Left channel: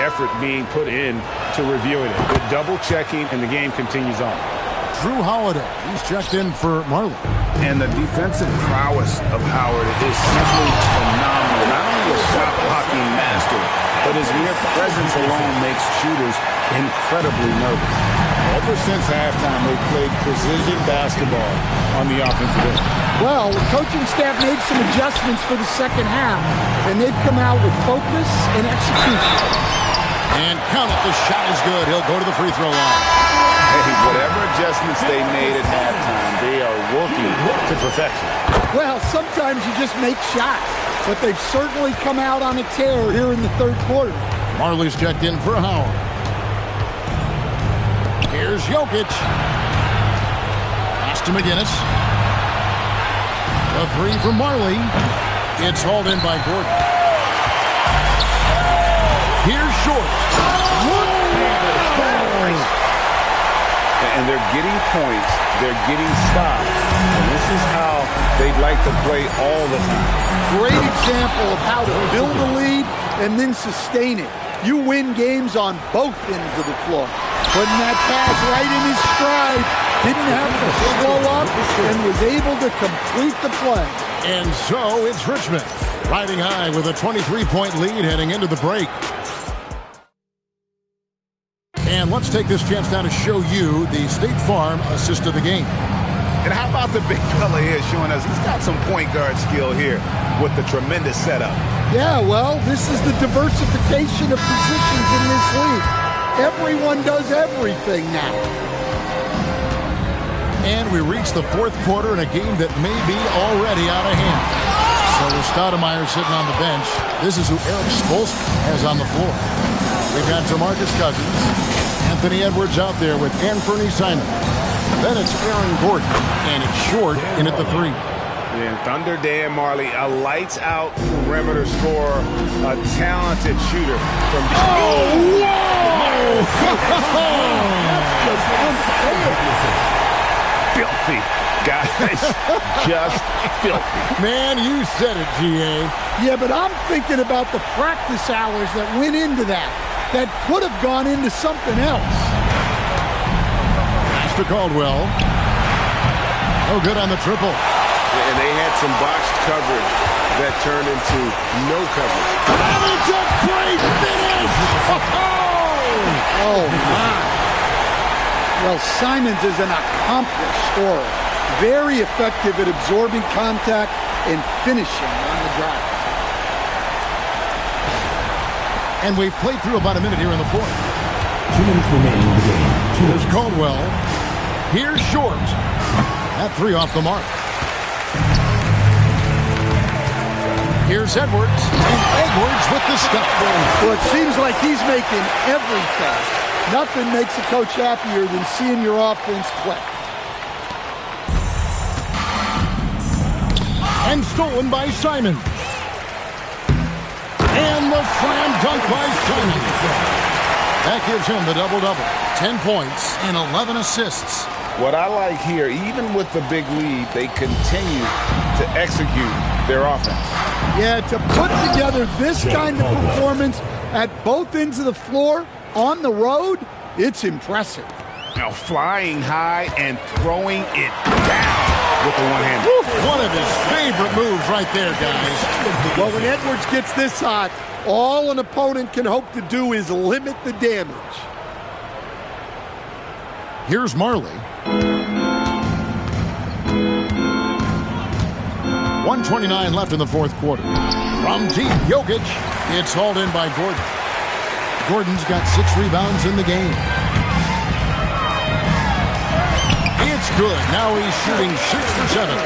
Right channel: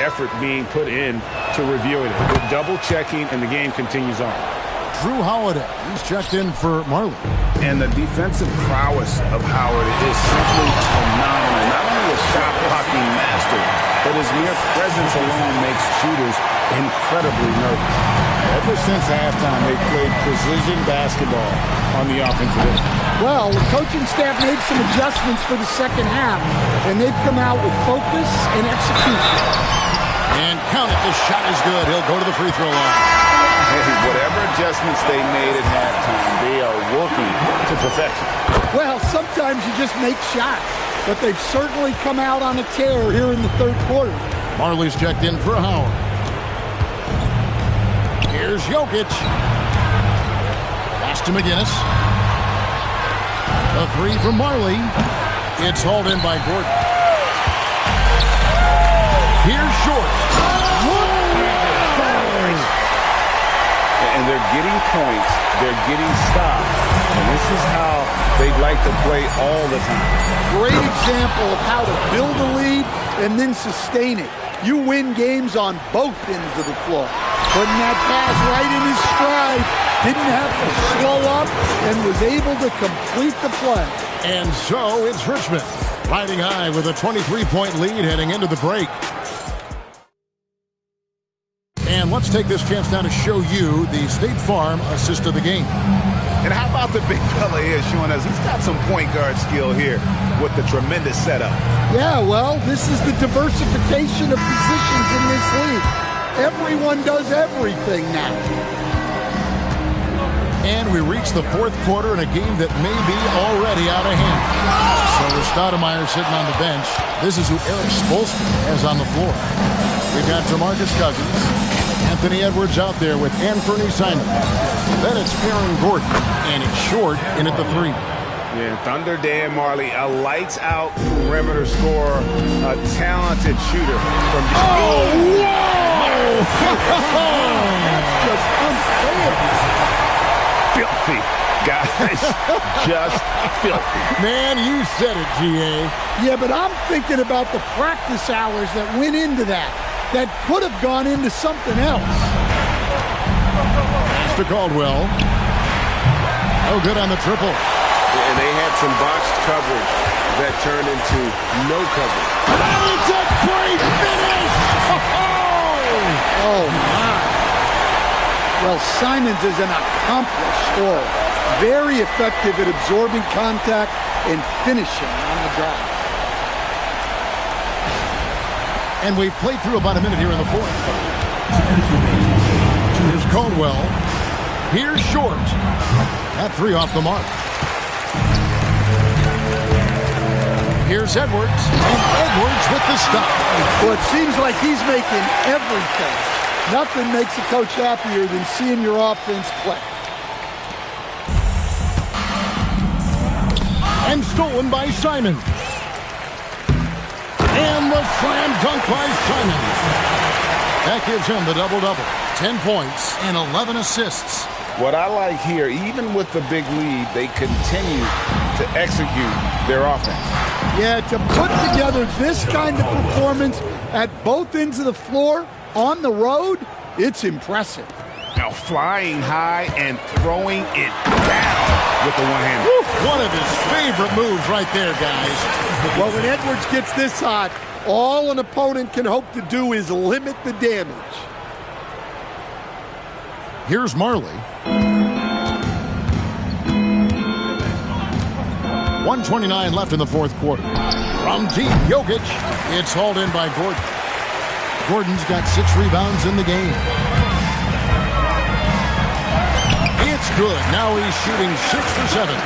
effort being put in to reviewing it. Good double checking, and the game continues on. Drew Holiday, he's checked in for Marley. And the defensive prowess of Howard is simply phenomenal. Not only a shot blocking master, but his mere presence alone makes shooters incredibly nervous. Ever since halftime, they've played precision basketball on the offensive end. Well, the coaching staff made some adjustments for the second half, and they've come out with focus and execution. And count it, the shot is good. He'll go to the free throw line. Hey, whatever adjustments they made at halftime, they are working to perfection. Well, sometimes you just make shots, but they've certainly come out on a tear here in the third quarter. Marley's checked in for Howard. Here's Jokic. Pass to McGinnis. The three from Marley. It's hauled in by Gordon. Here's Short. And they're getting points. They're getting stops. And this is how they'd like to play all the time. Great example of how to build a lead and then sustain it. You win games on both ends of the floor. Putting that pass right in his stride. Didn't have to slow up and was able to complete the play. And so it's Richmond riding high with a 23-point lead heading into the break. And let's take this chance now to show you the State Farm assist of the game. And how about the big fella here showing us he's got some point guard skill here with the tremendous setup. Yeah, well, this is the diversification of positions in this league. Everyone does everything now. And we reach the fourth quarter in a game that may be already out of hand. So with Stoudemire sitting on the bench, this is who Eric Spoelstra has on the floor. We've got DeMarcus Cousins, Anthony Edwards out there with Anthony Simon. Then it's Aaron Gordon, and it's Short in at the three. Yeah, Thunder Dan Marley, a lights-out perimeter scorer, a talented shooter from... Oh, whoa! That's just unfair. Filthy, guys. Just filthy. Man, you said it, G.A. Yeah, but I'm thinking about the practice hours that went into that could have gone into something else. Pass to Caldwell. Oh, good on the triple. And they had some botched coverage that turned into no coverage. And it's a great finish! Oh, my. Well, Simons is an accomplished scorer. Very effective at absorbing contact and finishing on the drive. And we've played through about a minute here in the fourth. 2 minutes remaining in the game. Here's Caldwell. Here's Short. That three off the mark. Here's Edwards. And Edwards with the stop. Well, it seems like he's making everything. Nothing makes a coach happier than seeing your offense click. And stolen by Simon. And the slam dunk by Simon. That gives him the double-double. 10 points and 11 assists. What I like here, even with the big lead, they continue to execute their offense. Yeah, to put together this kind of performance at both ends of the floor on the road, it's impressive. Now flying high and throwing it down with the one-hander. One of his favorite moves right there, guys. Well, when Edwards gets this hot, all an opponent can hope to do is limit the damage. Here's Marley. 1:29 left in the fourth quarter. From deep, Jokic. It's hauled in by Gordon. Gordon's got 6 rebounds in the game. It's good. Now he's shooting 6 for 7.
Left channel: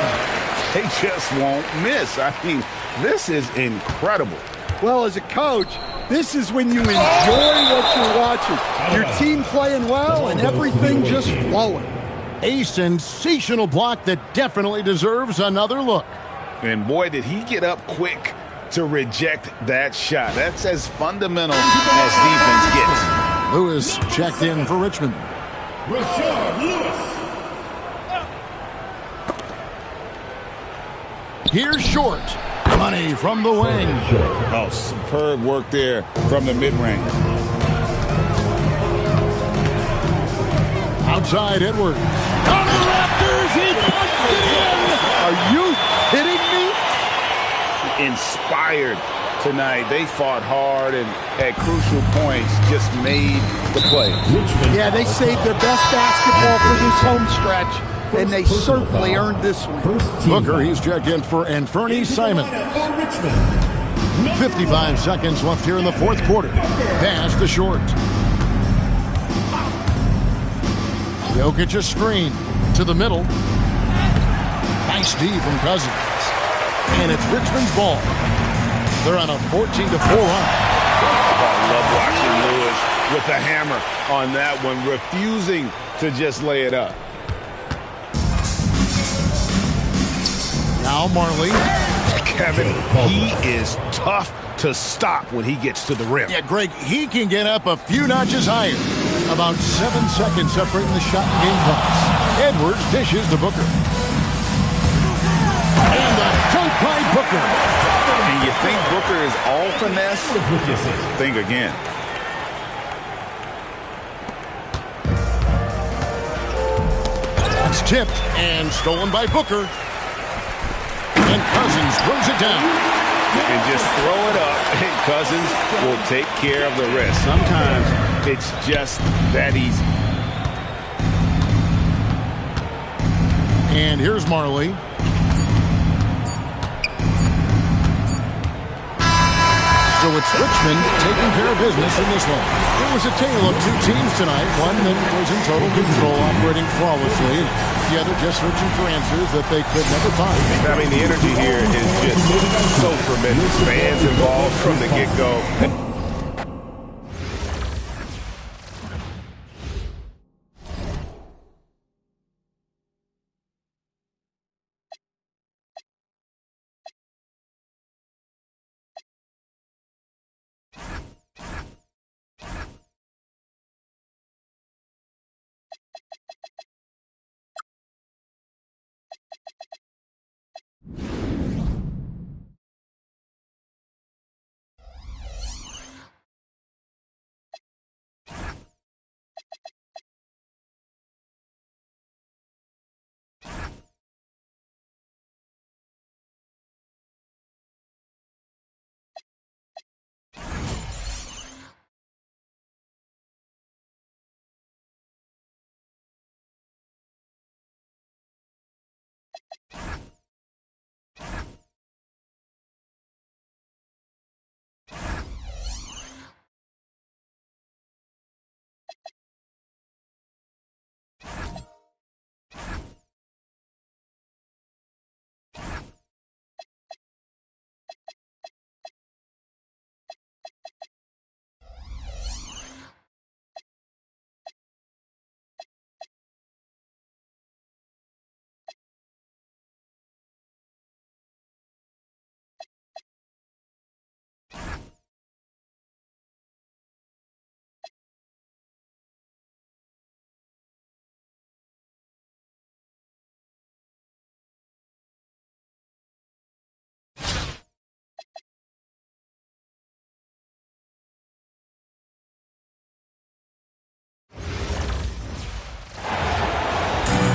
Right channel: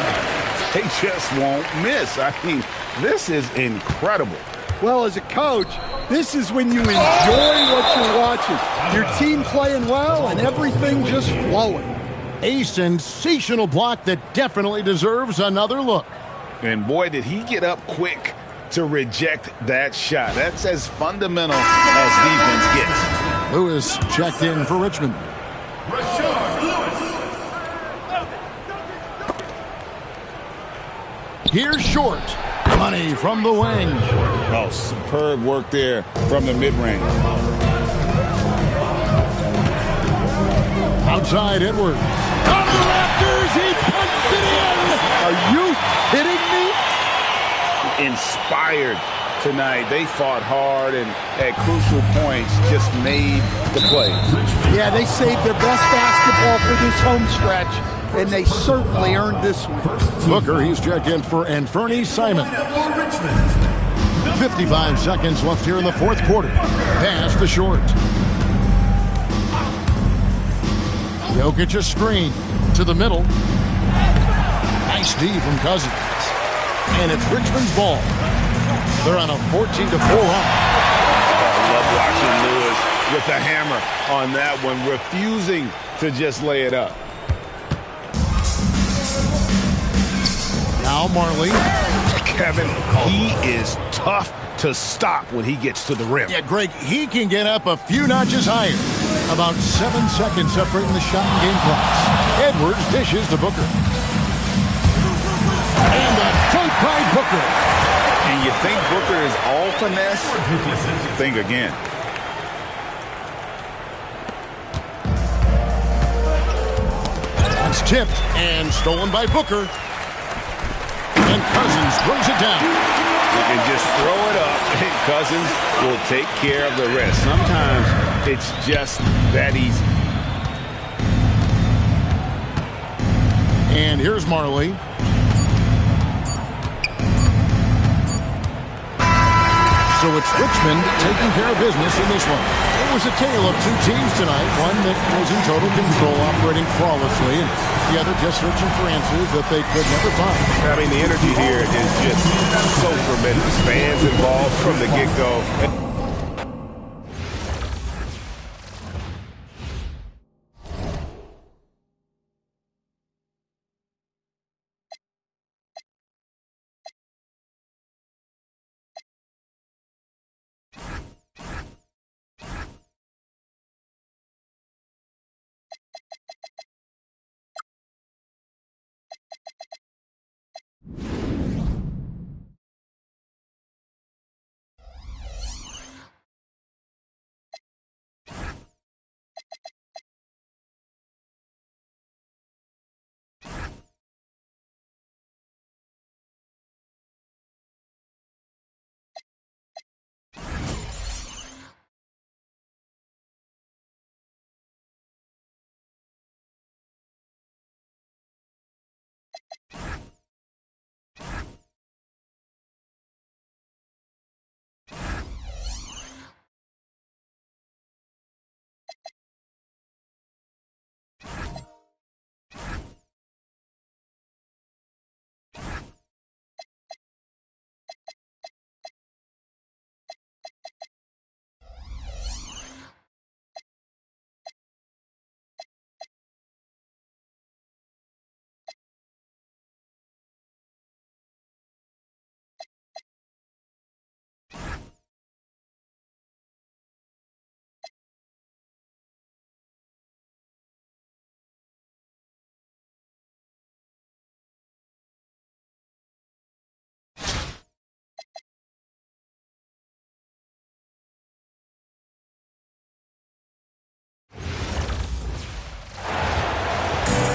They just won't miss. I mean, this is incredible. Well, as a coach, this is when you enjoy what you're watching. Your team playing well and everything just flowing. A sensational block that definitely deserves another look. And boy, did he get up quick to reject that shot. That's as fundamental as defense gets. Lewis checked in for Richmond. Here's Short. Money from the wing. Oh, superb work there from the mid-range. outside Edwards. On the rafters, he punched it in! Are you kidding me? Inspired tonight. They fought hard and at crucial points just made the plays. Yeah, they saved their best basketball for this home stretch, and they certainly earned this one. Booker, he's checked in for Anferny Simon. 55 seconds left here in the fourth quarter. Pass to Short. Jokic a screen to the middle. Nice D from Cousins. And it's Richmond's ball. They're on a 14-4 run. I love watching Lewis with the hammer on that one, refusing to just lay it up. Now Marley. Kevin, he is tough to stop when he gets to the rim. Yeah, Greg, he can get up a few notches higher. About 7 seconds separating the shot and game clocks. Edwards dishes to Booker. And the dunk by Booker. And you think Booker is all finesse? Think again. It's tipped and stolen by Booker. And Cousins throws it down. And just throw it up, and Cousins will take care of the rest. Sometimes it's just that easy. And here's Marley. So it's Richmond taking care of business in this one. It was a tale of two teams tonight. One that was in total control, operating flawlessly, and the other just searching for answers that they could never find. I mean, the energy here is just so tremendous. Fans involved from the get-go.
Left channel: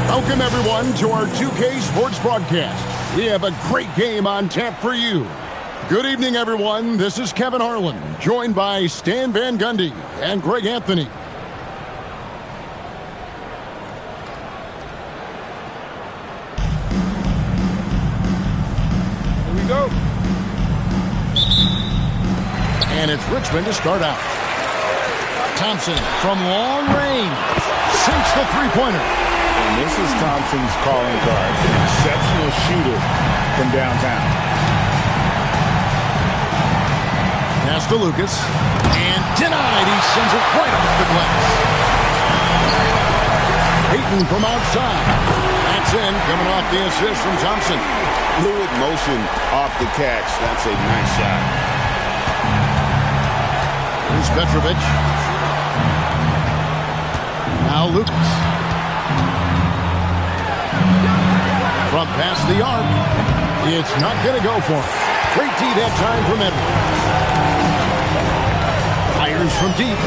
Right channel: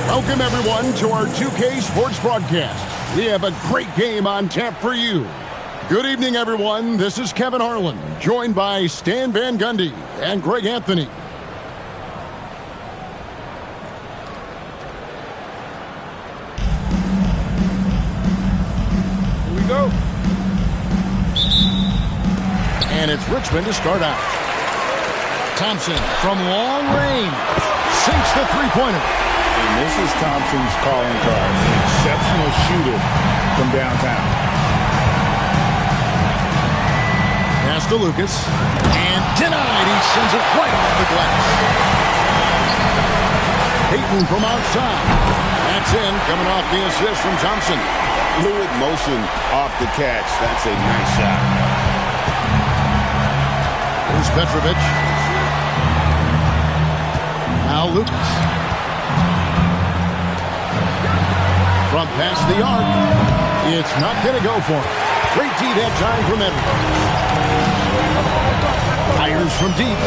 Welcome, everyone, to our 2K Sports broadcast. We have a great game on tap for you. Good evening, everyone. This is Kevin Harlan, joined by Stan Van Gundy and Greg Anthony. Here we go. And it's Richmond to start out. Thompson from long range sinks the three-pointer. And this is Thompson's calling card. An exceptional shooter from downtown. Pass to Lucas. And denied. He sends it right off the glass. Payton from outside. That's in, coming off the assist from Thompson. Fluid motion off the catch. That's a nice shot. Here's Petrovic. Now Lucas. From past the arc. It's not going to go for him. Great D that time from Edwards. Fires from deep.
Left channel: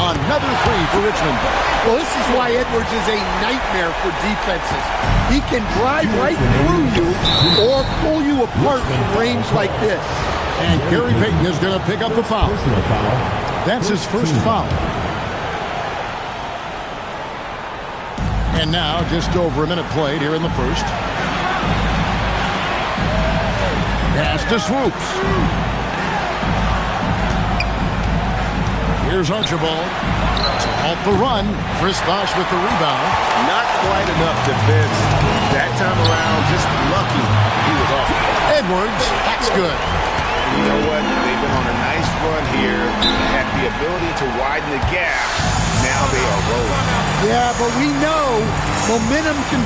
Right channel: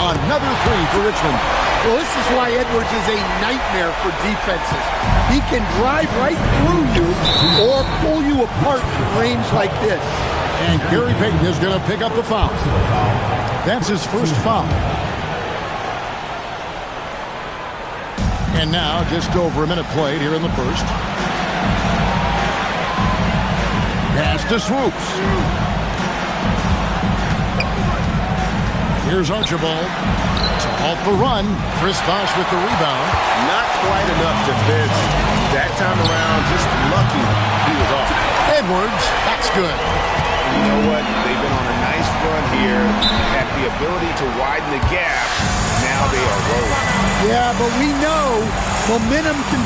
Another three for Richmond. Well, this is why Edwards is a nightmare for defenses. He can drive right through you or pull you apart from range like this. And Gary Payton is going to pick up the foul. That's his first foul. And now, just over a minute played here in the first. Pass to Swoops. Here's Archibald to halt the run. Chris Bosh with the rebound. Not quite enough defense. That time around, just lucky he was off. Edwards, that's good. And you know what? They've been on a nice run here. Had the ability to widen the gap. Now they are rolling. Yeah, but we know momentum can...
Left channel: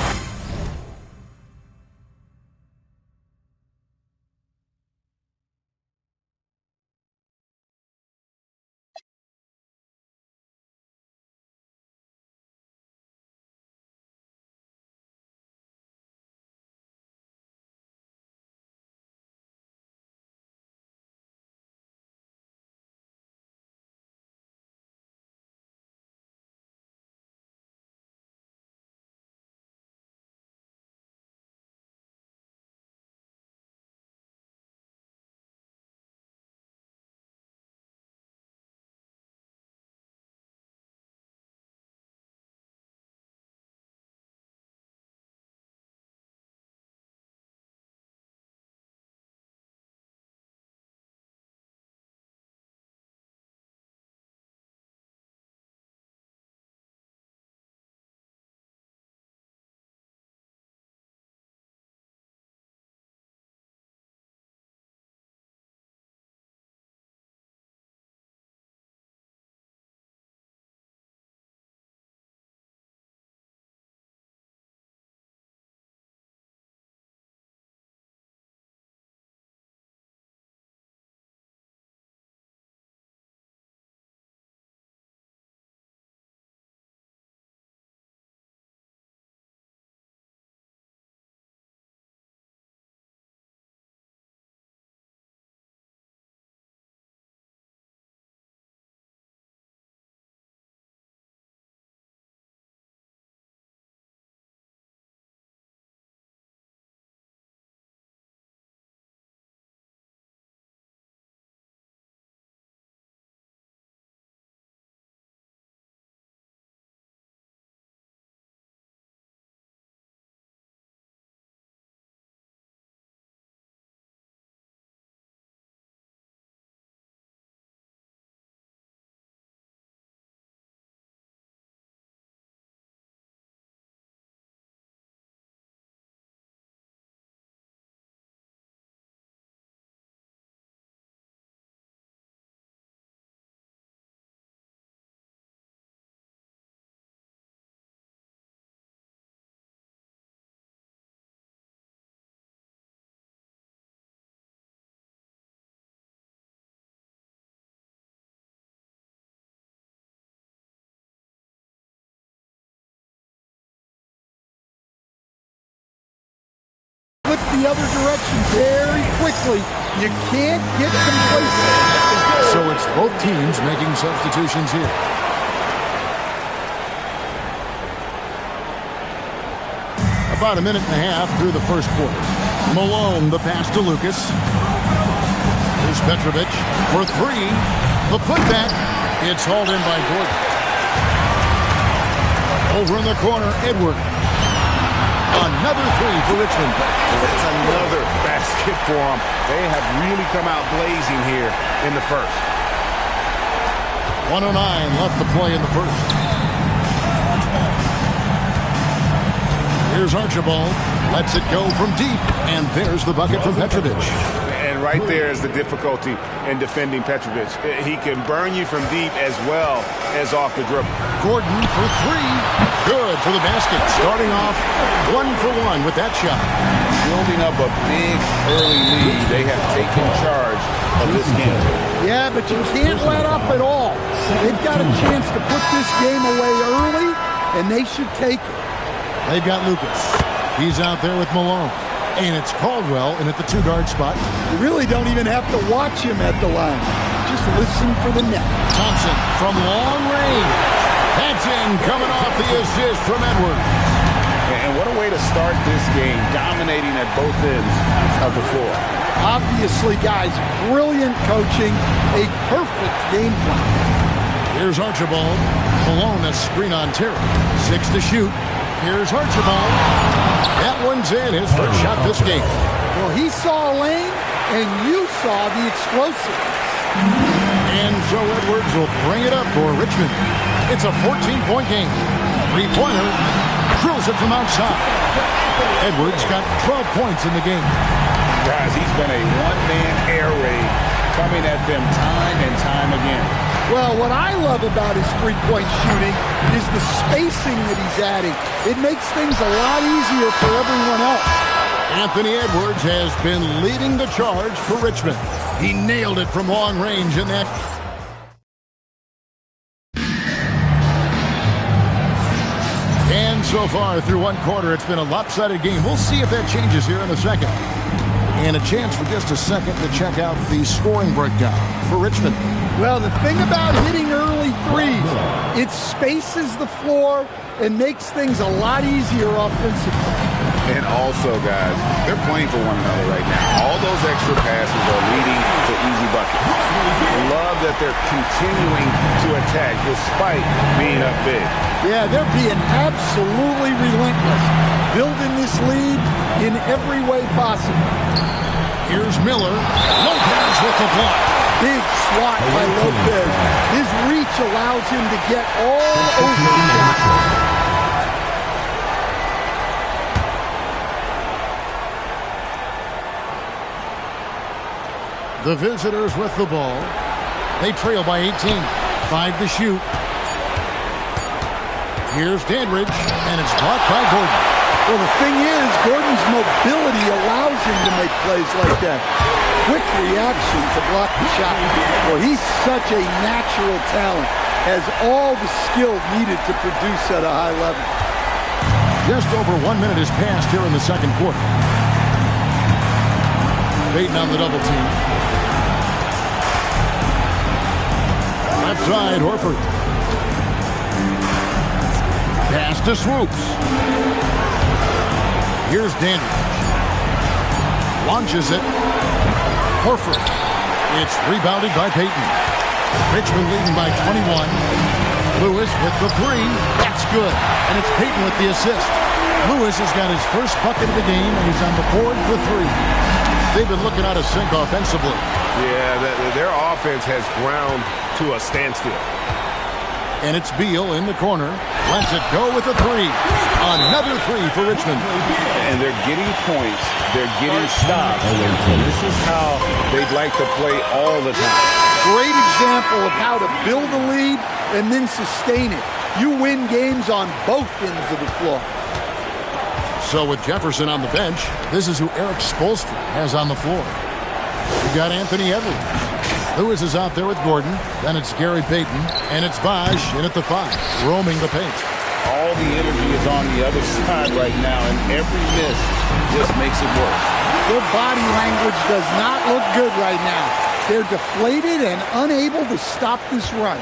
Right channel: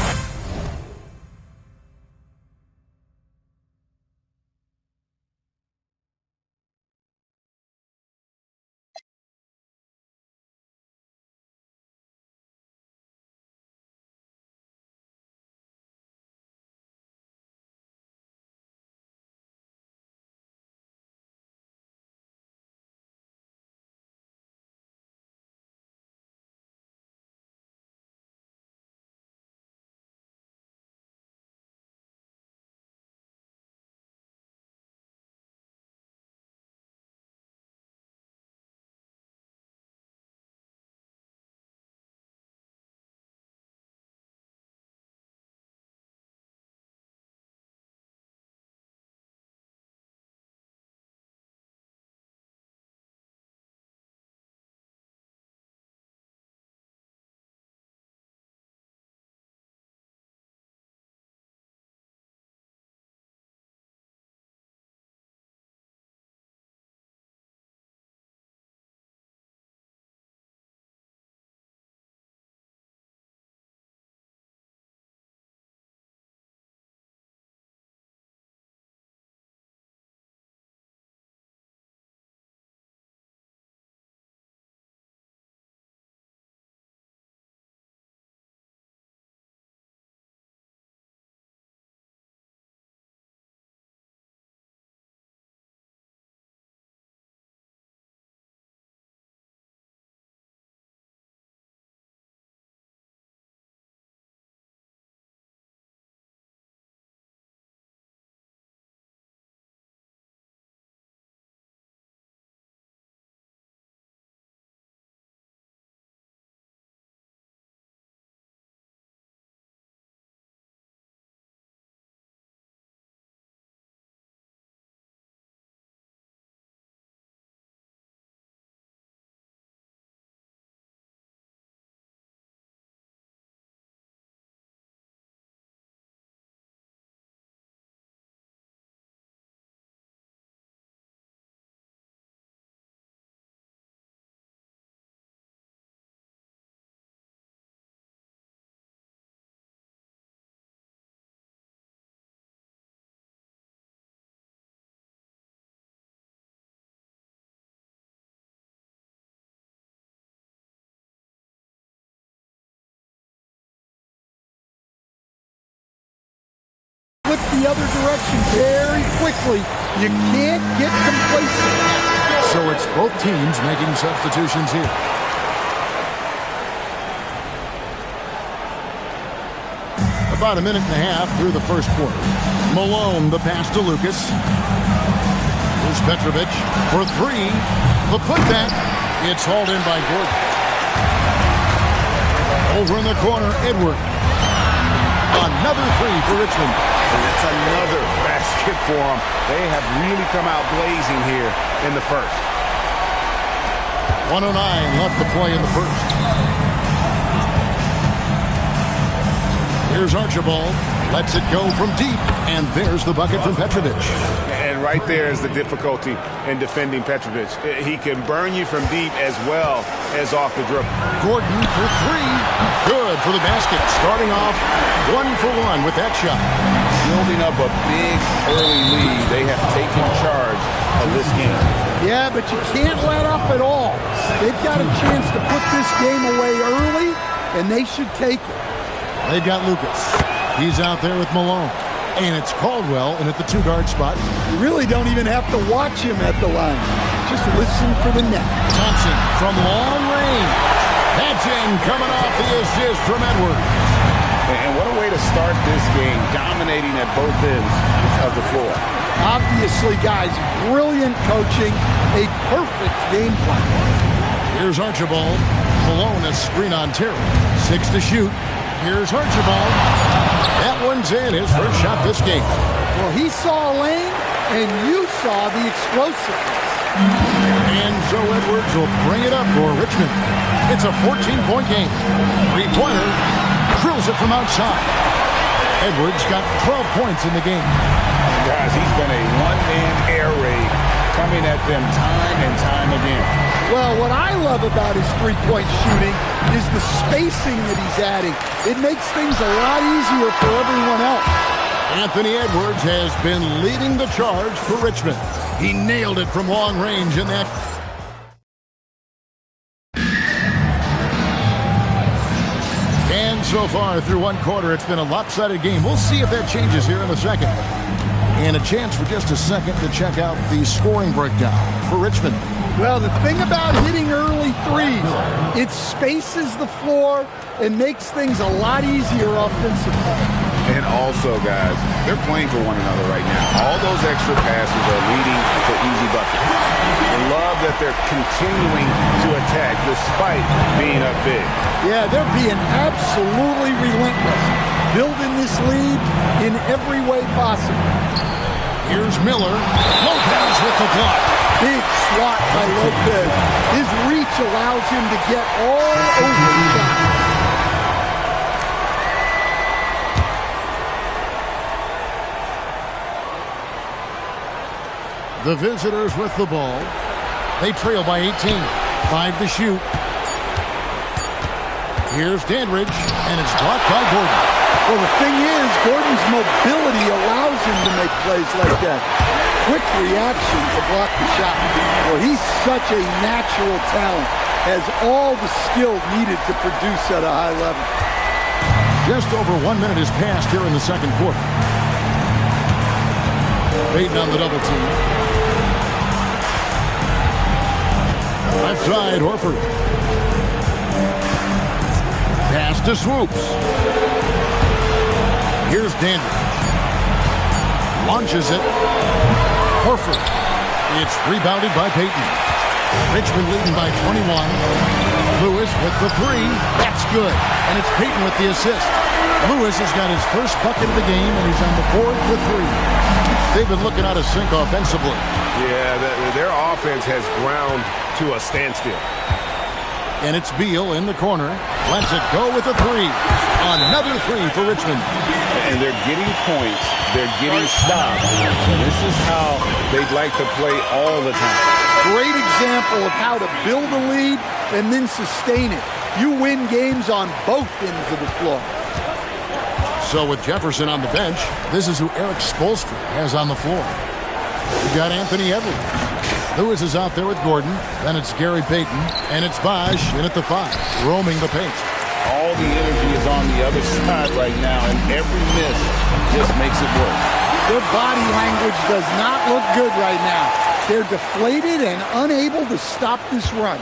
flip the other direction very quickly. You can't get complacent. So it's both teams making substitutions here. About a minute and a half through the first quarter. Malone, the pass to Lucas. Here's Petrovic for three. The putback. It's hauled in by Gordon. Over in the corner, Edward. Another three for Richmond. And that's another basket for them. They have really come out blazing here in the first. 1:09 left to play in the first. Here's Archibald. Lets it go from deep. And there's the bucket from Petrovic. And right there is the difficulty in defending Petrovic. He can burn you from deep as well as off the dribble. Gordon for three. Good for the basket. Starting off 1-for-1 with that shot. Building up a big early lead. They have taken charge of this game. Yeah, but you can't let up at all. They've got a chance to put this game away early, and they should take it. They've got Lucas. He's out there with Malone. And it's Caldwell in at the two-guard spot. You really don't even have to watch him at the line. Just listen for the net. Thompson from long range. That's in, coming off the assist from Edwards. And what a way to start this game, dominating at both ends of the floor. Obviously, guys, brilliant coaching, a perfect game plan. Here's Archibald. Malone a screen on Terry. 6 to shoot. Here's Archibald. That one's in, his first shot this game. Well, he saw a lane, and you saw the explosiveness. And so Edwards will bring it up for Richmond. It's a 14-point game. Three-pointer. Drills it from outside. Edwards got 12 points in the game. Guys, he's been a one-man air raid coming at them time and time again. Well, what I love about his three-point shooting is the spacing that he's adding. It makes things a lot easier for everyone else. Anthony Edwards has been leading the charge for Richmond. He nailed it from long range in that. And so far through one quarter, it's been a lopsided game. We'll see if that changes here in the second. And a chance for just a second to check out the scoring breakdown for Richmond. Well, the thing about hitting early threes, it spaces the floor and makes things a lot easier offensively. And also, guys, they're playing for one another right now. All those extra passes are leading to easy buckets. I love that they're continuing to attack despite being up big. Yeah, they're being absolutely relentless, building this lead in every way possible. Here's Miller. Lopez with the block. Big swat by Lopez. His reach allows him to get all over the shot. The visitors with the ball. They trail by 18. 5 to shoot. Here's Dandridge, and it's blocked by Gordon. Well, the thing is, Gordon's mobility allows him to make plays like that. Quick reaction to block the shot. Well, he's such a natural talent. Has all the skill needed to produce at a high level. Just over 1 minute has passed here in the second quarter. Payton on the double team. Left side, Horford. Pass to Swoops. Here's Dandridge. Launches it. Horford. It's rebounded by Payton. Richmond leading by 21. Lewis with the three. That's good. And it's Payton with the assist. Lewis has got his first bucket of the game, and he's on the board for three. They've been looking out of sync offensively. Yeah, their offense has ground to a standstill. And it's Beal in the corner. Lets it go with a three. Another three for Richmond. And they're getting points. They're getting stops. And this is how they'd like to play all the time. Great example of how to build a lead and then sustain it. You win games on both ends of the floor. So with Jefferson on the bench, this is who Eric Spoelstra has on the floor. You've got Anthony Edwards. Lewis is out there with Gordon. Then it's Gary Payton. And it's Bosch in at the 5, roaming the paint. All the energy is on the other side right now, and every miss just makes it worse. Their body language does not look good right now. They're deflated and unable to stop this run.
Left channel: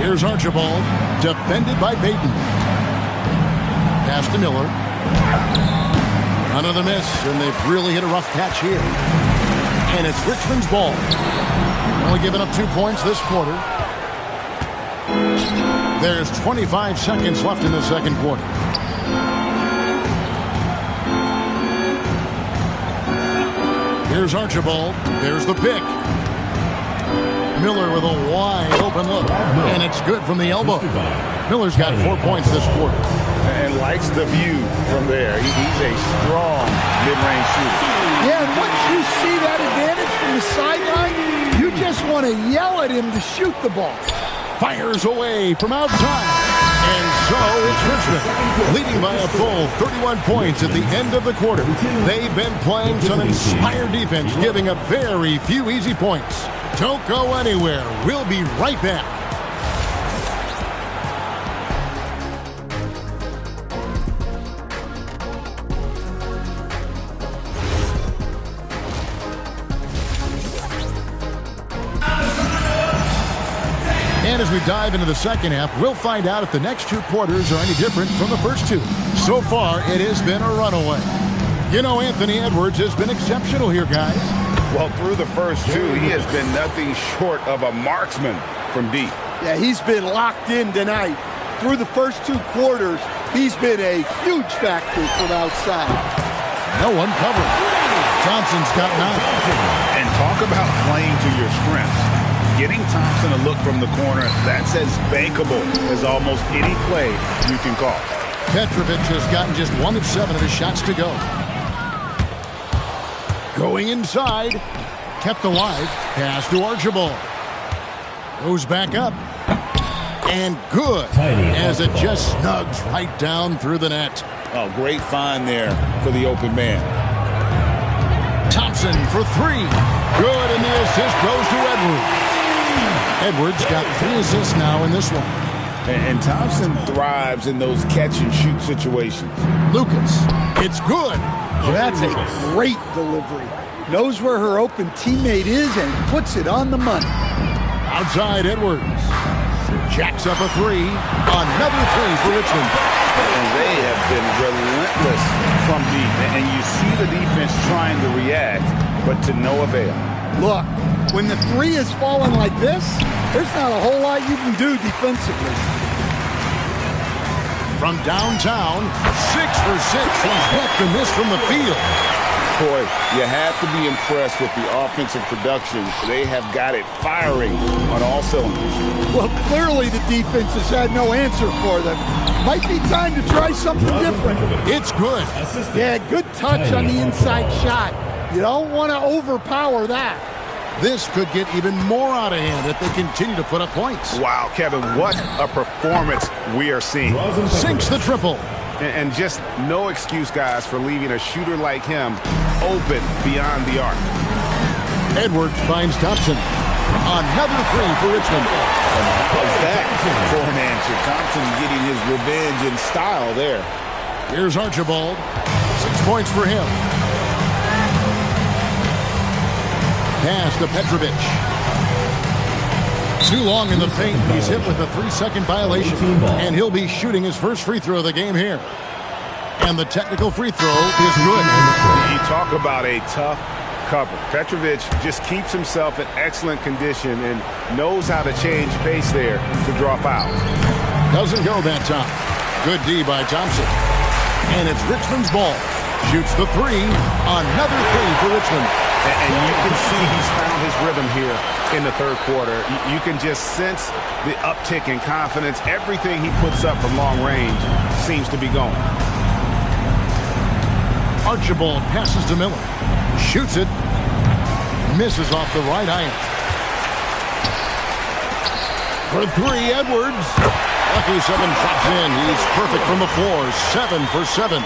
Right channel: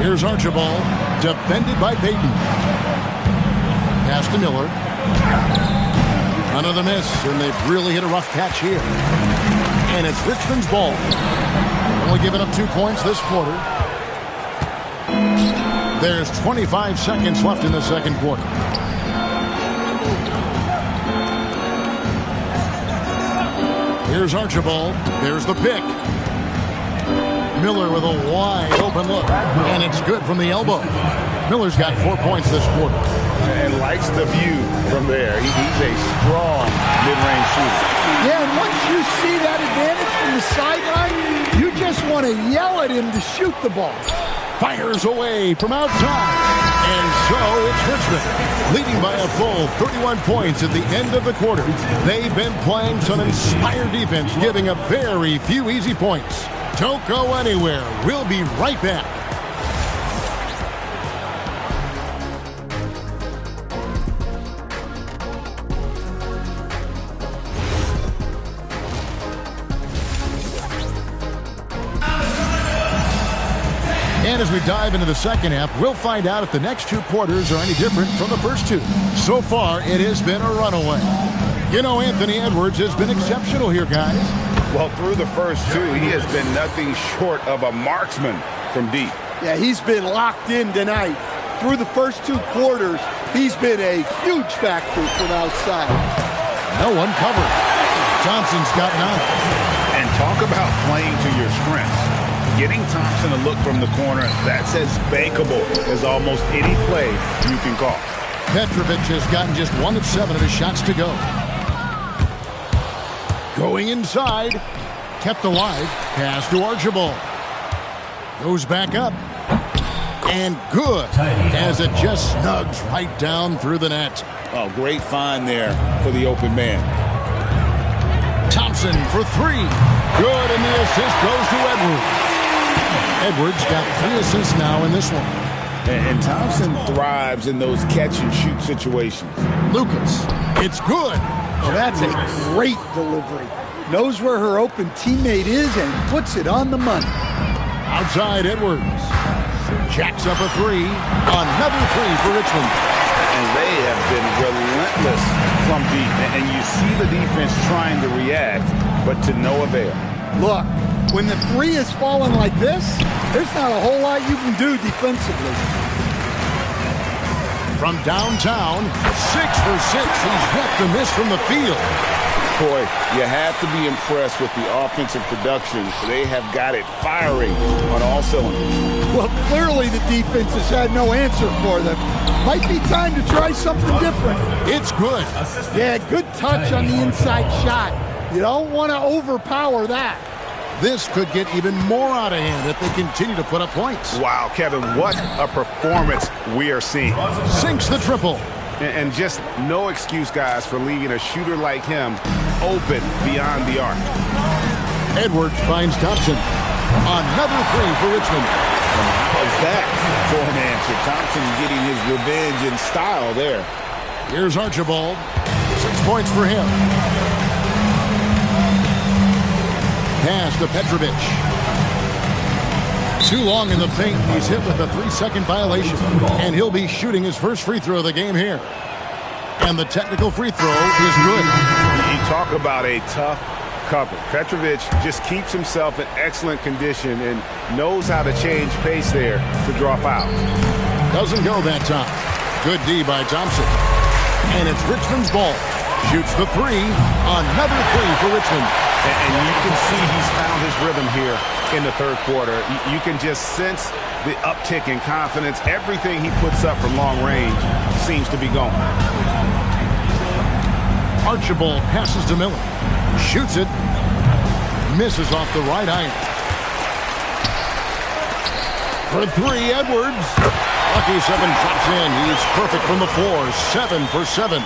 Here's Archibald, defended by Payton. Pass to Miller. Another miss, and they've really hit a rough patch here. And it's Richmond's ball. Only giving up 2 points this quarter. There's 25 seconds left in the second quarter. Here's Archibald. There's the pick. Miller with a wide open look. And it's good from the elbow. Miller's got 4 points this quarter. And likes the view from there. He's a strong mid-range shooter. Yeah, and once you see that advantage from the sideline, you just want to yell at him to shoot the ball. Fires away from outside. And so it's Richmond, leading by a full 31 points at the end of the quarter. They've been playing some inspired defense, giving up very few easy points. Don't go anywhere. We'll be right back. And as we dive into the second half, we'll find out if the next two quarters are any different from the first two. So far, it has been a runaway. You know, Anthony Edwards has been exceptional here, guys. Well, through the first two, he has been nothing short of a marksman from deep. Yeah, he's been locked in tonight. Through the first two quarters, he's been a huge factor from outside. No one covered. Thompson's got 9. And talk about playing to your strengths. Getting Thompson a look from the corner, that's as bankable as almost any play you can call. Petrovic has gotten just 1 of 7 of his shots to go. Going inside. Kept alive. Pass to Archibald. Goes back up. And good. As it just snugs right down through the net. Oh, great find there for the open man. Thompson for 3. Good, and the assist goes to Edwards. Edwards got 3 assists now in this one. And Thompson thrives in those catch-and-shoot situations. Lucas, it's good. Well, that's a great delivery. Knows where her open teammate is and puts it on the money. Outside Edwards. Jacks up a 3. Another 3 for Richmond. And they have been relentless from deep. And you see the defense trying to react, but to no avail. Look, when the 3 is falling like this, there's not a whole lot you can do defensively. From downtown, 6 for 6. He's yet to miss from the field. Boy, you have to be impressed with the offensive production. They have got it firing on all cylinders. Well, clearly the defense has had no answer for them. Might be time to try something different. It's good. Yeah, good touch on the inside shot. You don't want to overpower that. This could get even more out of hand if they continue to put up points. Wow, Kevin, what a performance we are seeing. Sinks the triple. And just no excuse, guys, for leaving a shooter like him open beyond the arc. Edwards finds Thompson. Another 3 for Richmond. And how's that for an answer? Thompson getting his revenge in style there. Here's Archibald. 6 points for him. Pass to Petrovic. Too long in the paint. He's hit with a 3-second violation. And he'll be shooting his first free throw of the game here. And the technical free throw is good. You talk about a tough cover. Petrovic just keeps himself in excellent condition and knows how to change pace there to draw fouls. Doesn't go that time. Good D by Thompson. And it's Richmond's ball. Shoots the 3. Another 3 for Richmond. And you can see he's found his rhythm here in the third quarter. You can just sense the uptick in confidence. Everything he puts up from long range seems to be going. Archibald passes to Miller. Shoots it. Misses off the right iron. For 3, Edwards. Lucky 7 drops in. He's perfect from the floor. 7 for 7.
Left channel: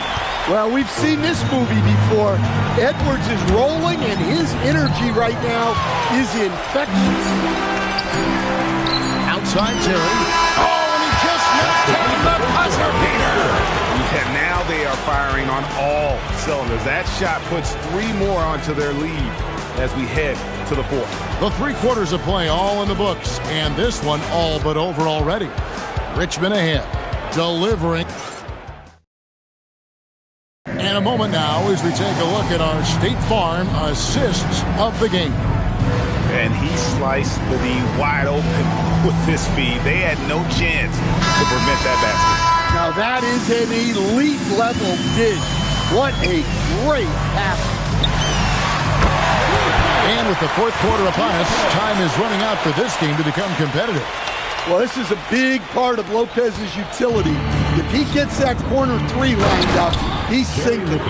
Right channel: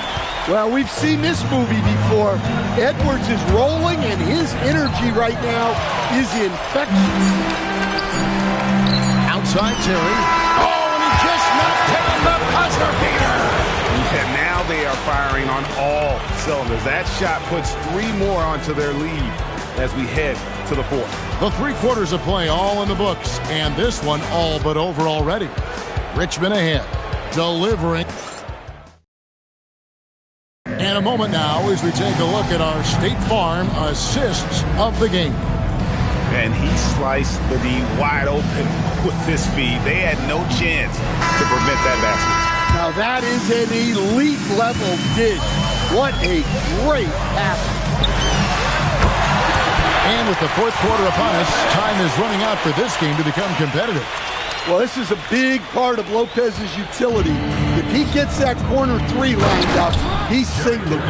Well, we've seen this movie before. Edwards is rolling, and his energy right now is infectious. Outside Terry. Oh, and he just knocked down the buzzer beater. Yeah, now they are firing on all cylinders. That shot puts 3 more onto their lead as we head to the fourth. The 3 quarters of play all in the books, and this one all but over already. Richmond ahead, delivering. And a moment now as we take a look at our State Farm assists of the game. And he sliced the D wide open with this feed. They had no chance to prevent that basket. Now that is an elite level dish. What a great pass. And with the fourth quarter upon us, time is running out for this game to become competitive. Well, this is a big part of Lopez's utility. If he gets that corner 3 lined up, he's sinking.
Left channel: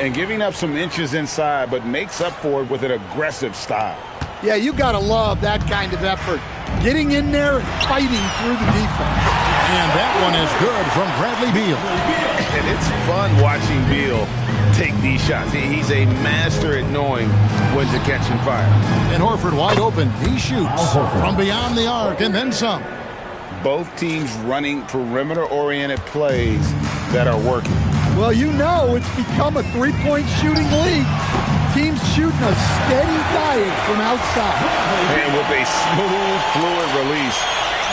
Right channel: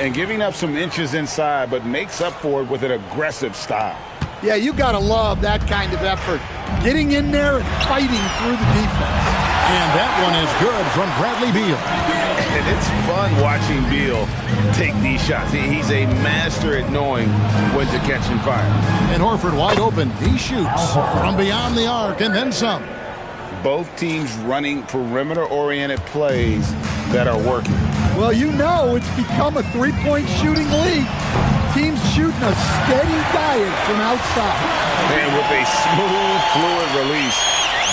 And giving up some inches inside, but makes up for it with an aggressive style. Yeah, you got to love that kind of effort. Getting in there and fighting through the defense. And that one is good from Bradley Beal. And it's fun watching Beal take these shots. He's a master at knowing when to catch and fire. And Horford wide open. He shoots from beyond the arc and then some. Both teams running perimeter-oriented plays that are working. Well, you know it's become a 3-point shooting league. Teams shooting a steady diet from outside. And with a smooth, fluid release,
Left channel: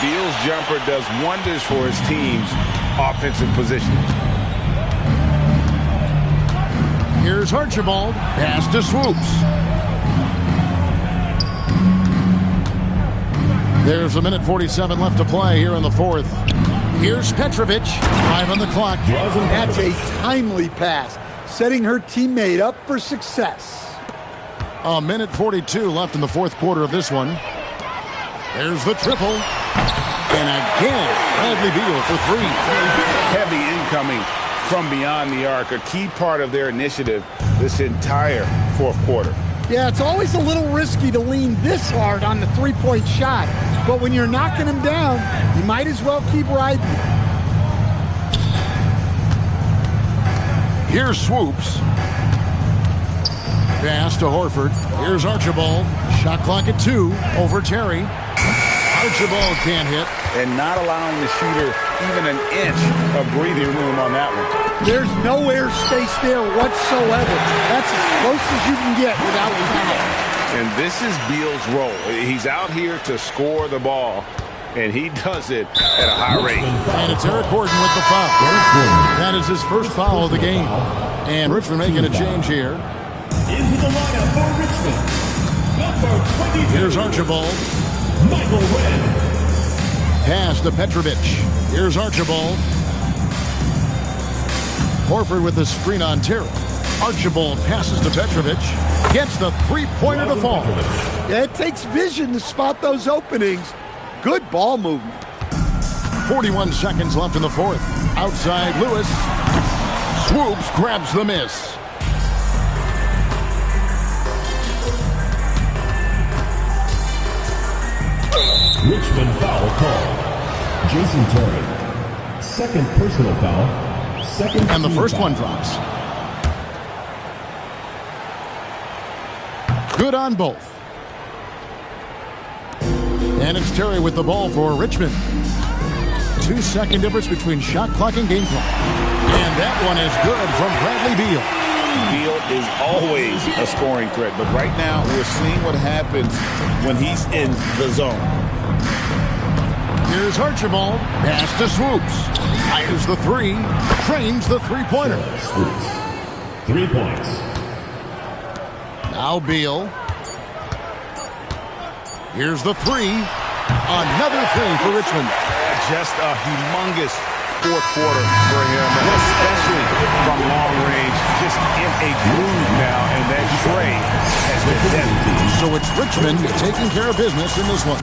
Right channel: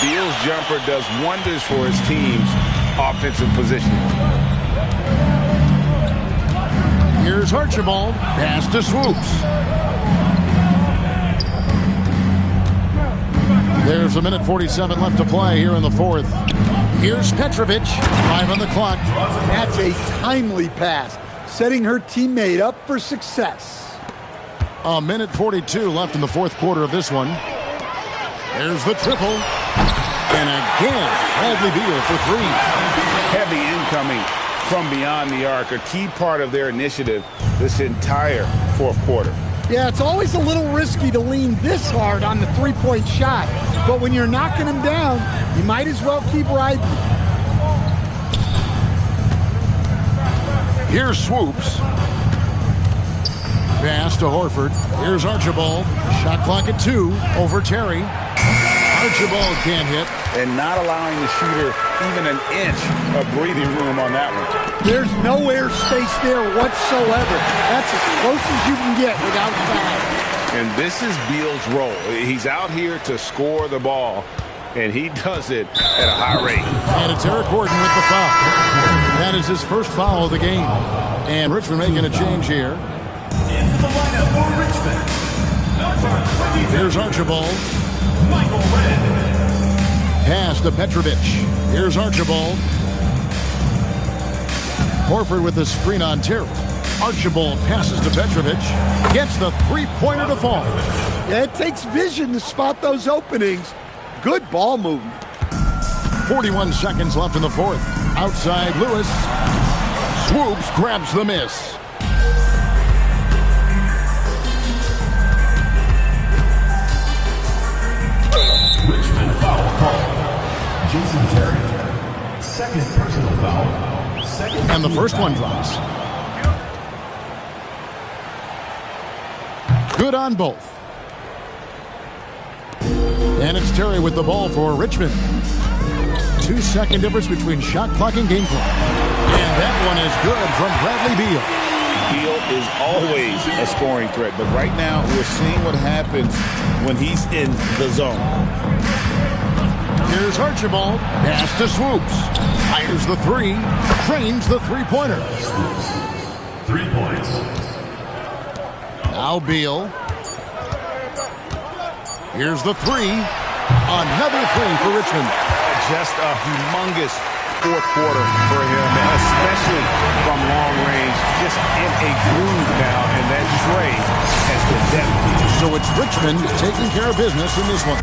Beal's jumper does wonders for his team's offensive positioning. Here's Archibald. Pass to Swoops. There's 1:47 left to play here in the fourth. Here's Petrovic. 5 on the clock. That's a timely pass, setting her teammate up for success. 1:42 left in the fourth quarter of this one. There's the triple. And again, Bradley Beal for 3. Heavy incoming from beyond the arc, a key part of their initiative this entire fourth quarter. Yeah, it's always a little risky to lean this hard on the three-point shot. But when you're knocking him down, you might as well keep riding. Here's Swoops. Pass to Horford. Here's Archibald. Shot clock at 2 over Terry. Archibald can't hit. And not allowing the shooter even an inch of breathing room on that one. There's no airspace there whatsoever. That's as close as you can get without foul. And this is Beal's role. He's out here to score the ball, and he does it at a high rate. And it's Eric Gordon with the foul. That is his first foul of the game. And Richmond making a change here. Into the lineup for Richmond. Number 22. Here's Archibald. Michael Redd. Pass to Petrovic. Here's Archibald. Horford with the screen on Terry. Archibald passes to Petrovic. Gets the three-pointer to fall. Yeah, it takes vision to spot those openings. Good ball movement. 41 seconds left in the fourth. Outside Lewis. Swoops grabs the miss. Richmond foul call. Jason Terry. Second personal foul. Second. And the first foul. one drops. Good on both. And it's Terry with the ball for Richmond. 2-second difference between shot clock and game clock. And that one is good from Bradley Beal. Beal is always a scoring threat, but right now we're seeing what happens when he's in the zone. Here's Archibald. Pass to Swoops. Fires the 3. Trains the three-pointer. Swoops. 3 points. Now Beal. Here's the 3. Another 3 for Richmond. Just a humongous fourth quarter for him, especially from long range. Just in a groove now, and that tray has been deadly. So it's Richmond taking care of business in this one.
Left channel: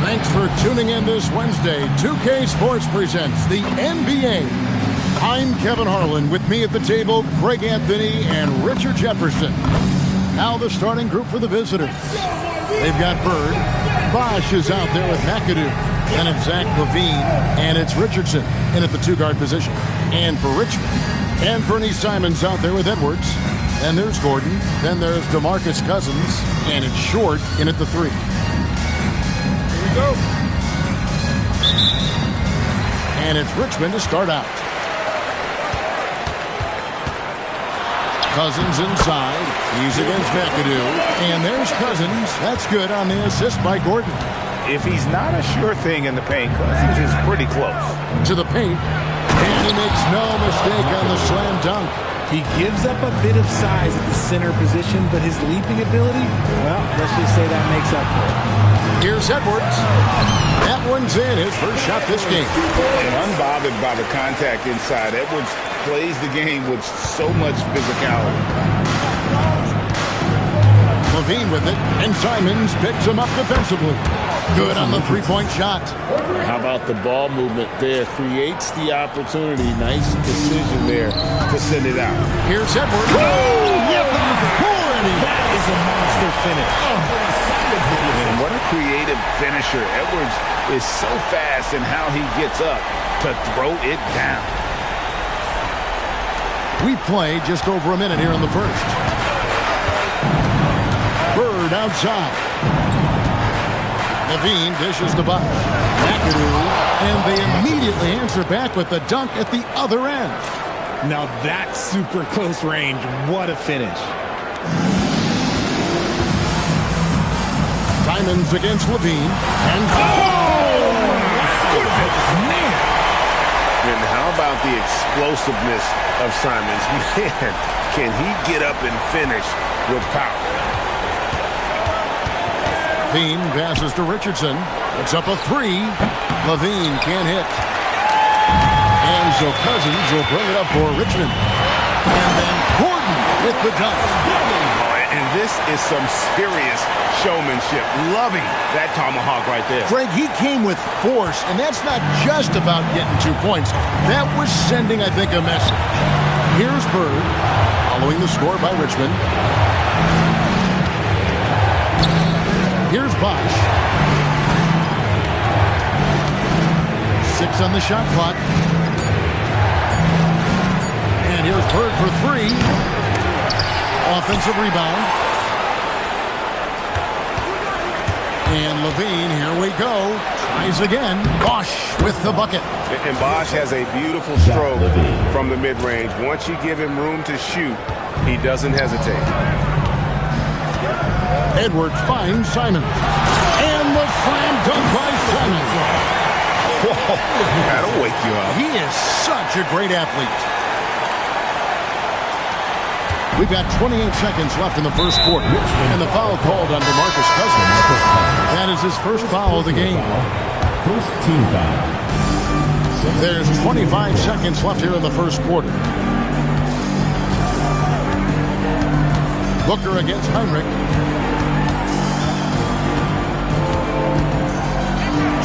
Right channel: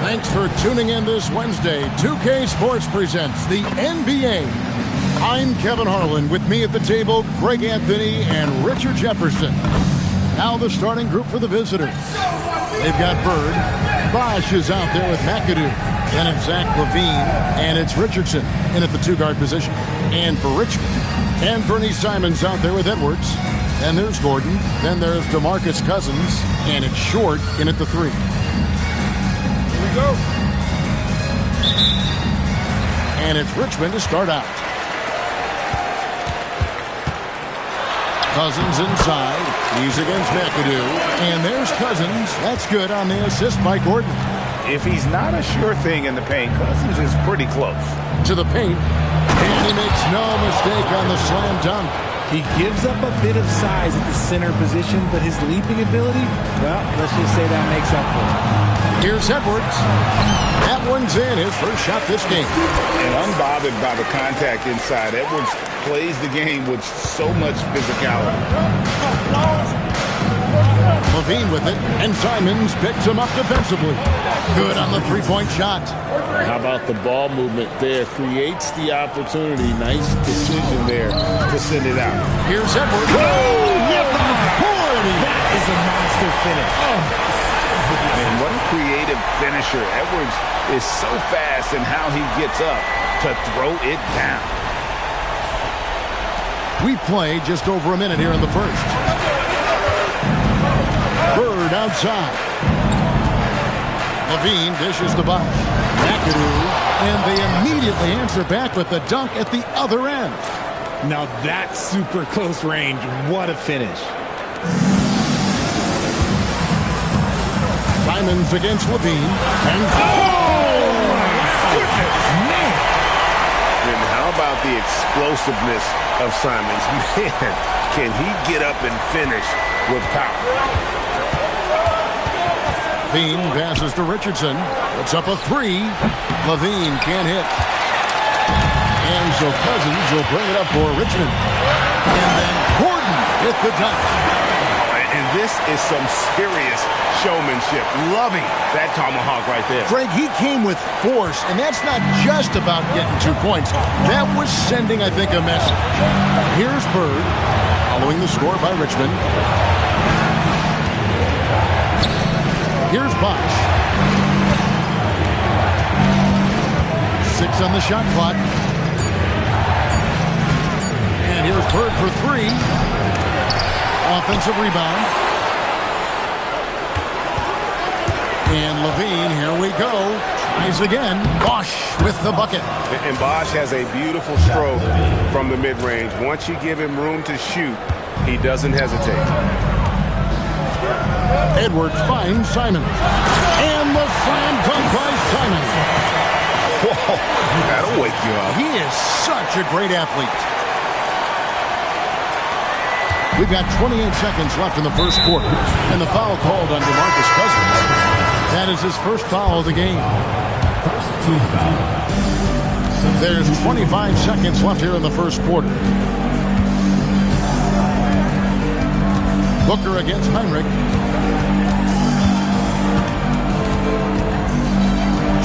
Thanks for tuning in this Wednesday. 2K Sports presents the NBA. I'm Kevin Harlan. With me at the table, Greg Anthony and Richard Jefferson. Now the starting group for the visitors. They've got Bird. Bosch is out there with McAdoo. Then it's Zach LaVine. And it's Richardson in at the two-guard position. And for Richmond, Anthony Simons out there with Edwards. Then there's Gordon. Then there's DeMarcus Cousins. And it's Short in at the three. Here we go. And it's Richmond to start out. Cousins inside. He's against McAdoo. And there's Cousins. That's good on the assist by Gordon. If he's not a sure thing in the paint, Cousins is pretty close. To the paint. And he makes no mistake on the slam dunk. He gives up a bit of size at the center position, but his leaping ability, well, let's just say that makes up for it. Here's Edwards. That one's in. His first shot this game. And unbothered by the contact inside, Edwards plays the game with so much physicality. LaVine with it, and Simons picks him up defensively. Good on the three-point shot. How about the ball movement there? Creates the opportunity. Nice decision there to send it out. Here's Edwards. That is a monster finish. Man, what a creative finisher. Edwards is so fast in how he gets up to throw it down. We played just over a minute here in the first. Bird outside. LaVine dishes the Bosch. McAdoo, and they immediately answer back with the dunk at the other end. Now that's super close range. What a finish. Simons against LaVine. And Goodness, man. And how about the explosiveness of Simons? Man, can he get up and finish with power? LaVine passes to Richardson. Puts up a three. LaVine can't hit. And so Cousins will bring it up for Richmond. And then Gordon with the dunk. Oh, and this is some serious showmanship. Loving that tomahawk right there. Greg, he came with force, and that's not just about getting 2 points. That was sending, I think, a message. Here's Bird, following the score by Richmond. Here's Bosch. 6 on the shot clock. And here's Bird for 3. Offensive rebound. And LaVine, here we go. Tries again. Bosch with the bucket. And Bosch has a beautiful stroke from the mid-range. Once you give him room to shoot, he doesn't hesitate. Edwards finds Simons. And the slam dunk by Simons. Whoa, that'll wake you up. He is such a great athlete. We've got 28 seconds left in the first quarter. And the foul called on DeMarcus Cousins. That is his first foul of the game. First team foul. There's 25 seconds left here in the first quarter. Booker against Heinrich.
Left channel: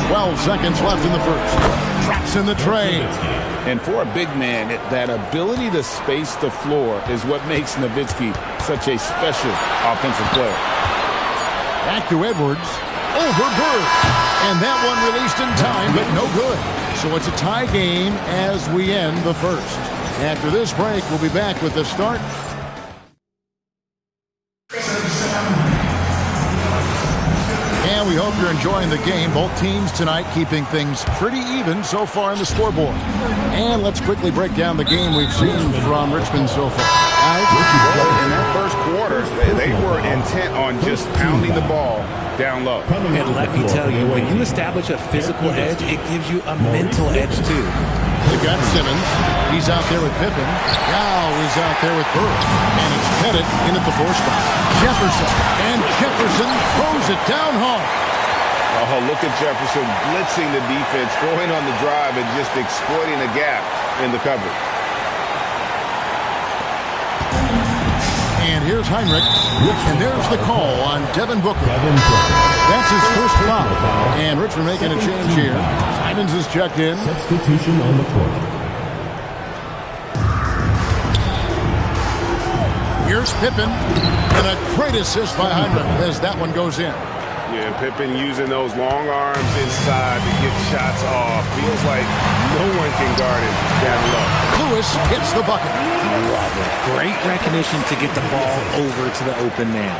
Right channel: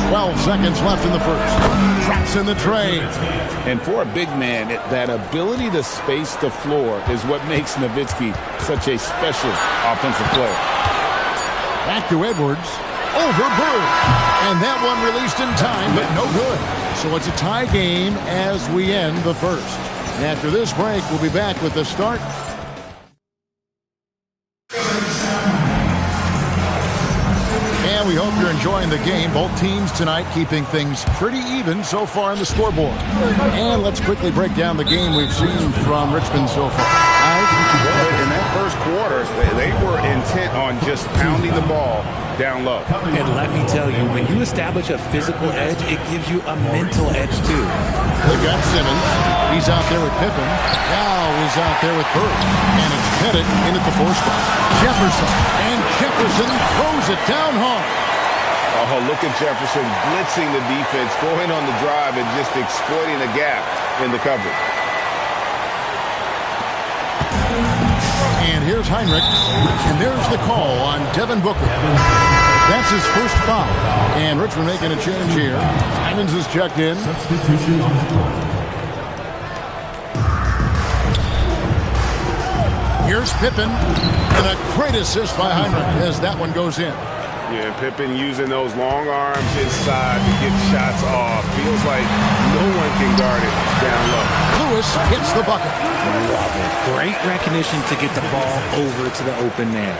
12 seconds left in the first. Drops in the tray. And for a big man, that ability to space the floor is what makes Nowitzki such a special offensive player. Back to Edwards. Over Bird. And that one released in time, but no good. So it's a tie game as we end the first. After this break, we'll be back with the start. And we hope you're enjoying the game. Both teams tonight keeping things pretty even so far on the scoreboard. And let's quickly break down the game we've seen from Richmond so far. In that first quarter, they were intent on just pounding the ball down low. And let me tell you, when you establish a physical edge, it gives you a mental edge too. They've got Simmons. He's out there with Pippen. Now is out there with Bird. And it's Pettit in at the 4 spot. Jefferson. And Jefferson throws it down hard. Oh, look at Jefferson blitzing the defense, going on the drive and just exploiting a gap in the coverage. And here's Heinrich. And there's the call on Devin Booker. That's his first foul. And Richmond making a change here. Simons is checked in. Substitution on the court. Here's Pippen. And a great assist by Heinrich as that one goes in. Yeah, Pippen using those long arms inside to get shots off. Feels like no one can guard it down low. Lewis hits the bucket. Love it. Great recognition to get the ball over to the open man.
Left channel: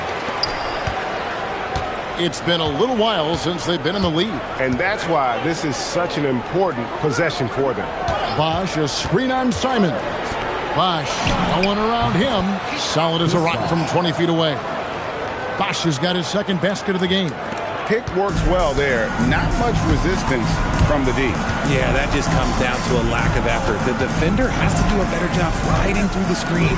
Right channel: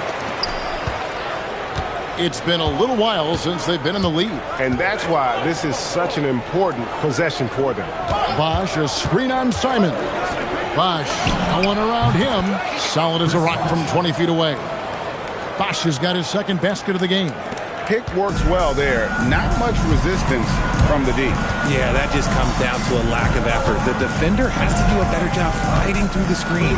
It's been a little while since they've been in the lead. And that's why this is such an important possession for them. Bosch, a screen on Simons. Bosch, no one around him. Solid as a rock from 20 feet away. Bosch has got his second basket of the game. Pick works well there. Not much resistance from the D. Yeah, that just comes down to a lack of effort. The defender has to do a better job fighting through the screen.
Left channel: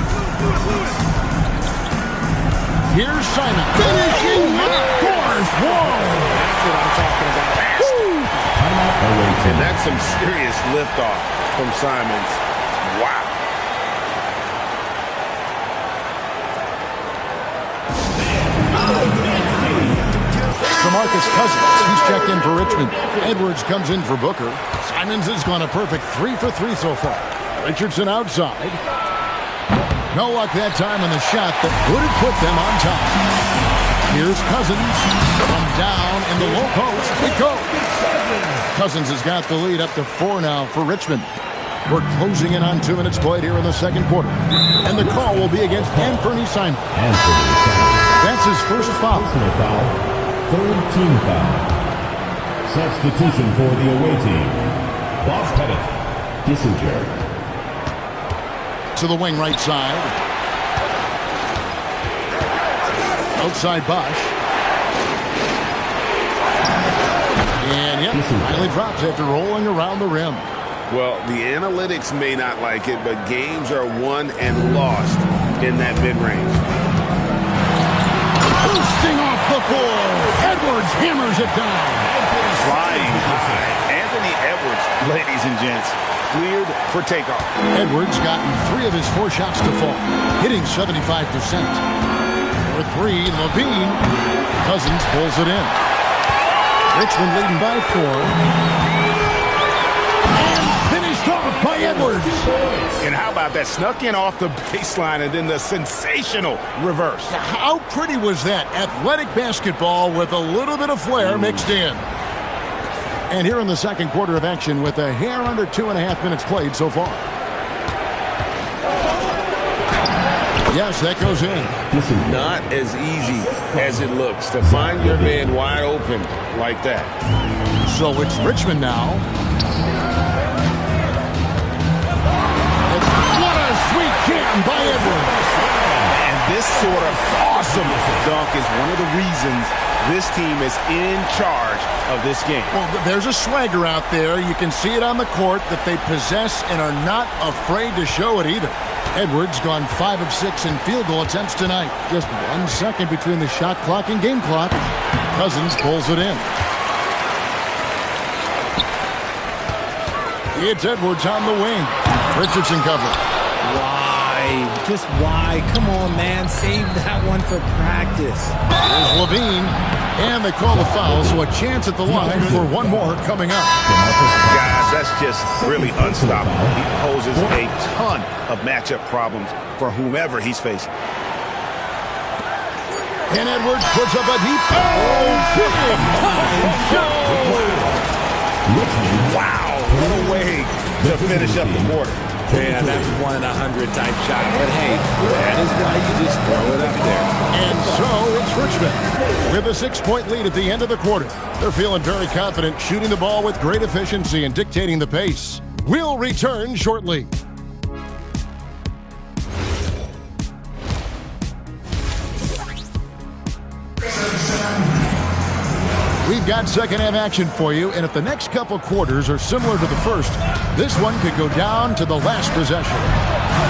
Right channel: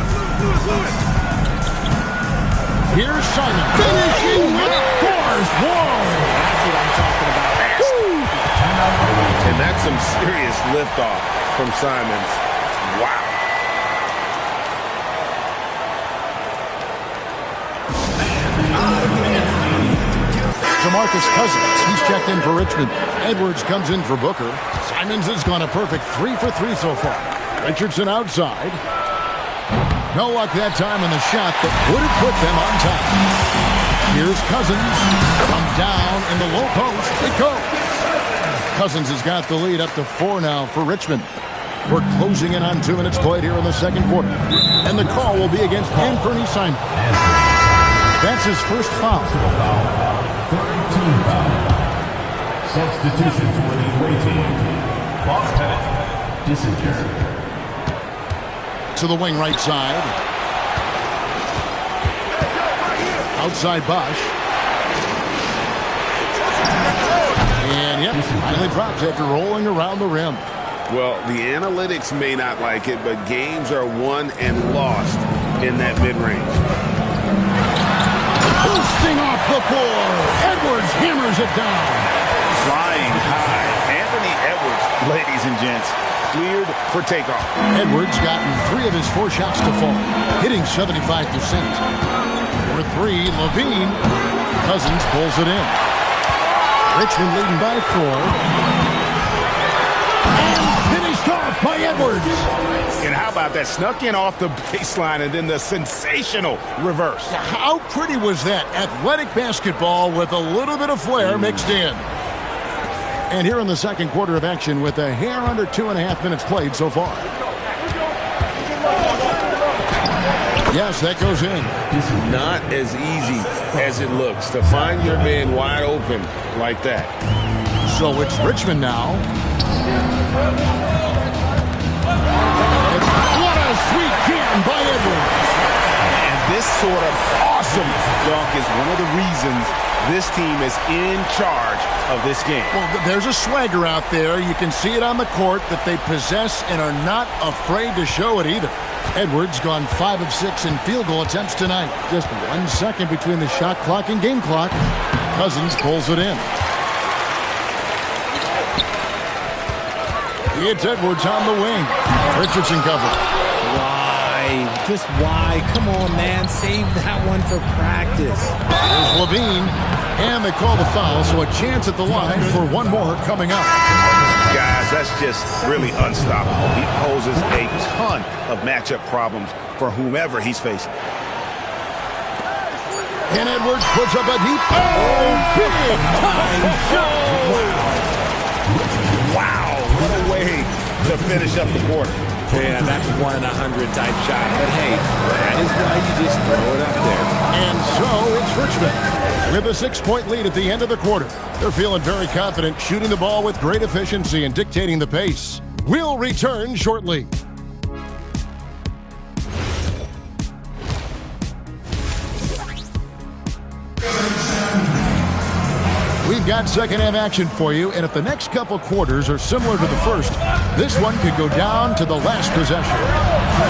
Here's Simon. Finishing with force. Whoa! That's what I'm talking about. And that's some serious liftoff from Simons. Wow. DeMarcus Cousins, he's checked in for Richmond. Edwards comes in for Booker. Simons has gone a perfect 3 for 3 so far. Richardson outside. No luck that time on the shot that would have put them on top. Here's Cousins from down in the low post. It goes. Cousins has got the lead up to 4 now for Richmond. We're closing in on 2 minutes played here in the second quarter. And the call will be against Anthony Simons. That's his first foul. Third team foul. Substitution for the away team. Bob Pettit, disinjured. To the wing right side. Outside Bosch. And yep, finally drops after rolling around the rim. Well, the analytics may not like it, but games are won and lost in that mid-range. Boosting off the floor. Edwards hammers it down. Flying high. Anthony Edwards, ladies and gents, cleared for takeoff. Edwards gotten 3 of his 4 shots to fall, hitting 75%. For 3, Levine. Cousins pulls it in. Richmond leading by 4. And finished off by Edwards. And how about that? Snuck in off the baseline and then the sensational reverse. How pretty was that? Athletic basketball with a little bit of flair mixed in. And here in the second quarter of action with a hair under 2.5 minutes played so far. Yes, that goes in. This is not as easy as it looks to find your man wide open like that. So it's Richmond now. What a sweet jam by Edwards. And this sort of awesome dunk is one of the reasons this team is in charge of this game. Well, there's a swagger out there. You can see it on the court that they possess and are not afraid to show it either. Edwards gone 5 of 6 in field goal attempts tonight. Just 1 second between the shot clock and game clock. Cousins pulls it in. It's Edwards on the wing. Richardson cover. Why? Just why? Come on, man. Save that one for practice. Here's Levine. And they call the foul, so a chance at the line for one more coming up. Guys, that's just really unstoppable. He poses a ton of matchup problems for whomever he's facing. And Edwards puts up a deep. Oh, big time shot. Wow, what a way to finish up the quarter. Yeah, that's 1 in 100 type shot. But hey, that is why you just throw it up there. And so it's Richmond with a 6-point lead at the end of the quarter. They're feeling very confident, shooting the ball with great efficiency and dictating the pace. We'll return shortly. We've got second-half action for you, and if the next couple quarters are similar to the first, this one could go down to the last possession.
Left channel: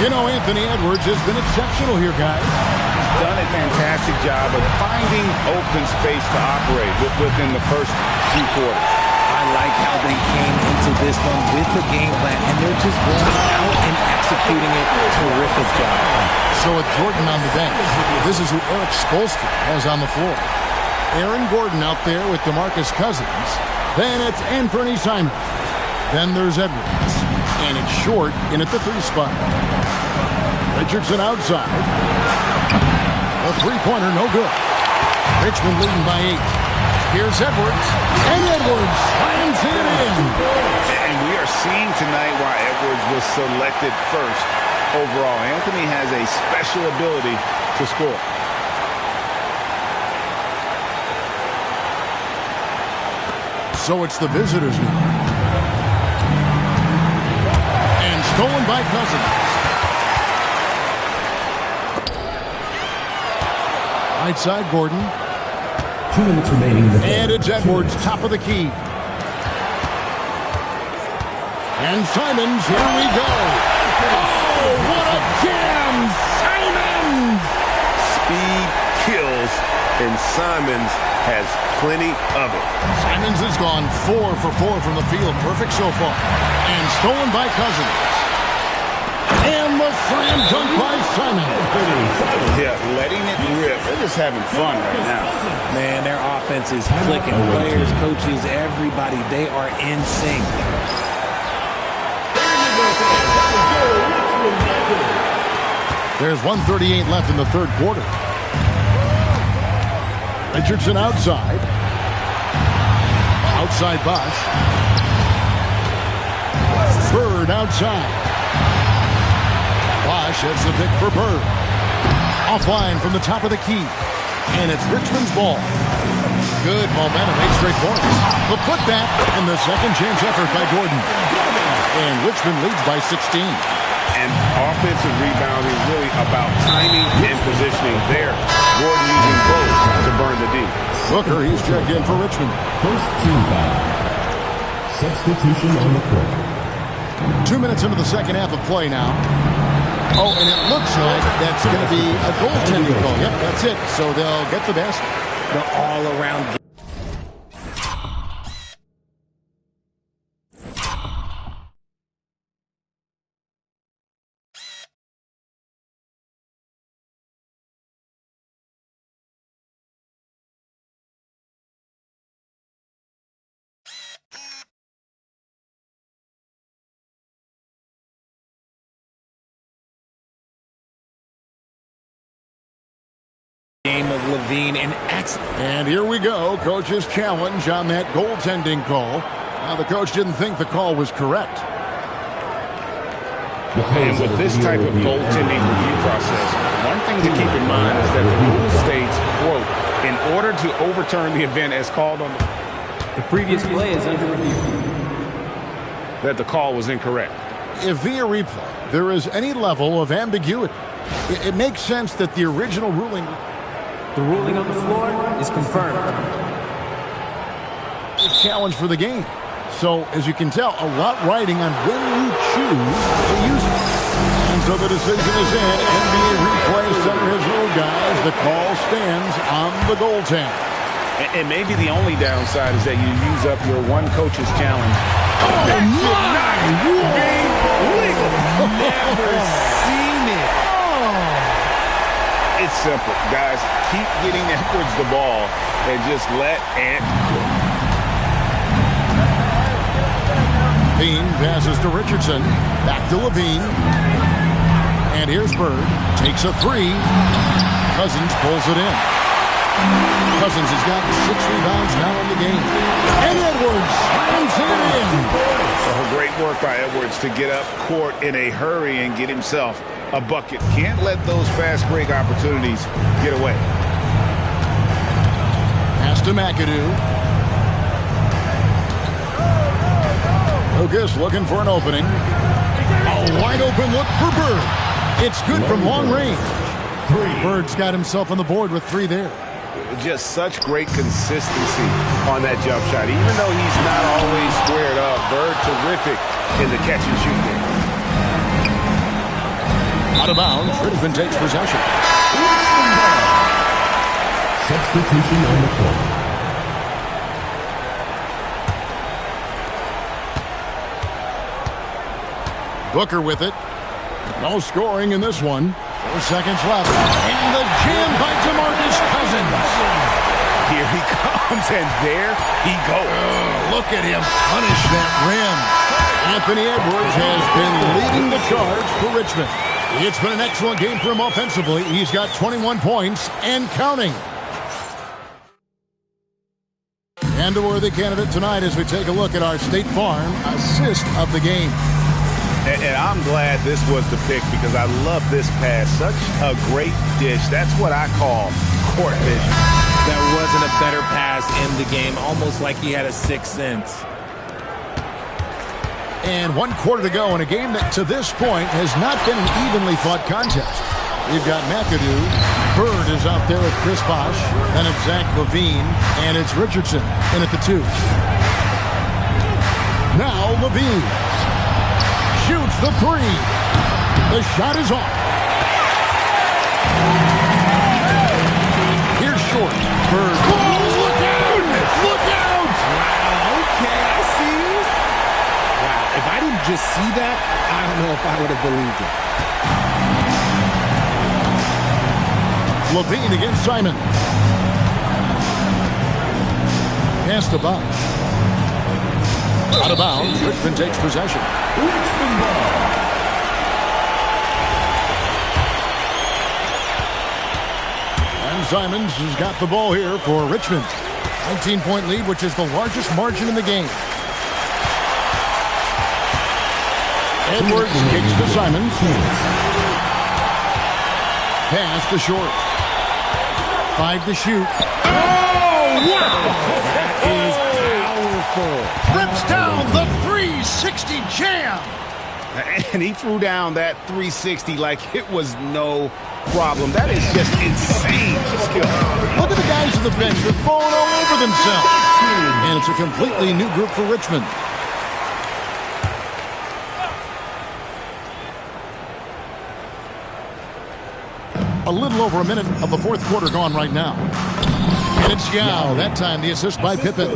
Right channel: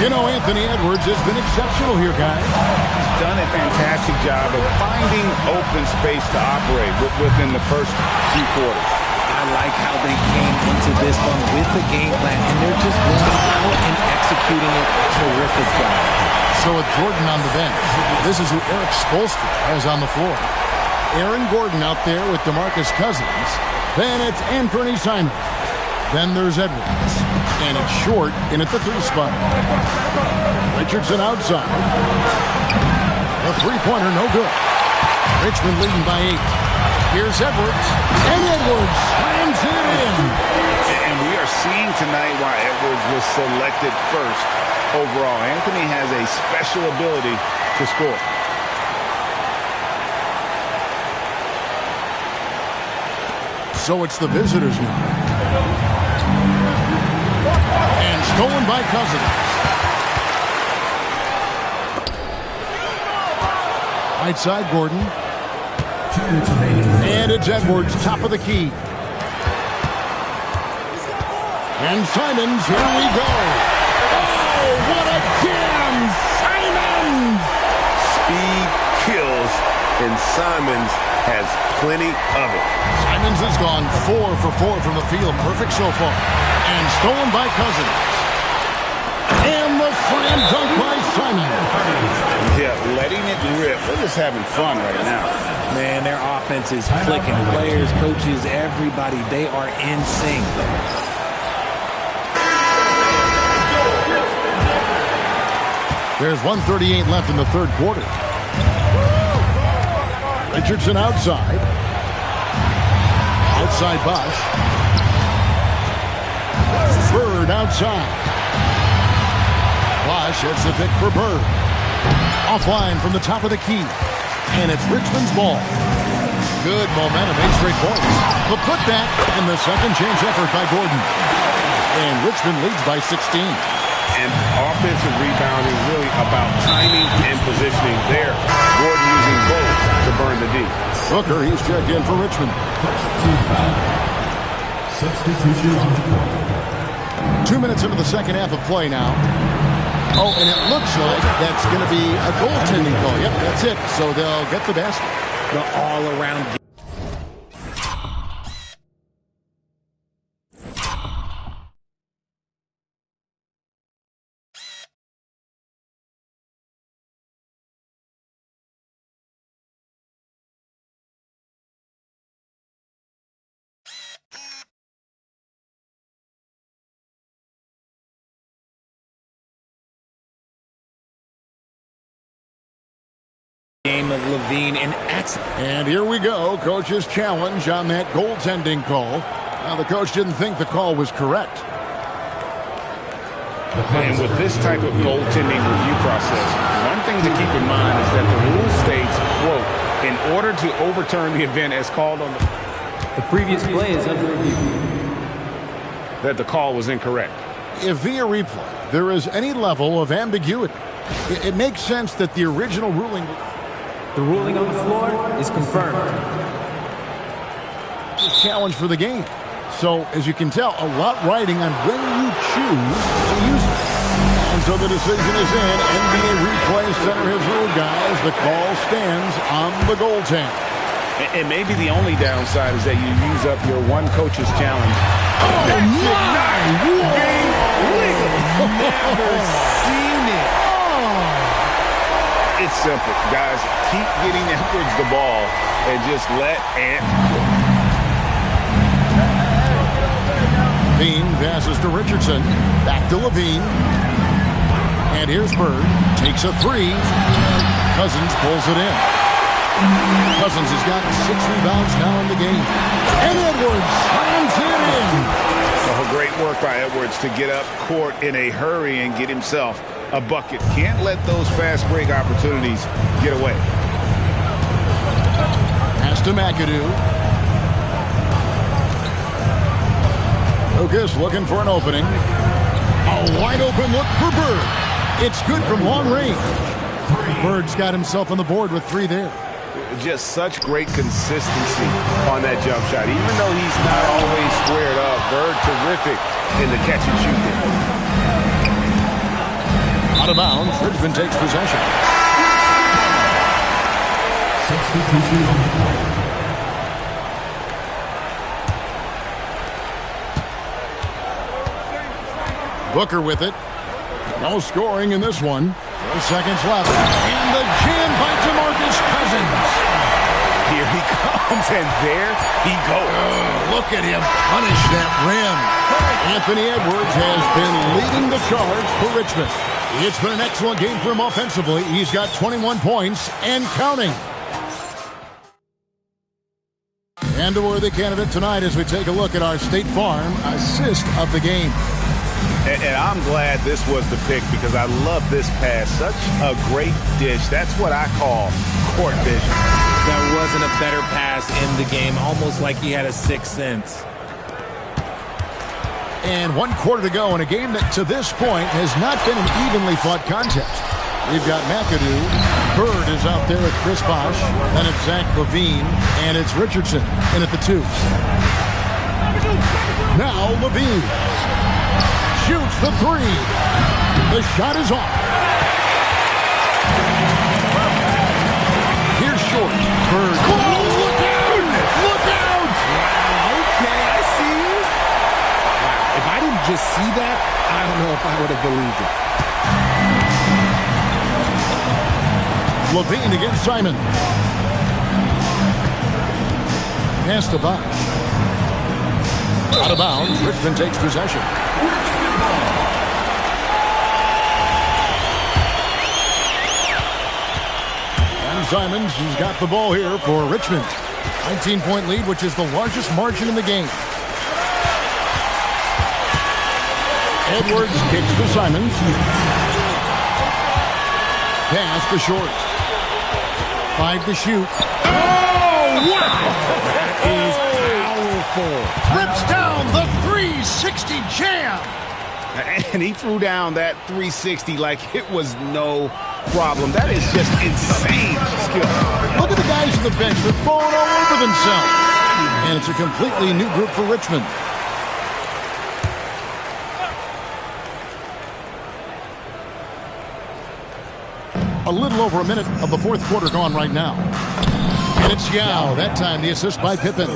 You know, Anthony Edwards has been exceptional here, guys. He's done a fantastic job of finding open space to operate within the first few quarters. I like how they came into this one with the game plan, and they're just going out and executing it. Terrific job. So with Jordan on the bench, this is who Eric Spoelstra has on the floor. Aaron Gordon out there with DeMarcus Cousins. Then it's Anthony Simons. Then there's Edwards. And it's Short in at the 3 spot. Richardson outside. The three-pointer no good. Richmond leading by 8. Here's Edwards. And Edwards slams it in. And we are seeing tonight why Edwards was selected first overall. Anthony has a special ability to score. So it's the visitors now. And stolen by Cousins. Right side, Gordon. 2 minutes remaining. And it's Edwards, top of the key. And Simons, here we go. Oh, what a jam! Simons! Speed kills, and Simons has plenty of it. Simons has gone 4 for 4 from the field. Perfect so far. And stolen by Cousins. And the slam dunk by Simon. Yeah, letting it rip. They're just having fun right now. Man, their offense is clicking. Players, coaches, everybody, they are in sync. There's 1:38 left in the third quarter. Richardson outside. Outside Bosch. Bird outside. Bosch hits the pick for Bird. Offline from the top of the key. And it's Richmond's ball. Good momentum, 8 straight points. The putback and the second chance effort by Gordon. And Richmond leads by 16. And offensive rebounding really about timing and positioning there. Gordon using both to burn the D. Booker, he's checked in for Richmond. First team foul. Substitution on the court. 2 minutes into the second half of play now. Oh, and it looks like that's going to be a goaltending call. Yep, that's it. So they'll get the basket. The all-around game of Levine and And here we go. Coach's challenge on that goaltending call. Now, the coach didn't think the call was correct. And with this type of goaltending review process, one thing to keep in mind is that the rule states, quote, in order to overturn the event as called on The previous play is under review. that the call was incorrect. If via replay there is any level of ambiguity, it makes sense that the original ruling... The ruling on the floor is confirmed. This challenge for the game. So, as you can tell, a lot riding on when you choose to use it. And so the decision is in. NBA Replay Center has ruled, guys. The call stands on the goaltend. And maybe the only downside is that you use up your one coach's challenge. Oh, my! never seen it. It's simple, guys. Keep getting Edwards the ball and just let Ant cook. Levine passes to Richardson. Back to Levine. And here's Bird. Takes a three. Cousins pulls it in. Cousins has got 6 rebounds now in the game. And Edwards slams it in. So great work by Edwards to get up court in a hurry and get himself a bucket. Can't let those fast break opportunities get away. Pass to McAdoo. Lucas looking for an opening. A wide open look for Bird. It's good from long range. Bird's got himself on the board with 3 there. Just such great consistency on that jump shot. Even though he's not always squared up, Bird terrific in the catch and shoot game. Out of bounds, Richmond takes possession. Substitution on the court. Booker with it. No scoring in this one. 4 seconds left. And the jam by DeMarcus Cousins. Here he comes, and there he goes. Oh, look at him punish that rim. Anthony Edwards has been leading the charge for Richmond. It's been an excellent game for him offensively. He's got 21 points and counting. And a worthy candidate tonight as we take a look at our State Farm assist of the game. And I'm glad this was the pick because I love this pass. Such a great dish. That's what I call court vision. There wasn't a better pass in the game, almost like he had a sixth sense. And 1 quarter to go in a game that to this point has not been an evenly fought contest. We've got McAdoo. Bird is out there with Chris Bosh. Then it's Zach LaVine. And it's Richardson in at the 2. Now LaVine shoots the 3. The shot is off. Here's Short. Bird. Oh, look out! Look out! Wow, okay, I see you. Wow, if I didn't just see that, I don't know if I would have believed it. LaVine against Simon. Pass to Bosh. Out of bounds. Richmond takes possession. And Simons has got the ball here for Richmond. 19-point lead, which is the largest margin in the game. Edwards kicks to Simons. Pass to Short. 5 to shoot. Oh, wow! That is powerful. Rips down the 360 jam. And he threw down that 360 like it was no problem. That is just insane skill. Look at the guys on the bench. They're falling all over themselves. And it's a completely new group for Richmond. A little over a minute of the 4th quarter gone right now. And it's Yao. That time the assist by Pippen.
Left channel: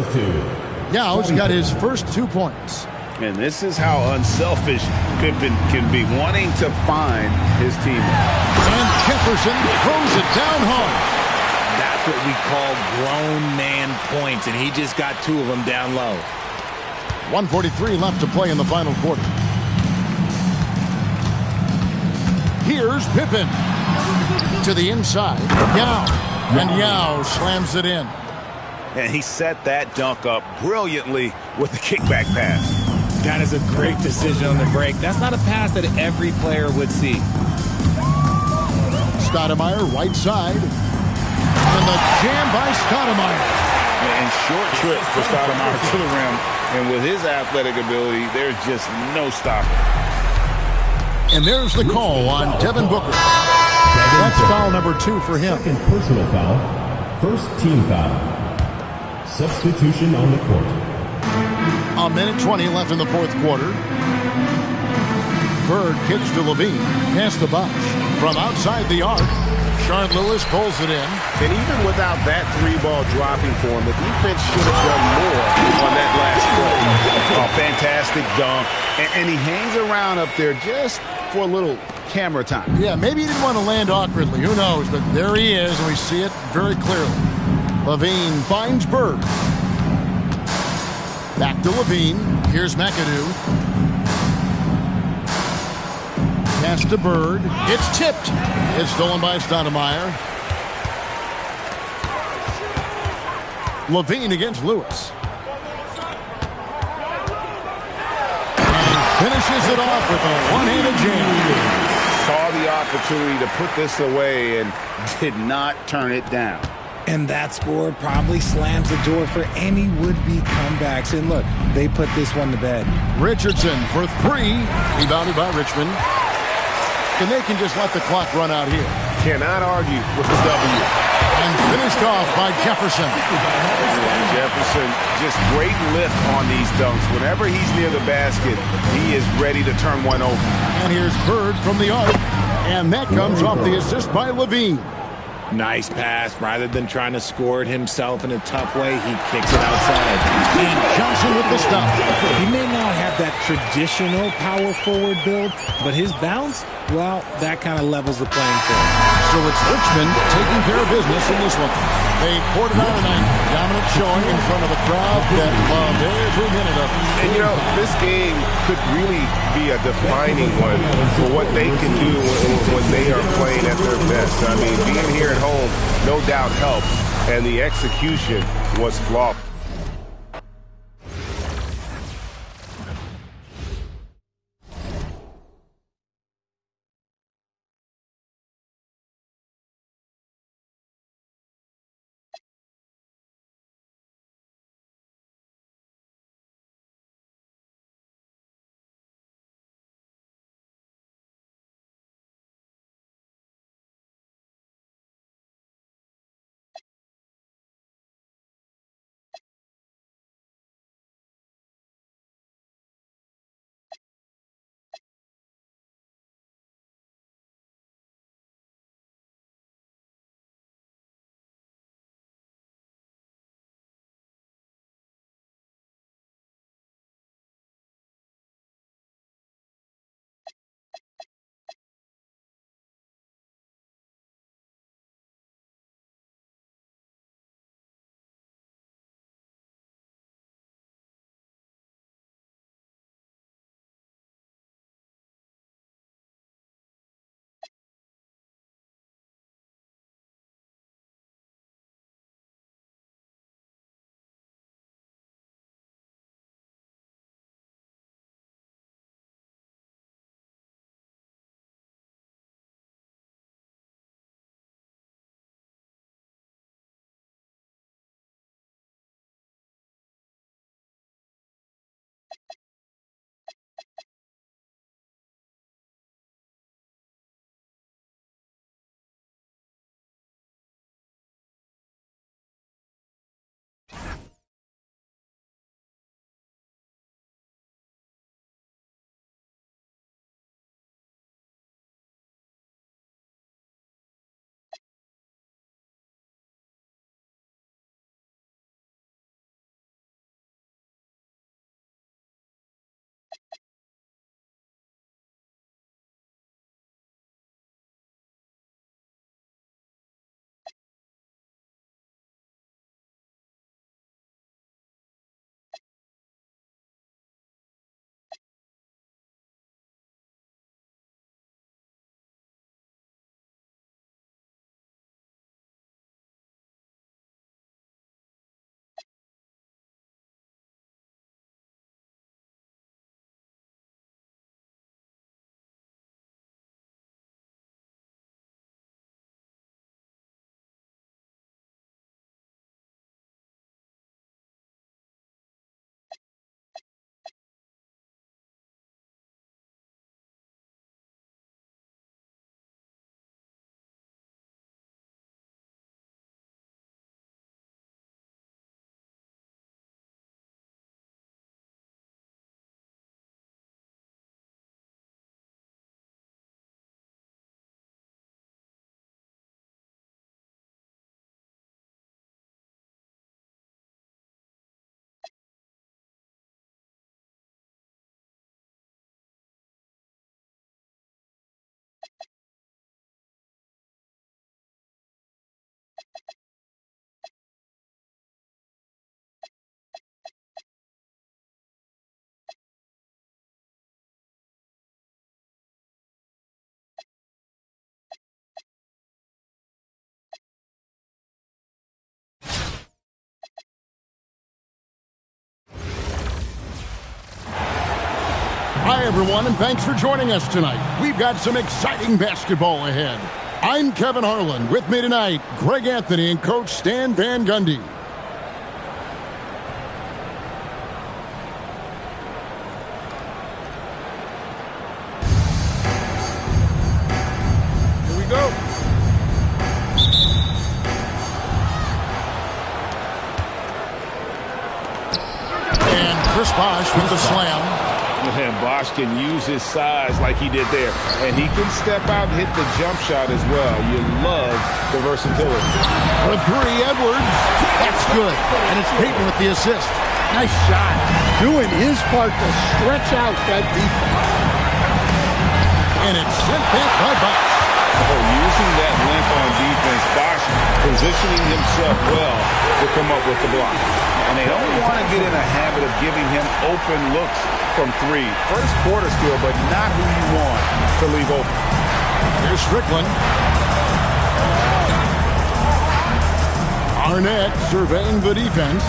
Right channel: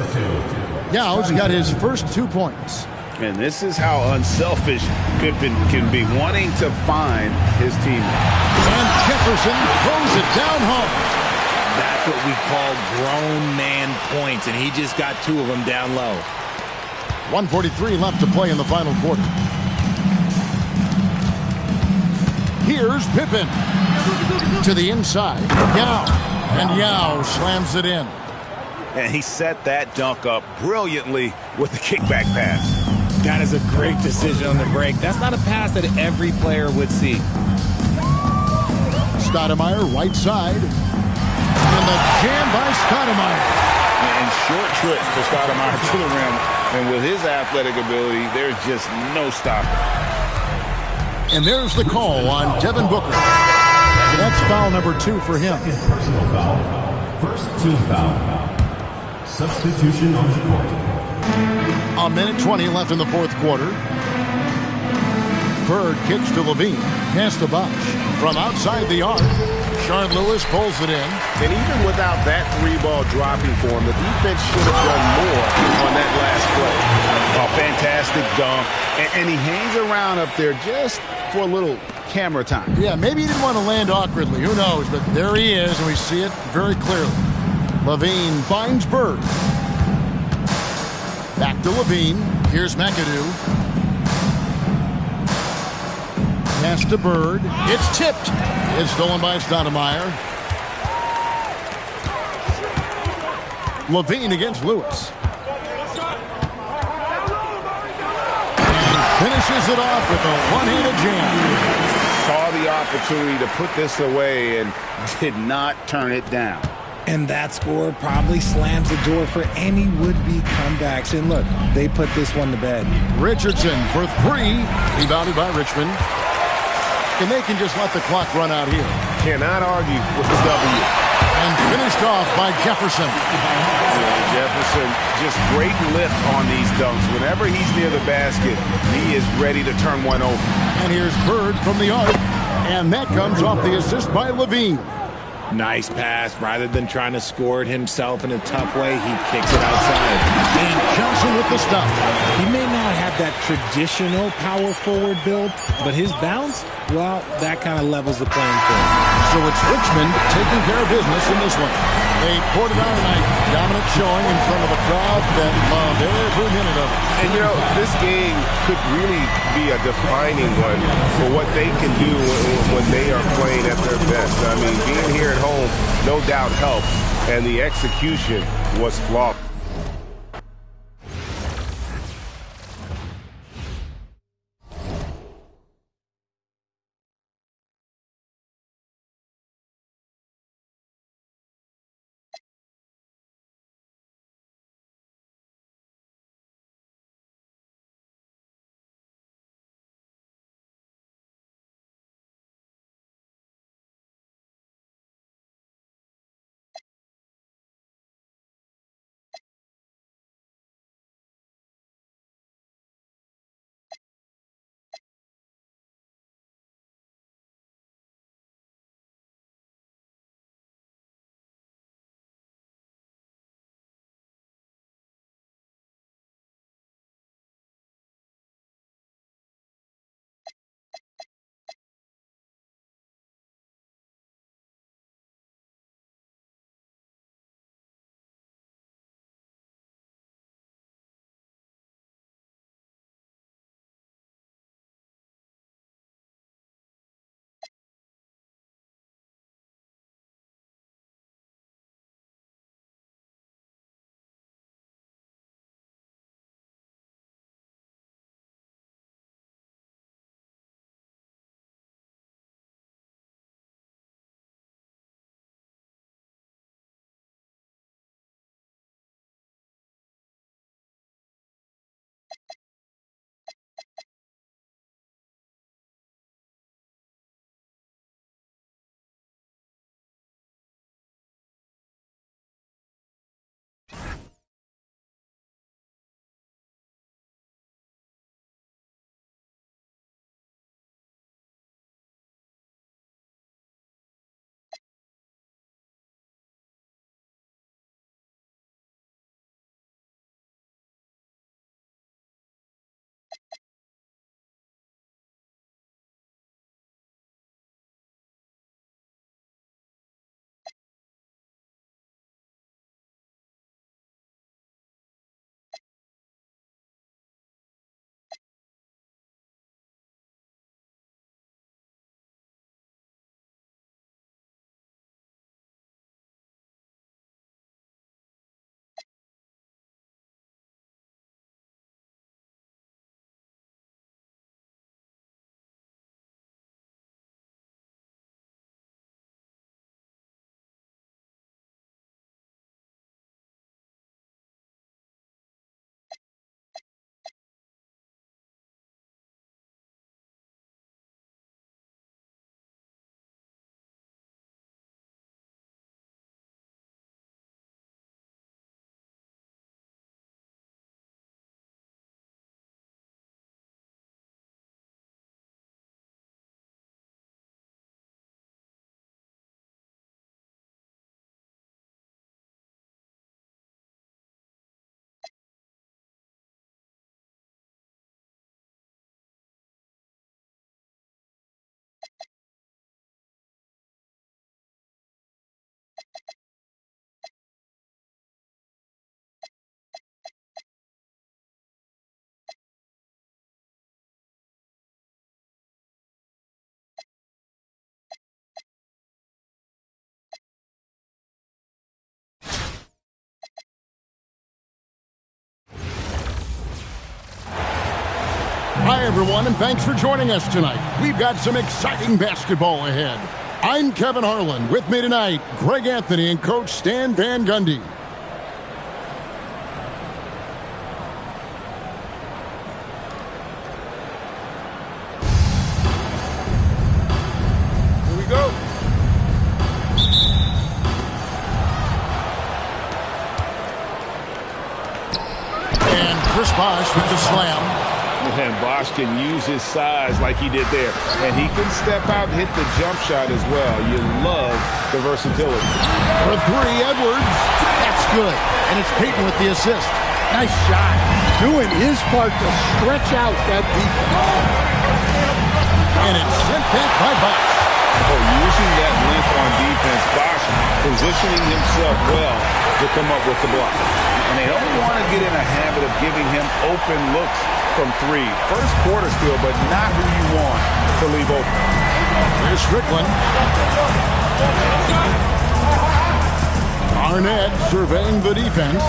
Yao's got his first 2 points. And this is how unselfish Pippen can be, wanting to find his teammate. And Jefferson throws it down hard. That's what we call grown man points, and he just got 2 of them down low. 1:43 left to play in the final quarter. Here's Pippen. To the inside. Yao. And Yao slams it in. And he set that dunk up brilliantly with the kickback pass. That is a great decision on the break. That's not a pass that every player would see. Stoudemire, right side. And the jam by Stoudemire. And short trip for Stoudemire to the rim. And with his athletic ability, there's just no stopping. And there's the call on Devin Booker. That's foul number 2 for him. Second personal foul. First team foul. Substitution on the court. 1:20 left in the 4th quarter. Bird kicks to LaVine. Pass to Bosh. From outside the arc. Sean Lewis pulls it in. And even without that 3-ball dropping for him, the defense should have done more on that last play. A fantastic dunk. And he hangs around up there just for a little camera time. Yeah, maybe he didn't want to land awkwardly. Who knows? But there he is, and we see it very clearly. LaVine finds Bird. Back to LaVine. Here's McAdoo. Pass to Bird. It's tipped. It's stolen by Stoudemire. LaVine against Lewis. And finishes it off with a one-handed jam. Saw the opportunity to put this away and did not turn it down. And that score probably slams the door for any would-be comebacks. And look, they put this one to bed. Richardson for 3. Rebounded by Richmond. And they can just let the clock run out here. Cannot argue with the W. And finished off by Jefferson. Yeah, Jefferson, just great lift on these dunks. Whenever he's near the basket, he is ready to turn one over. And here's Bird from the arc. And that comes off the assist by LaVine. Nice pass. Rather than trying to score it himself in a tough way, he kicks it outside. And Johnson with the stop. He may not have that traditional power forward build, but his bounce, well, that kind of levels the playing field. So it's Richmond taking care of business in this one. They poured it on tonight. Dominant showing in front of a crowd that loved every minute of it. And, you know, this game could really be a defining one for what they can do when they are playing at their best. I mean, being here at home, no doubt helps, and the execution was flawless. Hi, everyone, and thanks for joining us tonight. We've got some exciting basketball ahead. I'm Kevin Harlan. With me tonight, Greg Anthony and Coach Stan Van Gundy. Here we go. And Chris Bosh with the slam. And Bosch can use his size like he did there. And he can step out and hit the jump shot as well. You love the versatility. For three, Edwards. That's good. And it's Peyton with the assist. Nice shot. Doing his part to stretch out that defense. And it's sent back by Bosch. Oh, using that length on defense, Bosch positioning himself well to come up with the block. And they don't want to get in a habit of giving him open looks from three. First quarter still, but not who you want to leave open. Here's Strickland. Arnett surveying the defense.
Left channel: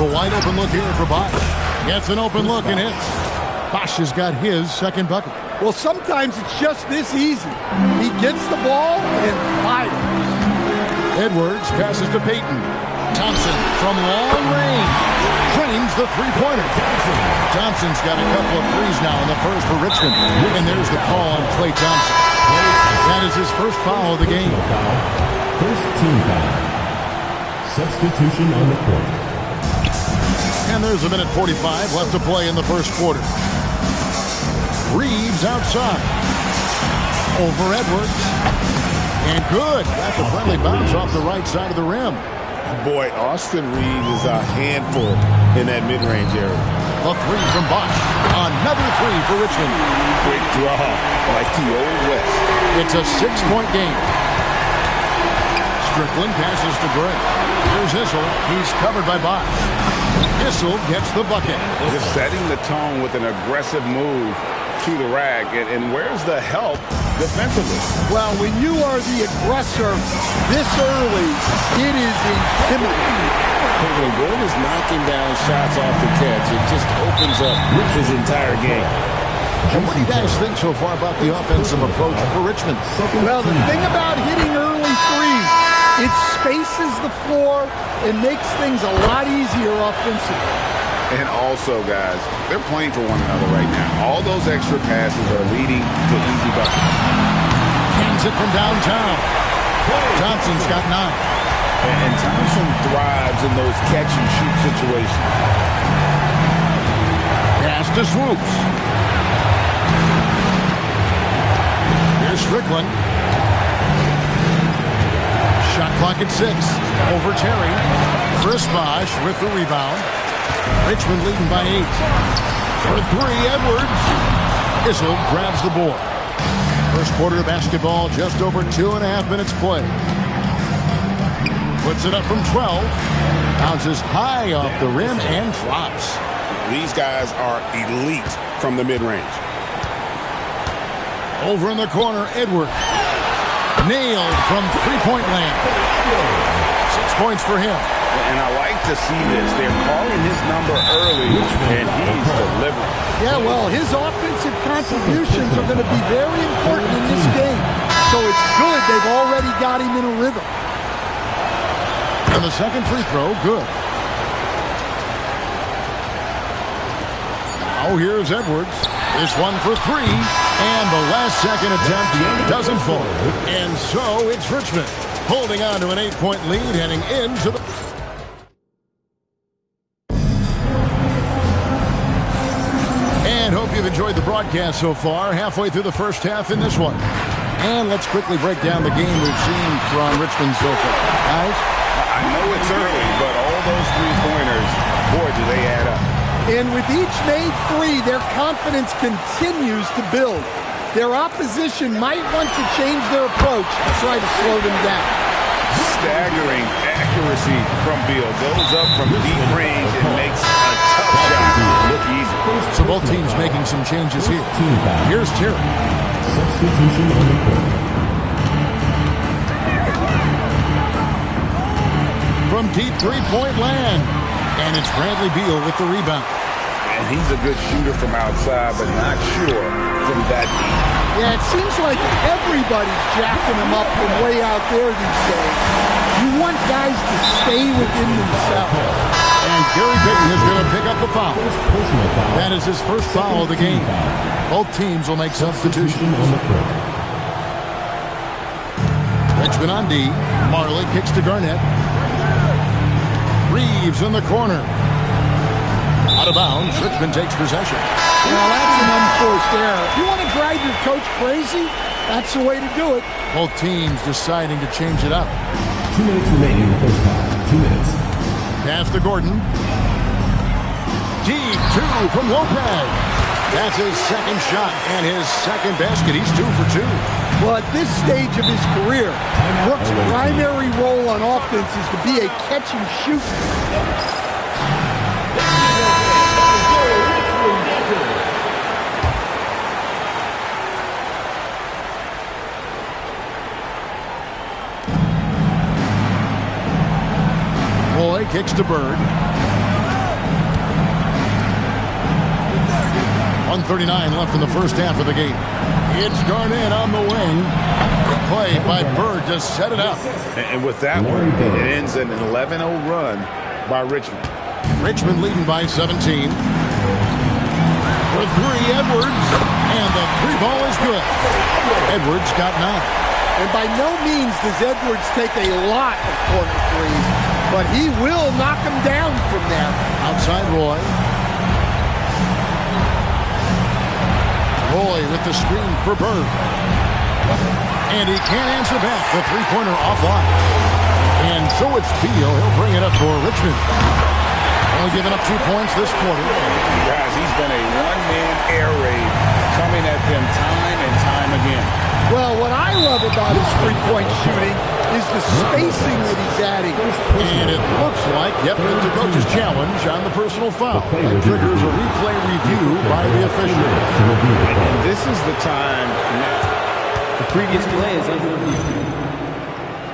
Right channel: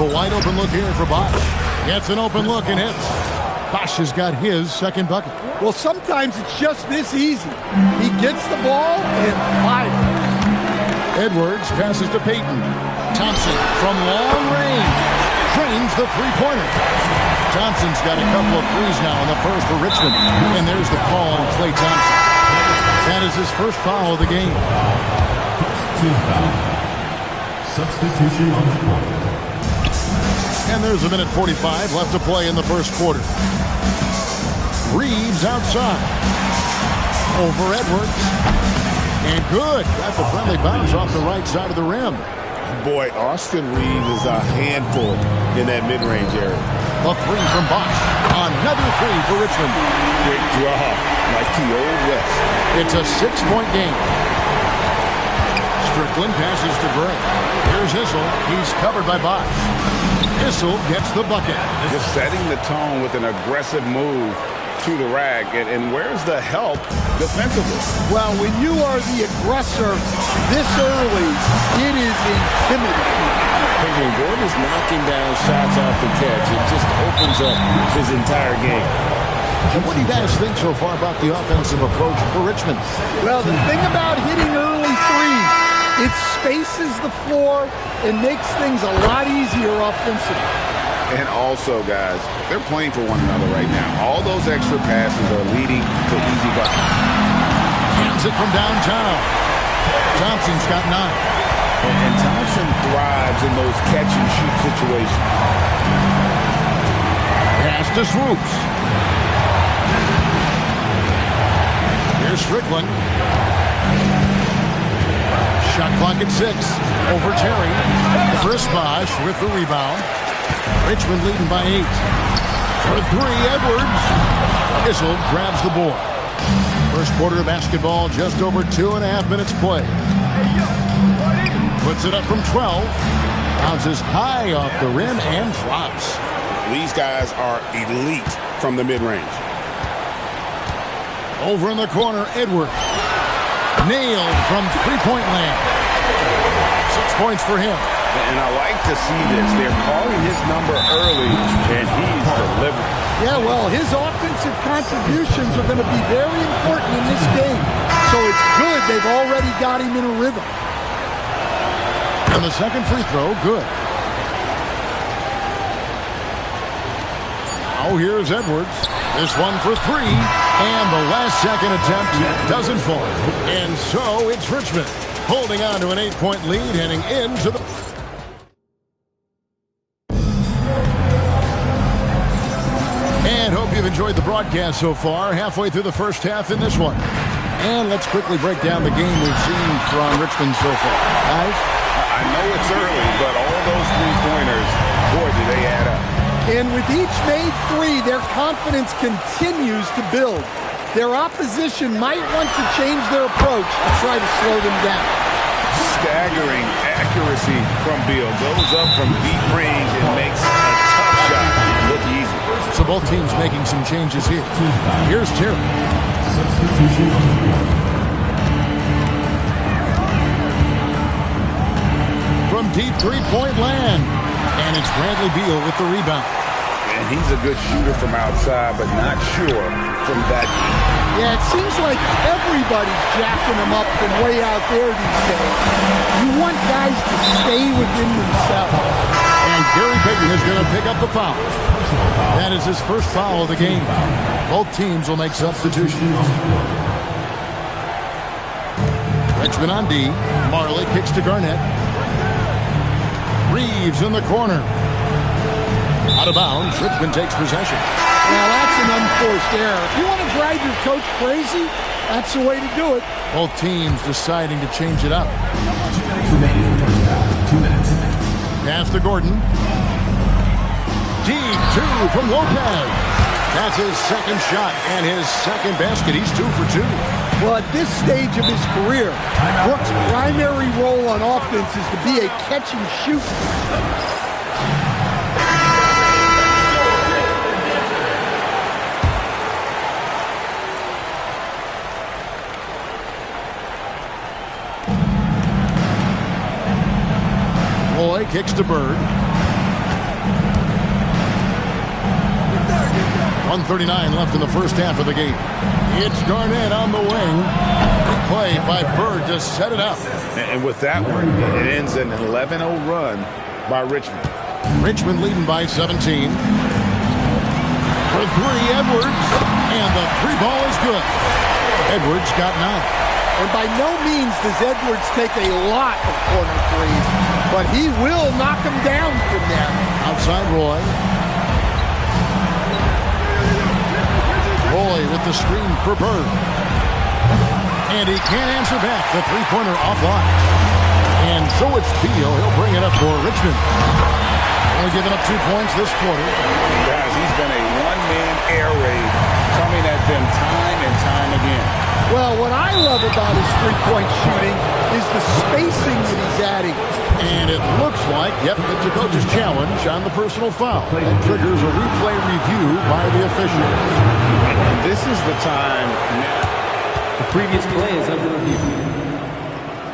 The wide open look here for Bosch. Gets an open look and hits. Bosch has got his second bucket. Well, sometimes it's just this easy. He gets the ball and fires. Edwards passes to Peyton. Thompson from long range trains the three-pointer. Johnson's got a couple of threes now in the first for Richmond. And there's the call on Klay Thompson. That is his first foul of the game. First team foul. Substitution on the court. And there's a minute 45 left to play in the first quarter. Reeves outside. Over Edwards. And good. Got the friendly bounce off the right side of the rim. Boy, Austin Reeves is a handful in that mid-range area. The three from Bosch. Another three for Richmond. Quick draw, like the old West. It's a 6-point game. Strickland passes to Gray. Here's Issel. He's covered by Bosch. Issel gets the bucket. Just setting the tone with an aggressive move to the rack. And where's the help defensively? Well, when you are the aggressor this early, it is intimidating. Hey, when Gordon is knocking down shots off the catch, it just opens up his entire game. And what do you guys think so far about the offensive approach for Richmond? Well, the thing about hitting early threes, it spaces the floor and makes things a lot easier offensively. And also, guys, they're playing for one another right now. All those extra passes are leading to easy buckets. Hands it from downtown. Johnson's got 9. And Thompson thrives in those catch-and-shoot situations. Pass to Swoops. Here's Strickland. Shot clock at 6. Over Terry. Chris Bosch with the rebound. Richmond leading by 8. For 3, Edwards. Issel grabs the board. First quarter of basketball, just over 2.5 minutes play. Puts it up from 12. Bounces high off the rim and drops. These guys are elite from the mid-range. Over in the corner, Edwards. Nailed from three-point land. 6 points for him. And I like to see this. They're calling his number early, and he's delivering. Yeah, well, his offensive contributions are going to be very important in this game. So it's good they've already got him in a rhythm. And the second free throw, good. Now here's Edwards. This one for 3. And the last second attempt doesn't fall. And so it's Richmond holding on to an 8-point lead heading into the... And hope you've enjoyed the broadcast so far. Halfway through the first half in this one. And let's quickly break down the game we've seen from Richmond so far. Guys? I know it's early, but all those three-pointers, boy, do they add up. And with each made 3, their confidence continues to build. Their opposition might want to change their approach to try to slow them down. Staggering accuracy from Beal. Goes up from deep range and makes a tough shot look easy. So both teams making some changes here. Here's Terry. Substitution on the court. From deep three-point land. And it's Bradley Beal with the rebound. And he's a good shooter from outside, but not sure from that deep. Yeah, it seems like everybody's jacking him up from way out there these days. You want guys to stay within themselves. And Gary Payton is going to pick up the foul. That is his first foul of the game. Both teams will make substitutions. Richmond on D. Marley kicks to Garnett. Reeves in the corner. Out of bounds, Richmond takes possession. Well, that's an unforced error. If you want to drive your coach crazy, that's the way to do it. Both teams deciding to change it up. 2 minutes remaining in the first half. 2 minutes. Pass to Gordon. Deep 2 from Lopez. That's his second shot and his second basket. He's 2 for 2. Well, at this stage of his career, Brooks' primary role on offense is to be a catch and shoot. Roy kicks to Bird. 1:39 left in the first half of the game. It's Garnett on the wing. Big play by Bird to set it up. And with that one, it ends an 11-0 run by Richmond. Richmond leading by 17. For 3, Edwards. And the 3 ball is good. Edwards got 9. And by no means does Edwards take a lot of corner threes, but he will knock them down from there. Outside Roy. Roy with the screen for Bird. And he can't answer back. The three-pointer offline. And so it's Beal. He'll bring it up for Richmond. Only giving up 2 points this quarter. Guys, he's been a one-man air raid coming at them time and time again. Well, what I love about his three-point shooting is the spacing that he's adding. And it looks like, yep, it's a coach's challenge on the personal foul. That triggers a replay review by the official. And this is the time now. The previous play is under review.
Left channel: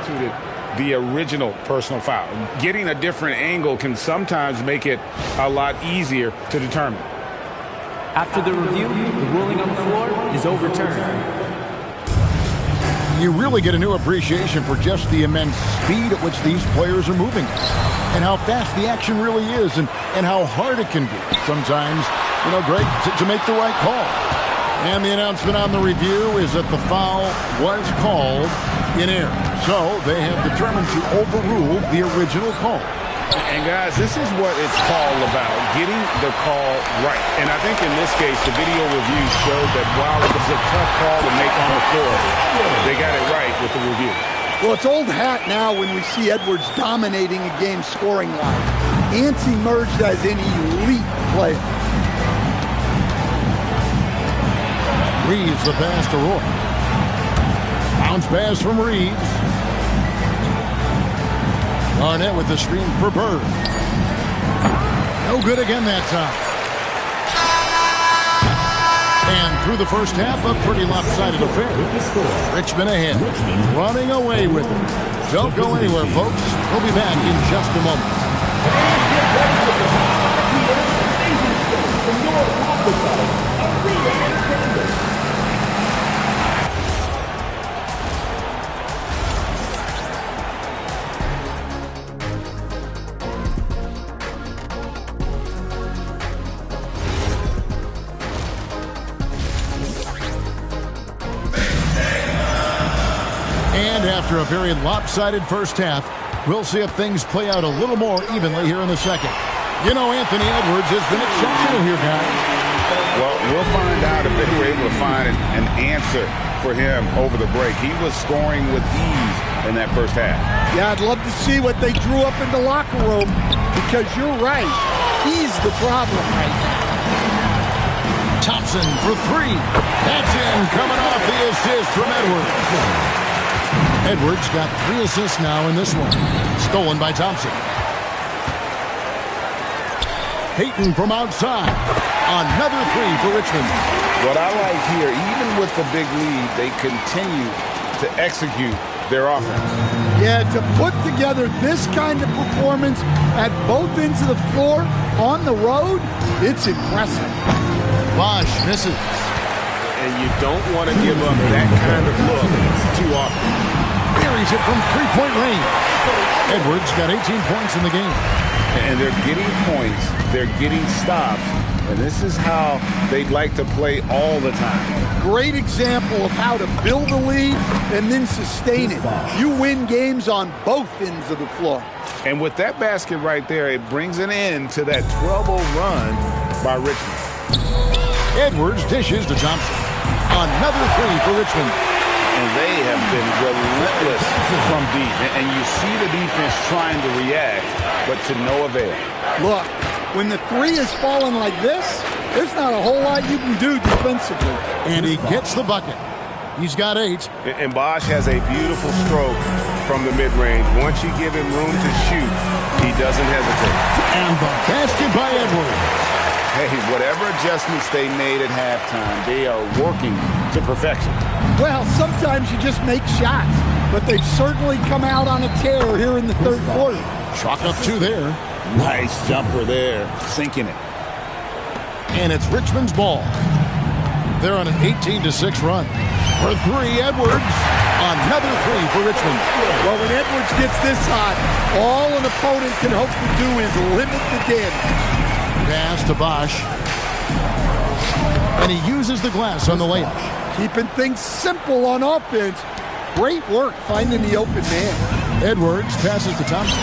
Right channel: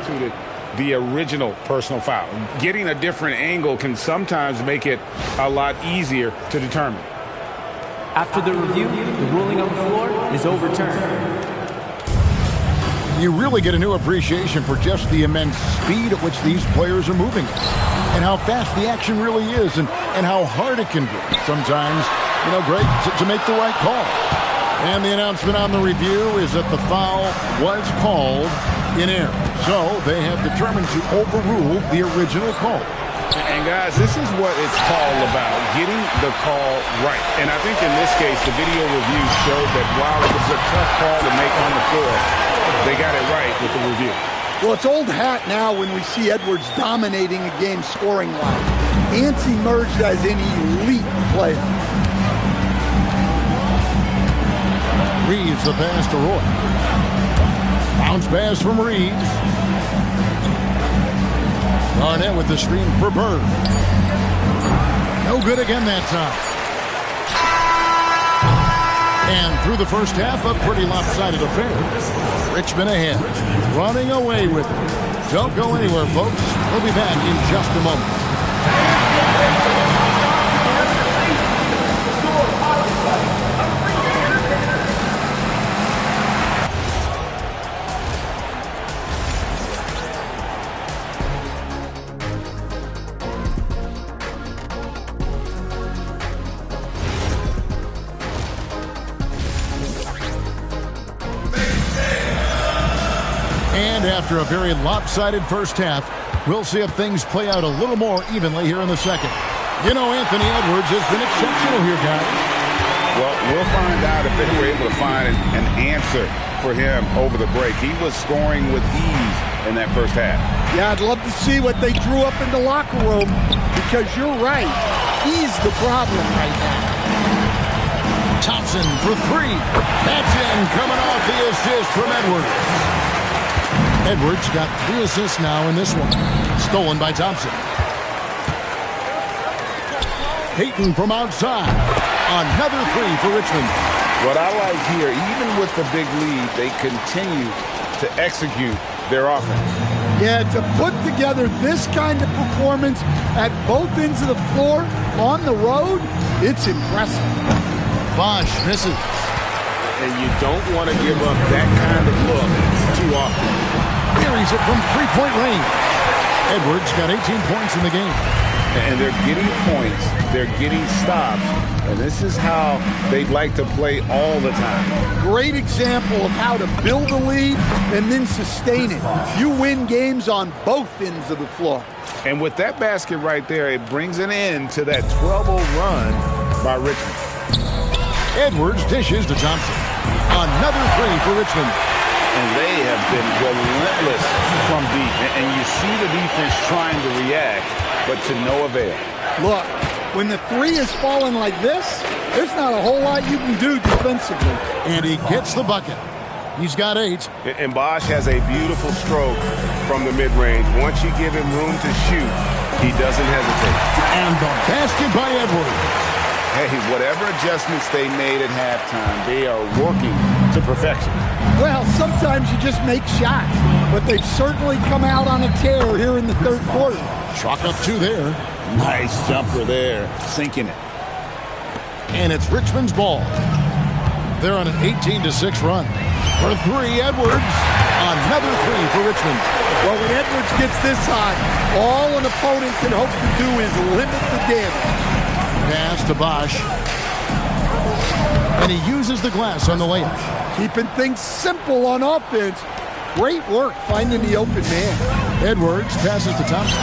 To the original personal foul. Getting a different angle can sometimes make it a lot easier to determine. After the review, the ruling on the floor is overturned. You really get a new appreciation for just the immense speed at which these players are moving and how fast the action really is and how hard it can be sometimes, Greg, to make the right call. And the announcement on the review is that the foul was called in error. So they have determined to overrule the original call. And guys, this is what it's all about, getting the call right. And I think in this case, the video review showed that while it was a tough call to make on the floor, they got it right with the review. Well, it's old hat now when we see Edwards dominating a game scoring line. Ants emerged as an elite player. Reeves the pass to Roy. Bounce pass from Reeves. Garnett with the screen for Bird. No good again that time. And through the first half, a pretty lopsided affair. Richmond ahead, running away with it. Don't go anywhere, folks. We'll be back in just a moment. And after a very lopsided first half, we'll see if things play out a little more evenly here in the second. Anthony Edwards has been exceptional here, guys. Well, we'll find out if they were able to find an answer for him over the break. He was scoring with ease in that first half. Yeah, I'd love to see what they drew up in the locker room because you're right. He's the problem right now. Thompson for 3. That's in, coming off the assist from Edwards. Edwards got 3 assists now in this one. Stolen by Thompson. Hayton from outside. Another 3 for Richmond. What I like here, even with the big lead, they continue to execute their offense. Yeah, to put together this kind of performance at both ends of the floor on the road, it's impressive. Bosch misses. And you don't want to give up that kind of look too often. Buries it from 3-point range. Edwards got 18 points in the game. And they're getting points. They're getting stops. And this is how they'd like to play all the time. Great example of how to build a lead and then sustain it. You win games on both ends of the floor. And with that basket right there, it brings an end to that 12-0 run by Richmond. Edwards dishes to Thompson. Another three for Richmond. And they have been relentless from deep. And you see the defense trying to react, but to no avail. Look, when the three is falling like this, there's not a whole lot you can do defensively. And he gets the bucket. He's got 8. And Bosch has a beautiful stroke from the mid-range. Once you give him room to shoot, he doesn't hesitate. And the basket by Edwards. Hey, whatever adjustments they made at halftime, they are working to perfection. Well, sometimes you just make shots, but they've certainly come out on a tear here in the third quarter. Chalk up 2 there. Nice jumper there, sinking it. And it's Richmond's ball. They're on an 18-6 run. For 3, Edwards. Another 3 for Richmond. Well, when Edwards gets this hot, all an opponent can hope to do is limit the damage. Pass to Bosch. And he uses the glass on the layup. Keeping things simple on offense. Great work finding the open man. Edwards passes to Thompson.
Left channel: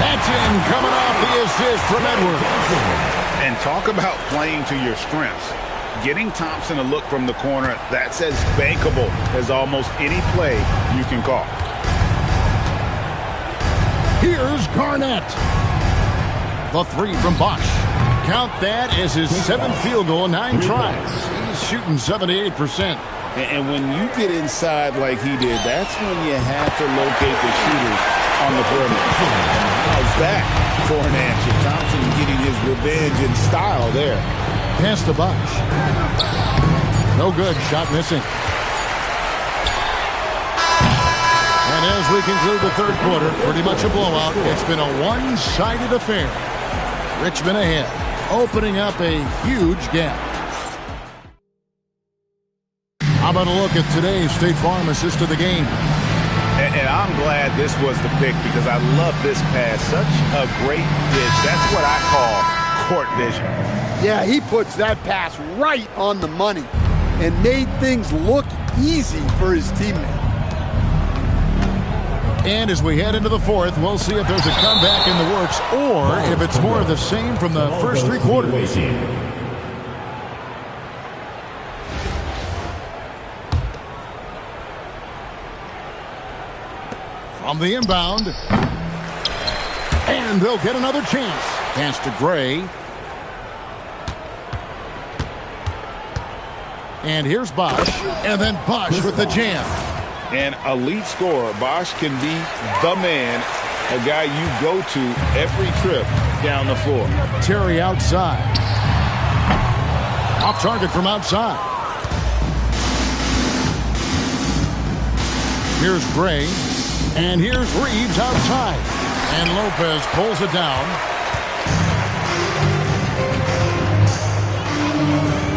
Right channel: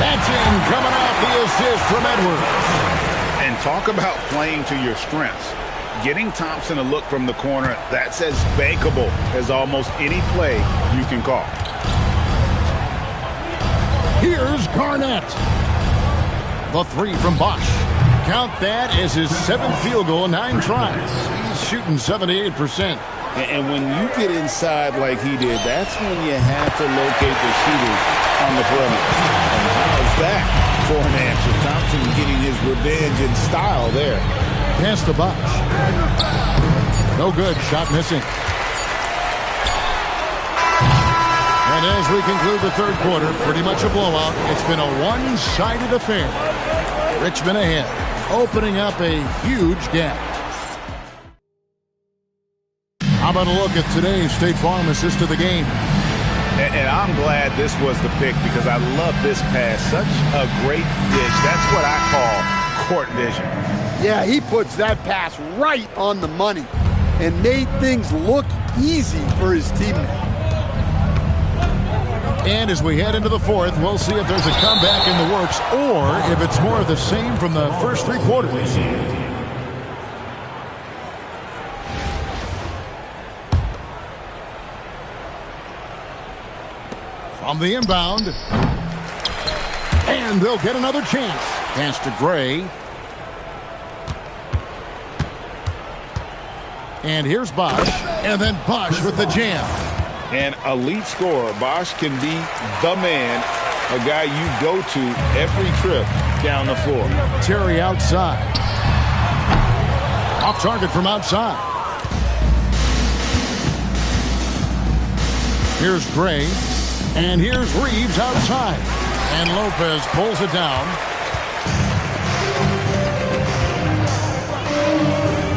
That's in, coming off the assist from Edwards. And talk about playing to your strengths. Getting Thompson a look from the corner, that's as bankable as almost any play you can call. Here's Garnett. The 3 from Bosch. Count that as his 7th field goal in 9 tries. He's shooting 78%. And when you get inside like he did, that's when you have to locate the shooters on the perimeter. And how's that for an answer? Thompson getting his revenge in style there. Pass to Bosch. No good. Shot missing. And as we conclude the third quarter, pretty much a blowout. It's been a one-sided affair. Richmond ahead, opening up a huge gap. How about a look at today's State Farm assist of the game? And I'm glad this was the pick because I love this pass. Such a great dish. That's what I call court vision. Yeah, he puts that pass right on the money and made things look easy for his teammate. And as we head into the fourth, we'll see if there's a comeback in the works or if it's more of the same from the first 3 quarters. From the inbound. And they'll get another chance. Pass to Gray. And here's Bosch. And then Bosch with the jam. An elite scorer. Bosch can be the man, a guy you go to every trip down the floor. Terry outside. Off target from outside. Here's Gray. And here's Reeves outside. And Lopez pulls it down.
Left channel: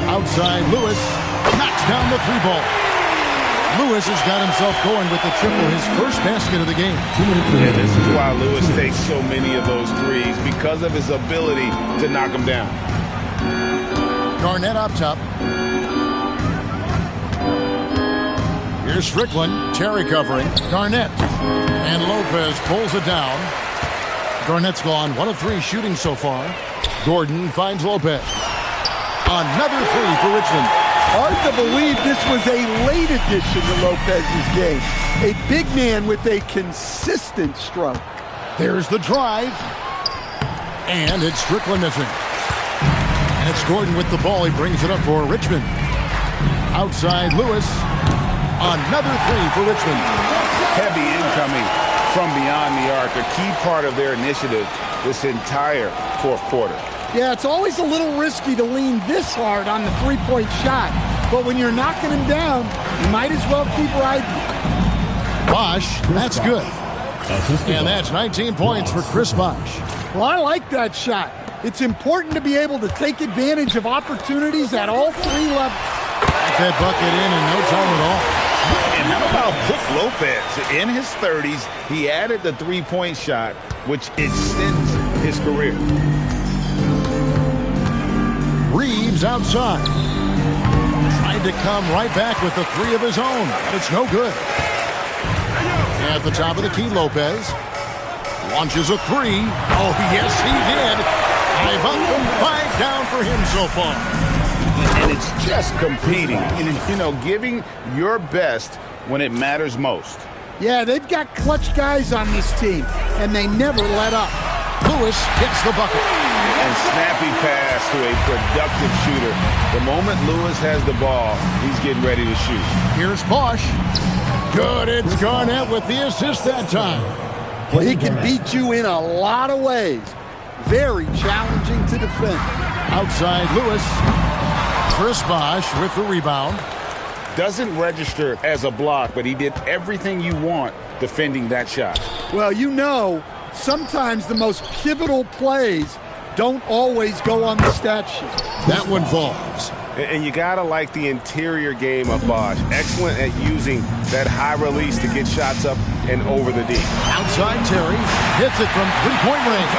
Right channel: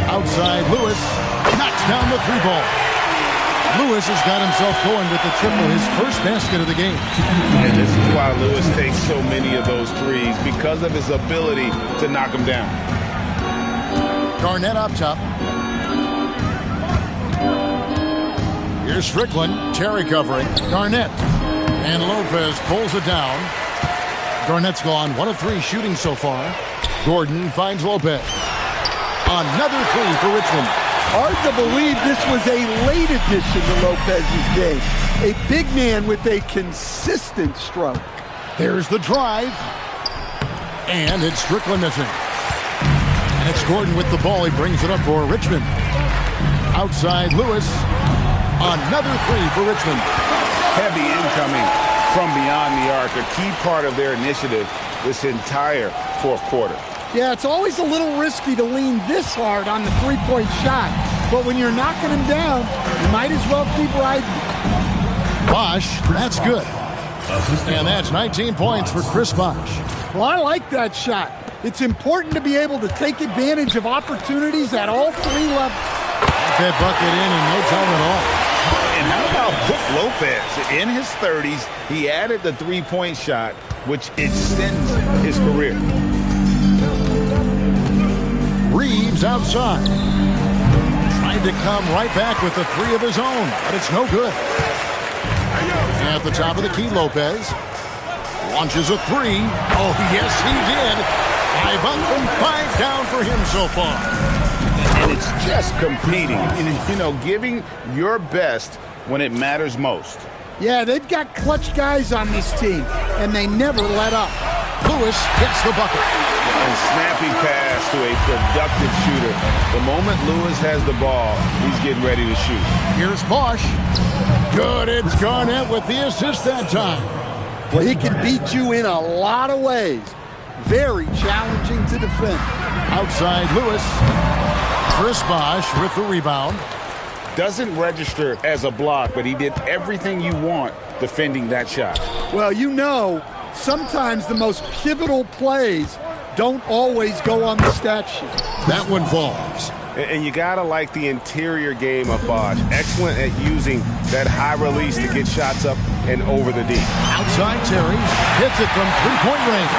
Outside, Lewis knocks down the 3-ball. Lewis has got himself going with the triple, his first basket of the game. And this is why Lewis takes so many of those threes, because of his ability to knock them down. Garnett up top. Here's Strickland. Terry covering. Garnett. And Lopez pulls it down. Garnett's gone 1 of 3 shooting so far. Gordon finds Lopez. Another 3 for Richmond. Hard to believe this was a late addition to Lopez's game. A big man with a consistent stroke. There's the drive. And it's Strickland missing. And it's Gordon with the ball. He brings it up for Richmond. Outside, Lewis. Another 3 for Richmond. Heavy incoming from beyond the arc. A key part of their initiative this entire fourth quarter. Yeah, it's always a little risky to lean this hard on the three-point shot. But when you're knocking him down, you might as well keep riding. Bosch, that's good. And that's 19 points for Chris Bosch. Well, I like that shot. It's important to be able to take advantage of opportunities at all 3 levels. Got that bucket in no time at all. And how about about Brook Lopez? In his 30s, he added the three-point shot, which extends his career. Reeves outside. Tried to come right back with the three of his own, but it's no good. At the top of the key, Lopez launches a three. Oh, yes, he did. 5 up and 5 down for him so far. And it's just competing, giving your best when it matters most. Yeah, they've got clutch guys on this team, and they never let up. Lewis gets the bucket. And snappy pass to a productive shooter. The moment Lewis has the ball, he's getting ready to shoot. Here's Bosch. Good, it's Garnett with the assist that time. Well, he can beat you in a lot of ways. Very challenging to defend. Outside Lewis. Chris Bosch with the rebound. Doesn't register as a block, but he did everything you want defending that shot. Well, sometimes the most pivotal plays don't always go on the stat sheet. That one falls. And you got to like the interior game of Bosch. Excellent at using that high release to get shots up and over the D. Outside Terry. Hits it from three-point range.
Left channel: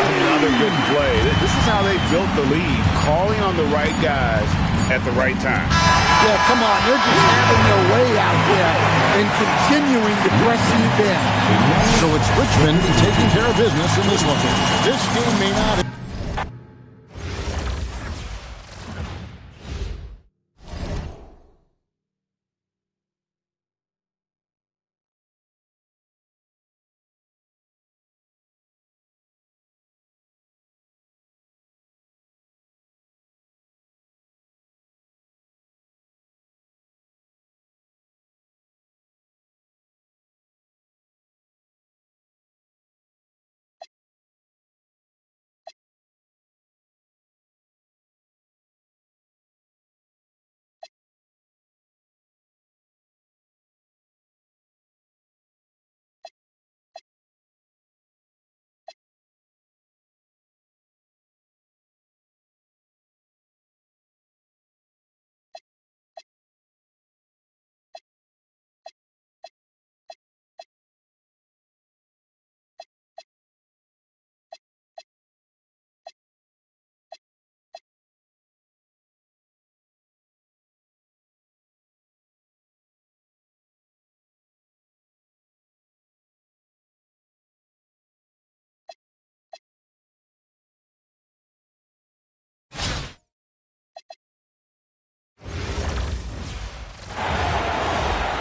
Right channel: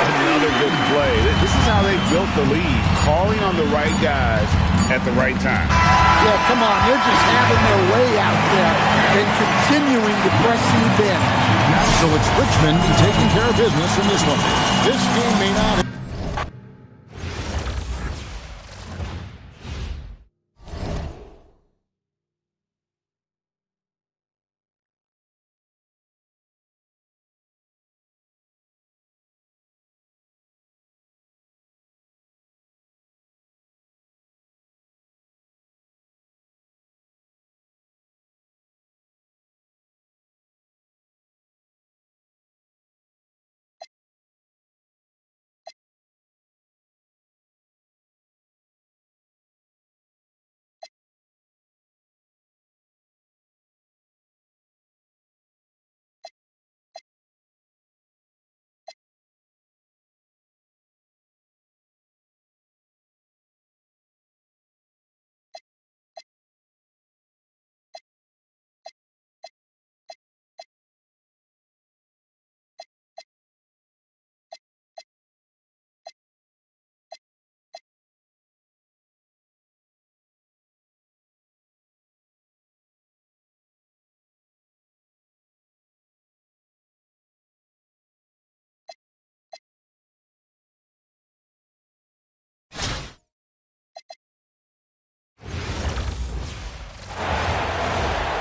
Another good play. This is how they built the lead, calling on the right guys at the right time. Yeah, come on. They're just having their way out there and continuing to press the advantage. So it's Richmond taking care of business in this one. This game may not...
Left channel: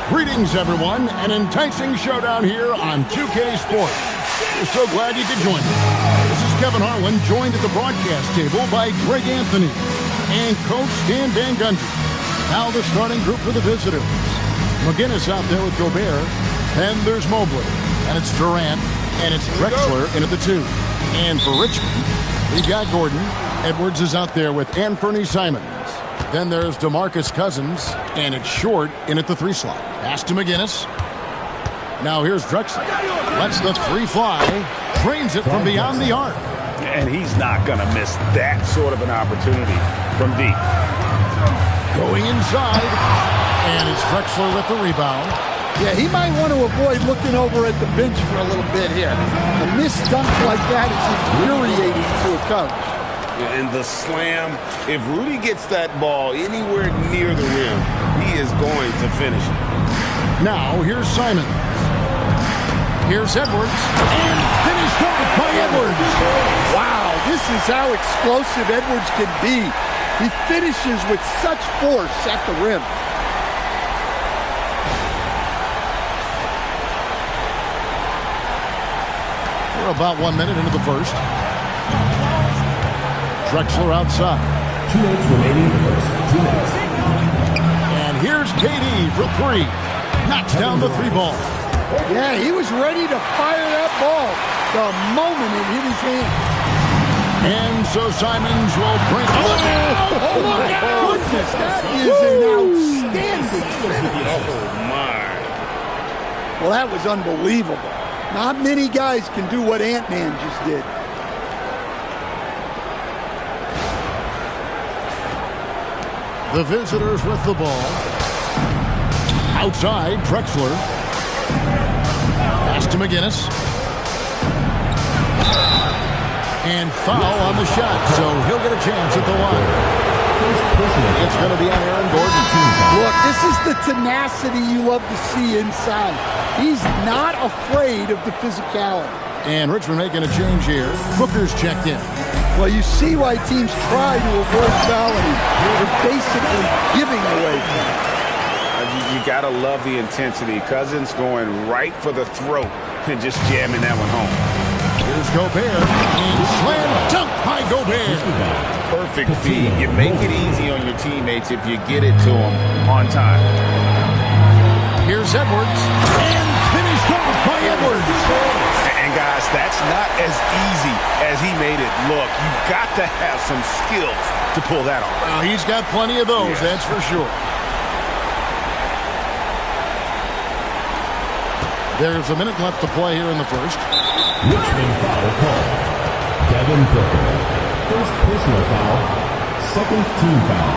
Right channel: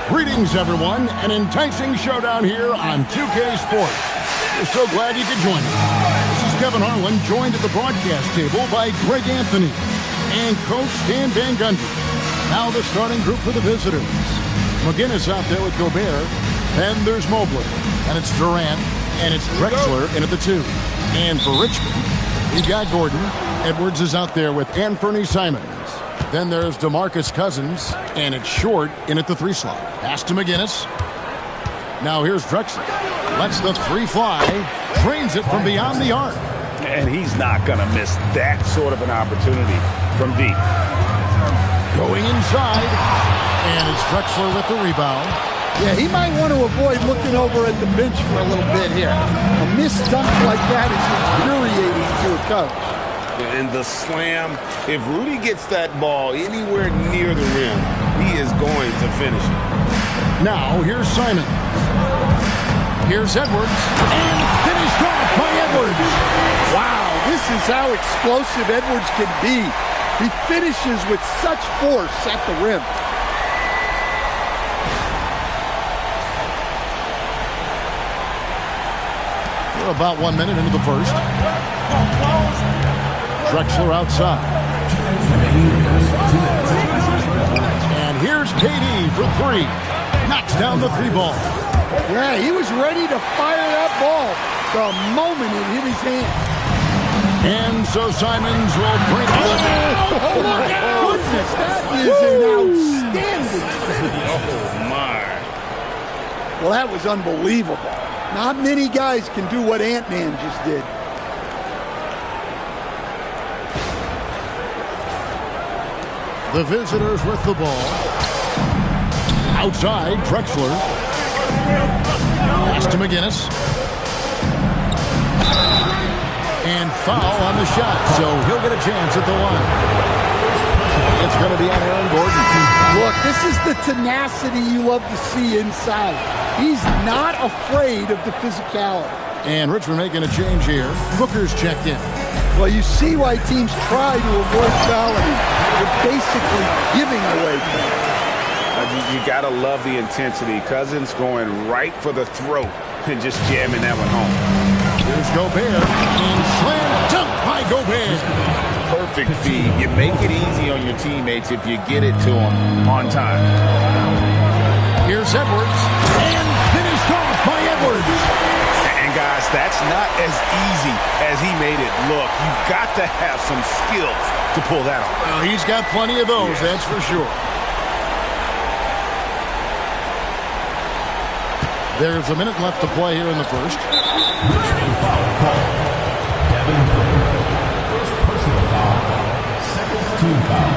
Greetings, everyone. An enticing showdown here on 2K Sports. We're so glad you could join us. This is Kevin Harlan, joined at the broadcast table by Greg Anthony and Coach Stan Van Gundy. Now the starting group for the visitors. McGinnis out there with Gobert. Then there's Mobley. And it's Durant. And it's Drexler in at the 2. And for Richmond, we've got Gordon. Edwards is out there with Anthony Simons. Then there's DeMarcus Cousins, and it's Short in at the 3 slot. Pass to McGinnis. Now here's Drexler. Lets the 3 fly. Drains it from beyond the arc. And he's not going to miss that sort of an opportunity from deep. Going inside. And it's Drexler with the rebound. Yeah, he might want to avoid looking over at the bench for a little bit here. A missed dunk like that is infuriating to a coach. And the slam, if Rudy gets that ball anywhere near the rim, he is going to finish it. Now, here's Simons. Here's Edwards. And finished off by Edwards. Wow, this is how explosive Edwards can be. He finishes with such force at the rim. We're about 1 minute into the first. Drexler outside. 2 minutes remaining. First 2 minutes. And here's KD for 3. Knocks down the 3 ball. Yeah, he was ready to fire that ball the moment it hit his hands. And so Simons will bring it. Oh, my goodness, that is an outstanding finish. Oh, my. Well, that was unbelievable. Not many guys can do what Ant-Man just did. The visitors with the ball. Outside, Drexler. Pass to McGinnis. And foul on the shot, so he'll get a chance at the line. It's going to be on Aaron Gordon. Look, this is the tenacity you love to see inside. He's not afraid of the physicality. And Richmond making a change here. Booker's checked in. Well, you see why teams try to avoid fouling him. They're basically giving away points. You got to love the intensity. Cousins going right for the throat and just jamming that one home. Here's Gobert. And slam dunk by Gobert. Perfect feed. You make it easy on your teammates if you get it to them on time. Here's Edwards. And finished off by Edwards. And guys, that's not as easy as he made it look. You've got to have some skills to pull that off. Well, he's got plenty of those, yes. That's for sure. There's a minute left to play here in the first. Richmond foul call. Devin Booker. First personal foul. Second team foul.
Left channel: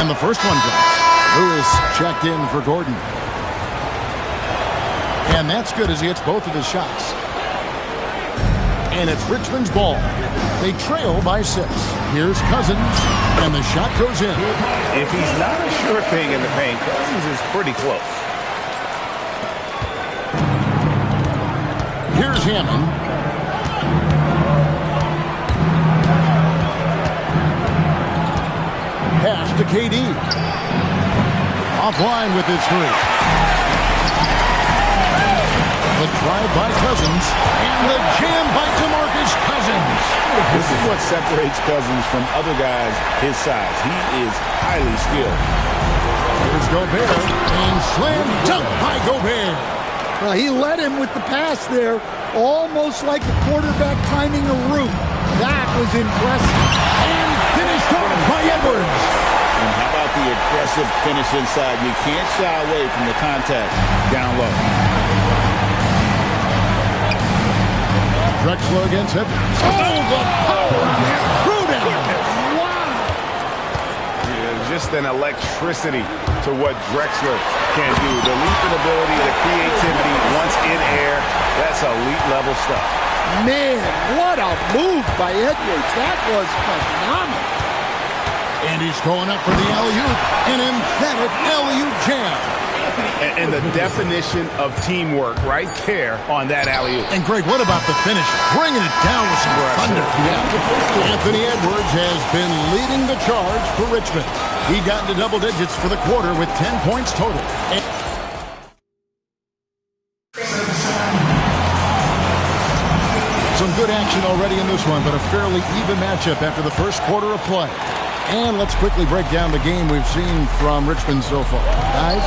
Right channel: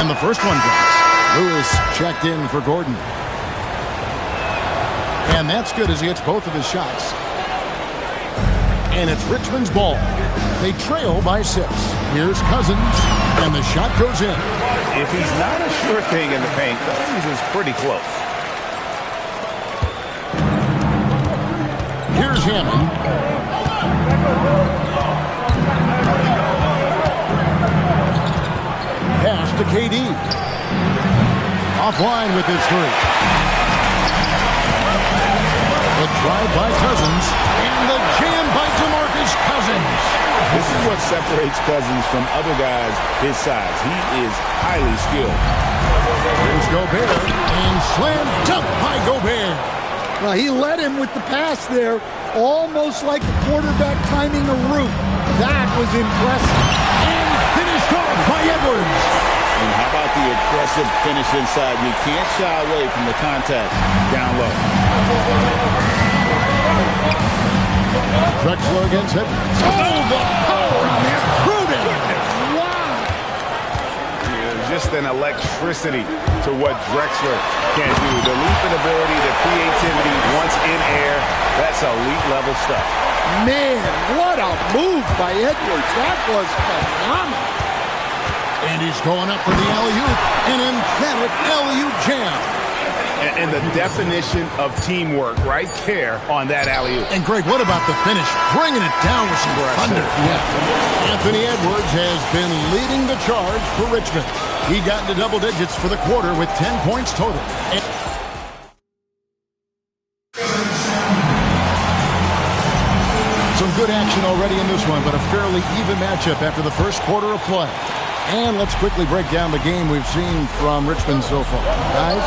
And the first one drops. Lewis checked in for Gordon. And that's good as he hits both of his shots. And it's Richmond's ball. They trail by 6. Here's Cousins. And the shot goes in. If he's not a sure thing in the paint, Cousins is pretty close. Here's Hammond. Pass to KD. Offline with his 3. The drive by Cousins. And the jam by DeMarcus Cousins. This is what separates Cousins from other guys his size. He is highly skilled. Here's Gobert. And slam dunk by Gobert. Well, he led him with the pass there, almost like a quarterback timing a route. That was impressive. And finished off by Edwards. And how about the aggressive finish inside? You can't shy away from the contact down low. Drexler against Edwards. Oh, the power on that threw down. Wow. Yeah, just an electricity to what Drexler can do. The leaping ability, the creativity once in air, that's elite level stuff. Man, what a move by Edwards. That was phenomenal. And he's going up for the alley-oop. An emphatic alley-oop jam. And the definition of teamwork right there on that alley-oop. And Greg, what about the finish? Bringing it down with some thunder. Yeah. Anthony Edwards has been leading the charge for Richmond. He got into double digits for the quarter with 10 points total. Some good action already in this one, but a fairly even matchup after the first quarter of play. And let's quickly break down the game we've seen from Richmond so far. Guys?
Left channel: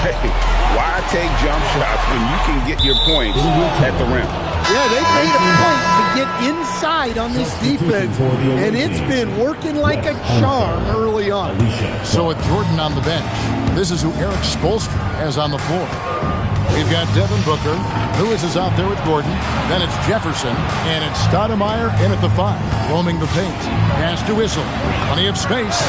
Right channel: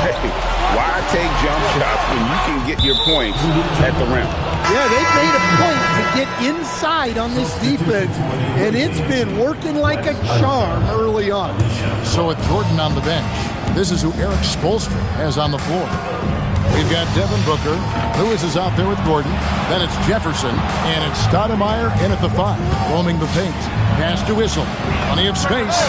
Hey, why take jump shots when you can get your points at the rim? Yeah, they made a point to get inside on this defense, and it's been working like a charm early on. So with Jordan on the bench, this is who Eric Spoelstra has on the floor. We've got Devin Booker. Lewis is out there with Gordon. Then it's Jefferson. And it's Stoudemire in at the 5, roaming the paint. Pass to Whistle. Plenty of space.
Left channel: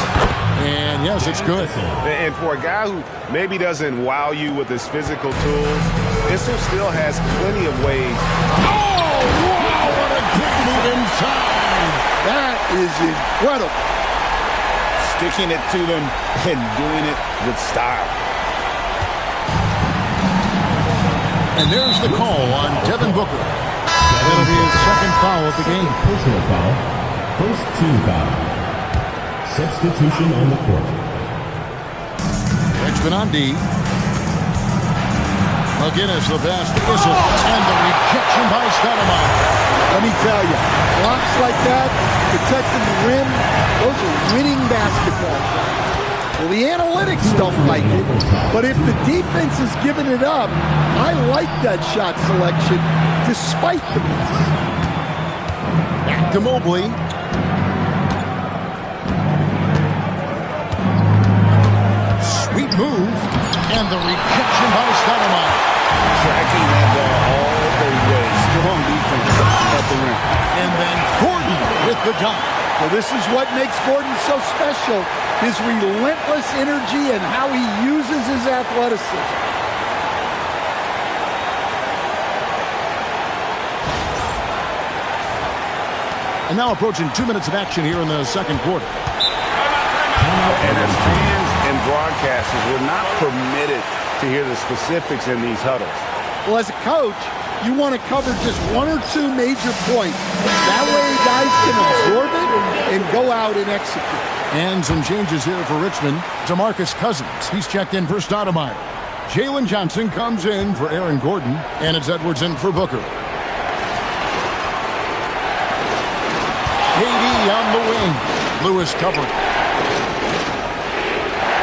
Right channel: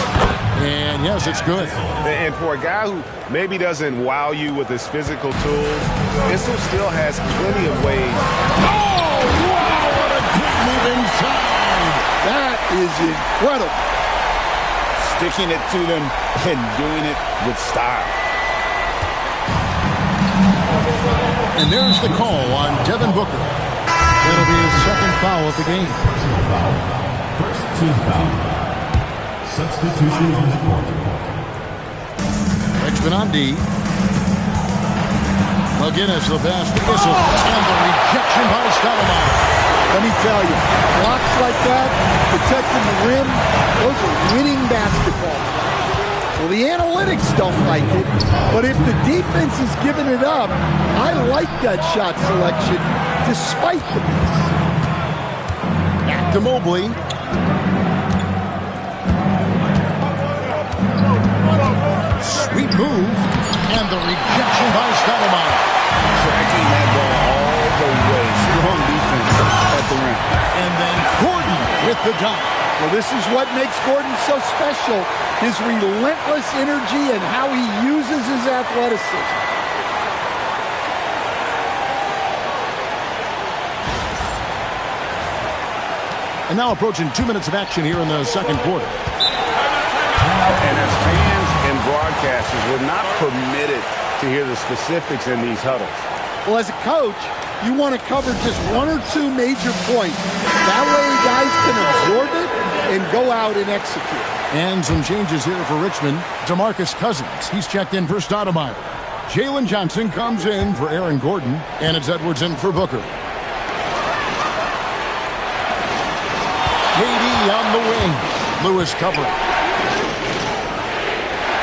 And yes, it's good. And for a guy who maybe doesn't wow you with his physical tools, Whistle still has plenty of ways. Oh, wow, what a great move inside. That is incredible. Sticking it to them and doing it with style. And there's the call on Devin Booker. That'll be his second foul of the game. Personal foul. First team foul. Substitution on the court. Richmond on D. McGinnis the pass to Whistle. And the rejection by Stoudemire. Let me tell you, blocks like that, protecting the rim, those are winning basketball players. Well, the analytics don't like it, but if the defense is giving it up, I like that shot selection despite the miss. Back to Mobley. Sweet move. And the rejection by Stoudemire. Tracking that ball all the way. Strong defense at the rim. And then Gordon with the dunk. Well, this is what makes Gordon so special. His relentless energy and how he uses his athleticism. And now approaching 2 minutes of action here in the second quarter. And as fans and broadcasters, we're not permitted to hear the specifics in these huddles. Well, as a coach, you want to cover just one or two major points. That way guys can absorb it and go out and execute. And some changes here for Richmond. DeMarcus Cousins, he's checked in for Stoudemire. Jalen Johnson comes in for Aaron Gordon. And it's Edwards in for Booker. KD on the wing. Lewis covering.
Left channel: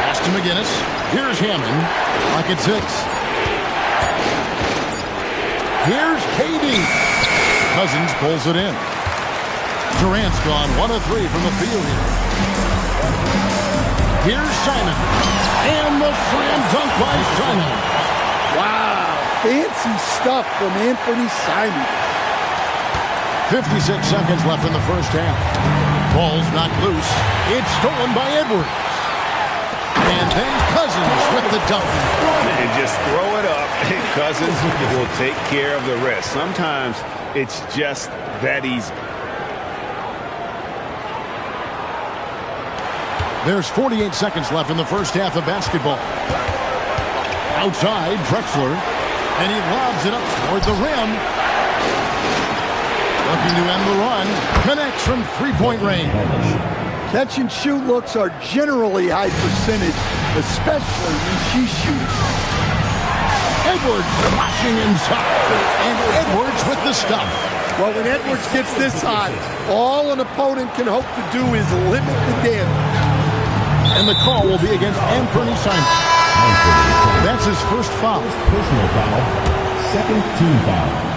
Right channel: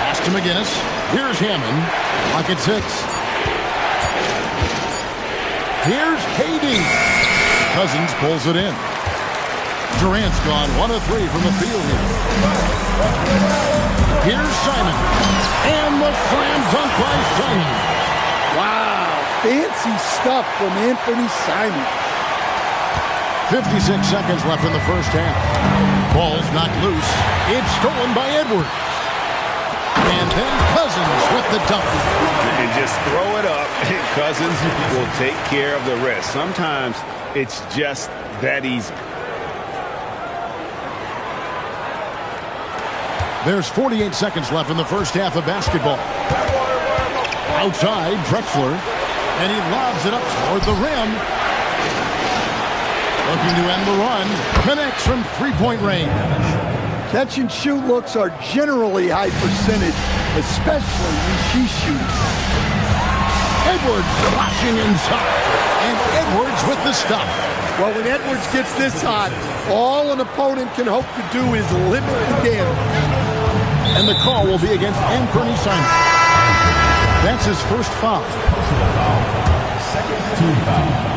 Pass to McGinnis. Here's Hammond. Lock at 6. Here's KD. Cousins pulls it in. Durant's gone 1 of 3 from the field here. Here's Simon. And the slam dunk by Simon. Wow, fancy stuff from Anthony Simons. 56 seconds left in the first half. Ball's knocked loose. It's stolen by Edwards. And then Cousins with the dunk. And just throw it up. Cousins will take care of the rest. Sometimes it's just that easy. There's 48 seconds left in the first half of basketball. Outside, Drexler. And he lobs it up toward the rim. Looking to end the run. Connects from three-point range. Catch and shoot looks are generally high percentage, especially when she shoots. Edwards flashing inside. And Edwards with the stuff. Well, when Edwards gets this hot, all an opponent can hope to do is limit the damage. And the call will be against Anthony Simon. That's his first foul. Personal foul. Second team foul.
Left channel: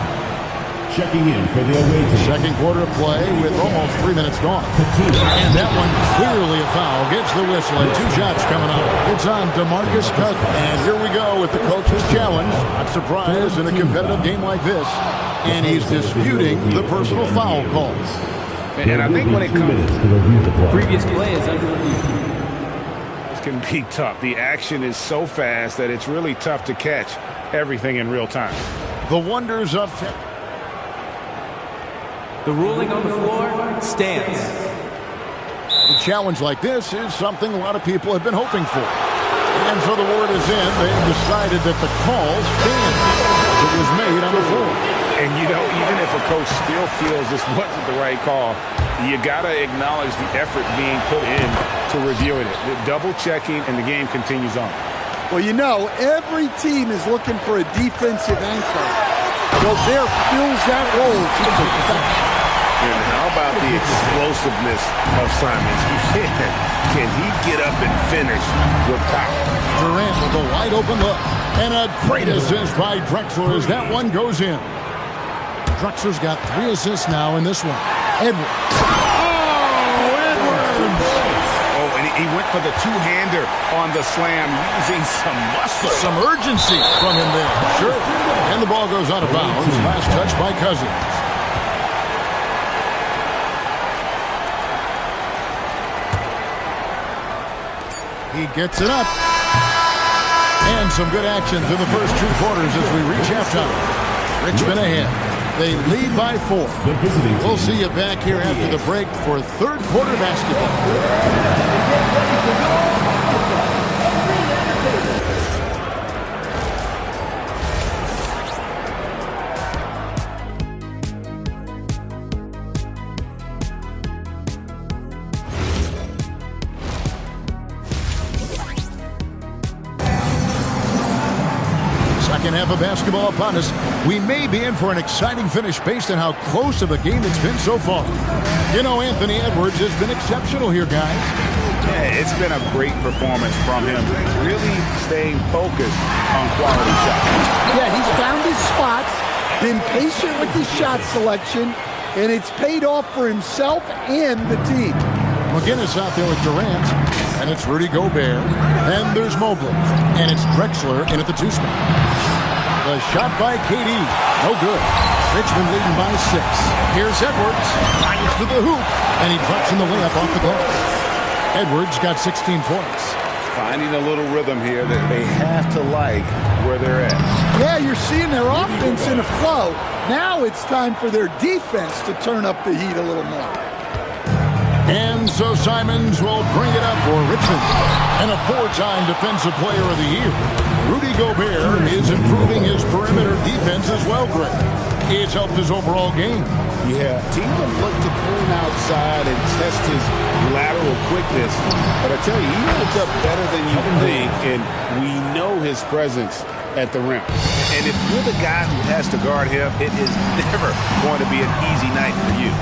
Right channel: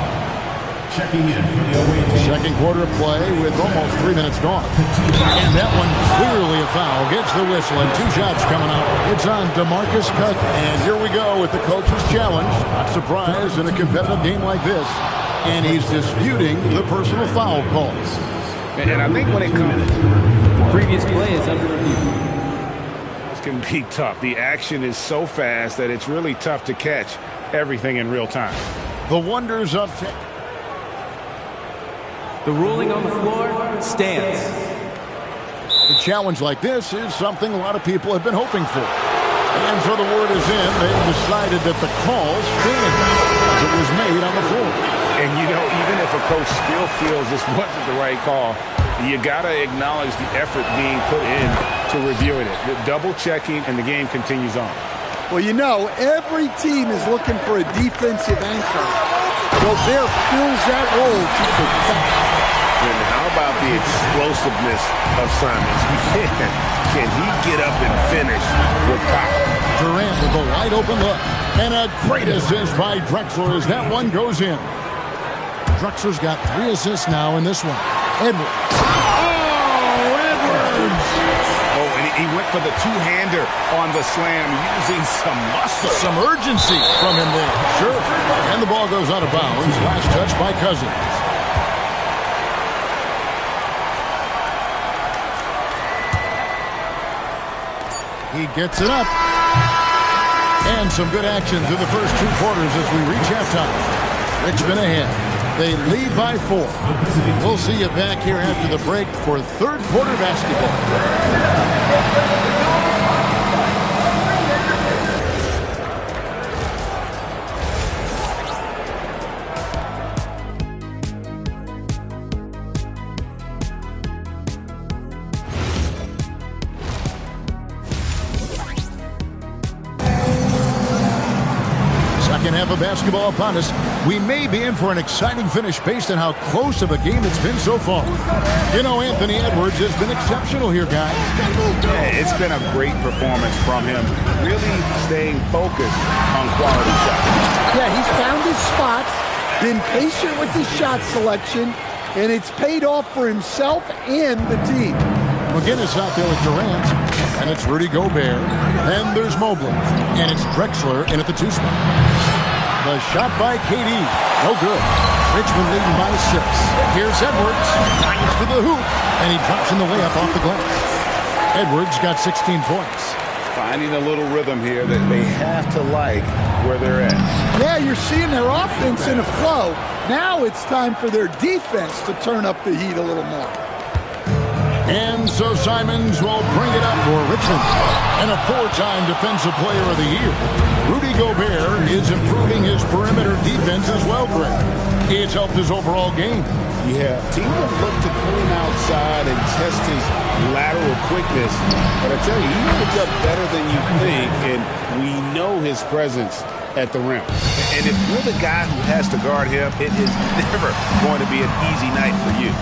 Checking in for the away team. Second quarter play with almost 3 minutes gone. And that one clearly a foul. Gets the whistle and 2 shots coming up. It's on DeMarcus Cousins. And here we go with the coach's challenge. Not surprised in a competitive game like this. And he's disputing the personal foul calls. And I think when it comes The previous play is under review. This can be tough. The action is so fast that it's really tough to catch everything in real time. The wonders of tech. The ruling on the floor stands. A challenge like this is something a lot of people have been hoping for. And so the word is in. They've decided that the call stands as it was made on the floor. And, you know, even if a coach still feels this wasn't the right call, you got to acknowledge the effort being put in to reviewing it. The double checking, and the game continues on. Well, you know, every team is looking for a defensive anchor. Gobert fills that role to perfection. And how about the explosiveness of Simons? Can he get up and finish with power? Durant with a wide open look. And a great assist by Drexler as that one goes in. Drexler's got 3 assists now in this one. Edwards. Oh, Edwards! Oh, and he went for the two-hander on the slam using some muscle. Some urgency from him there. Sure. And the ball goes out of bounds. Last touch by Cousins. He gets it up. And some good action through the first 2 quarters as we reach halftime. Richmond ahead. They lead by 4. We'll see you back here after the break for third quarter basketball. Second half of basketball upon us. We may be in for an exciting finish based on how close of a game it's been so far. You know, Anthony Edwards has been exceptional here, guys. Yeah, it's been a great performance from him. Really staying focused on quality shots. Yeah, he's found his spots, been patient with his shot selection, and it's paid off for himself and the team. McGinnis out there with Durant. And it's Rudy Gobert. And there's Mobley. And it's Drexler in at the 2 spot. The shot by KD. No good. Richmond leading by 6. Here's Edwards. Drives to the hoop. And he drops in the layup off the glass. Edwards got 16 points. Finding a little rhythm here that they have to like where they're at. Yeah, you're seeing their offense in a flow. Now it's time for their defense to turn up the heat a little more. And so Simons will bring it up for Richmond. And a 4-time Defensive Player of the Year. Rudy Gobert is improving his perimeter defense as well, Greg. It's helped his overall game. Yeah, teams have looked to pull him outside and test his lateral quickness. But I tell you, he holds up better than you think, and we know his presence at the rim. And if you're the guy who has to guard him, it is never going to be an easy night for you.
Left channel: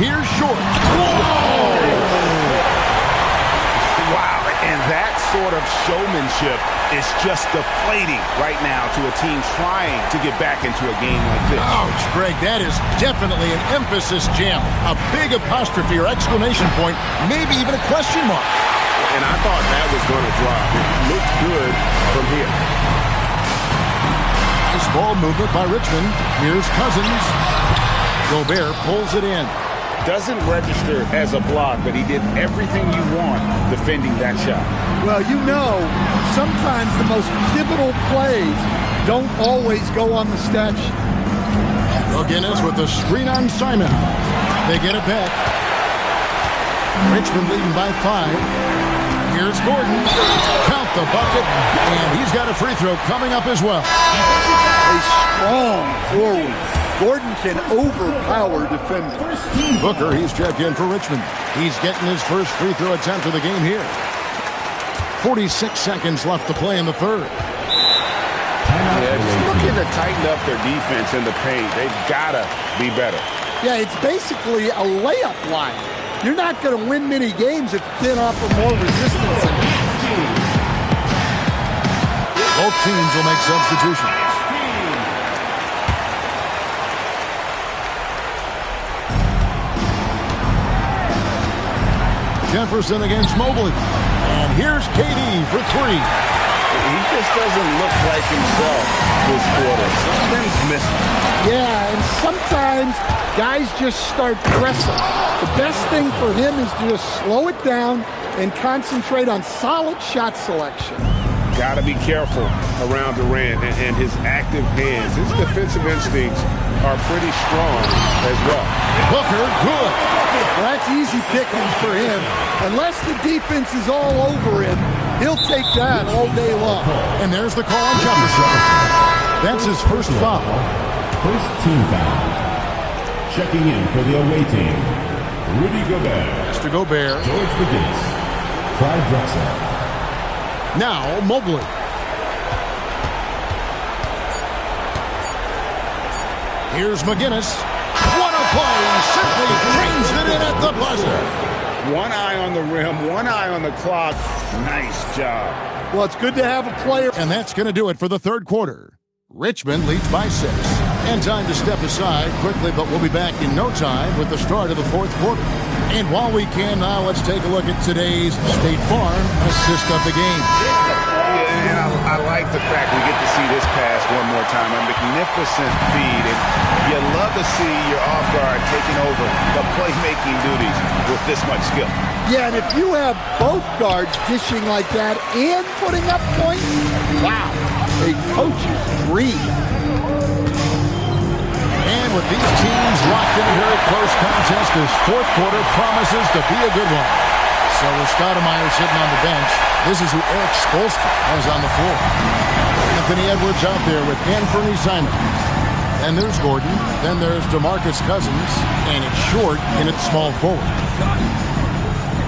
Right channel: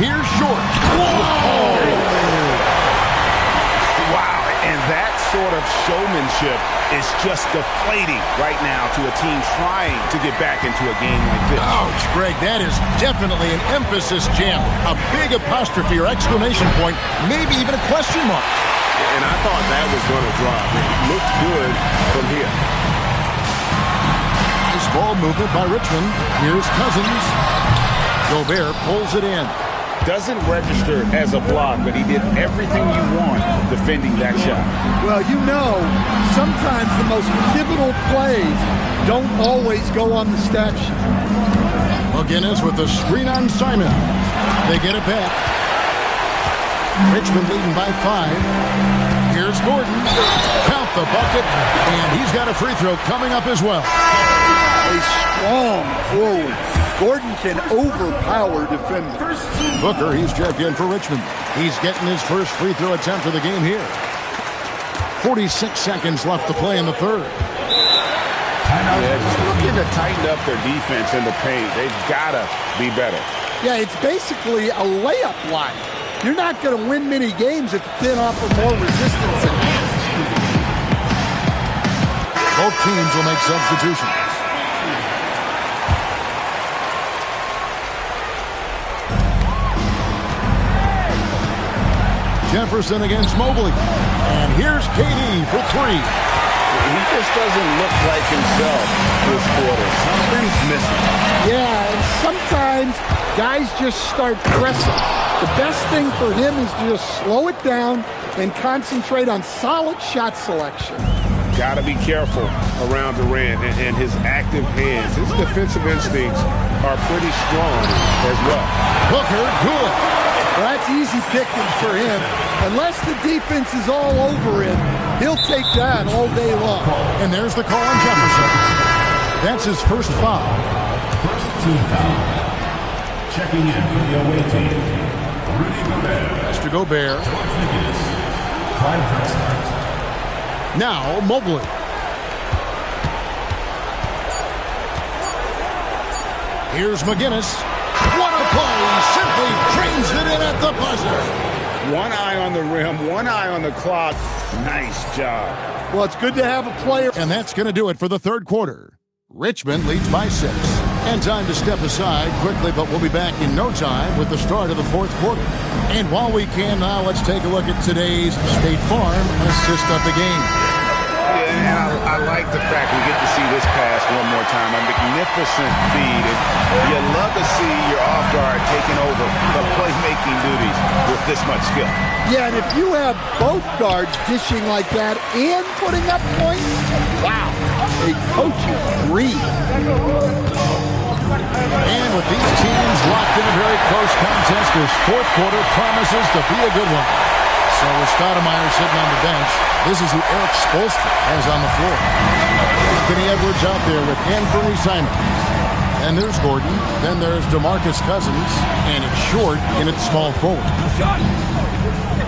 Here's Short. Wow, and that sort of showmanship is just deflating right now to a team trying to get back into a game like this. Ouch, Greg, that is definitely an emphasis jam. A big apostrophe or exclamation point, maybe even a question mark. And I thought that was going to drop. It looked good from here. Nice ball movement by Richmond. Here's Cousins. Gobert pulls it in. Doesn't register as a block, but he did everything you want defending that shot. Well, you know, sometimes the most pivotal plays don't always go on the stat sheet. McGinnis with the screen on Simon. They get it back. Richmond leading by 5. Here's Gordon. Count the bucket, and he's got a free throw coming up as well. A strong forward. Gordon can overpower defenders. Booker, he's checked in for Richmond. He's getting his first free throw attempt of the game here. 46 seconds left to play in the third. Yeah, just looking to tighten up their defense in the paint. They've got to be better. Yeah, it's basically a layup line. You're not going to win many games if you can't offer more resistance than that. Both teams will make substitutions. Jefferson against Mobley. And here's KD for 3. He just doesn't look like himself this quarter. Something's missing. Yeah, and sometimes guys just start pressing. The best thing for him is to just slow it down and concentrate on solid shot selection. Got to be careful around Durant and his active hands. His defensive instincts are pretty strong as well. Booker, good. Well, that's easy pickings for him. Unless the defense is all over him, he'll take that all day long. And there's the call on Jefferson. That's his first foul. First team foul. Checking in for the away team, Rudy Gobert. Mr. Gobert. George McGinnis. Clyde Drexler. Now Mobley. Here's McGinnis. What a play! Simply trains it in at the buzzer. One eye on the rim, one eye on the clock. Nice job. Well, it's good to have a player. And that's going to do it for the third quarter. Richmond leads by 6. And time to step aside quickly, but we'll be back in no time with the start of the fourth quarter. And while we can now, let's take a look at today's State Farm assist of the game. Yeah, and I like the fact we get to see this pass one more time. A magnificent feed, and you love to see your off guard taking over the playmaking duties with this much skill. Yeah, and if you have both guards dishing like that and putting up points, wow, a coach's dream. And with these teams locked in a very close contest, this fourth quarter promises to be a good one. So with Stoudemire sitting on the bench, this is who Eric Spoelstra has on the floor. Anthony Edwards out there with Anthony Simons. Then there's Gordon. Then there's DeMarcus Cousins. And it's Short in its small forward.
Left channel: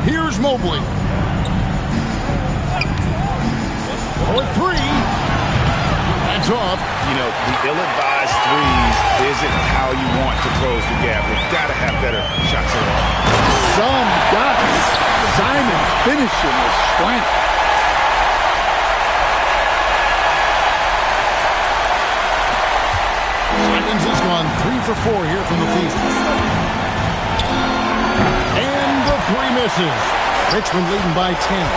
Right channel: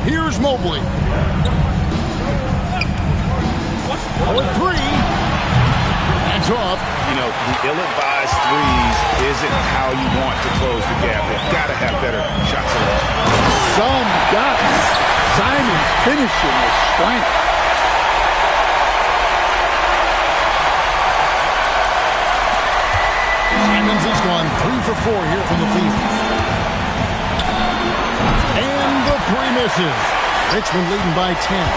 Here's Mobley. For 3. That's off. You know, the ill-advised threes isn't how you want to close the gap. They've got to have better shot selection. Some guts. Simons finishing with strength. Simons has gone 3 for 4 here from the field. And the 3 misses. Richmond leading by 10.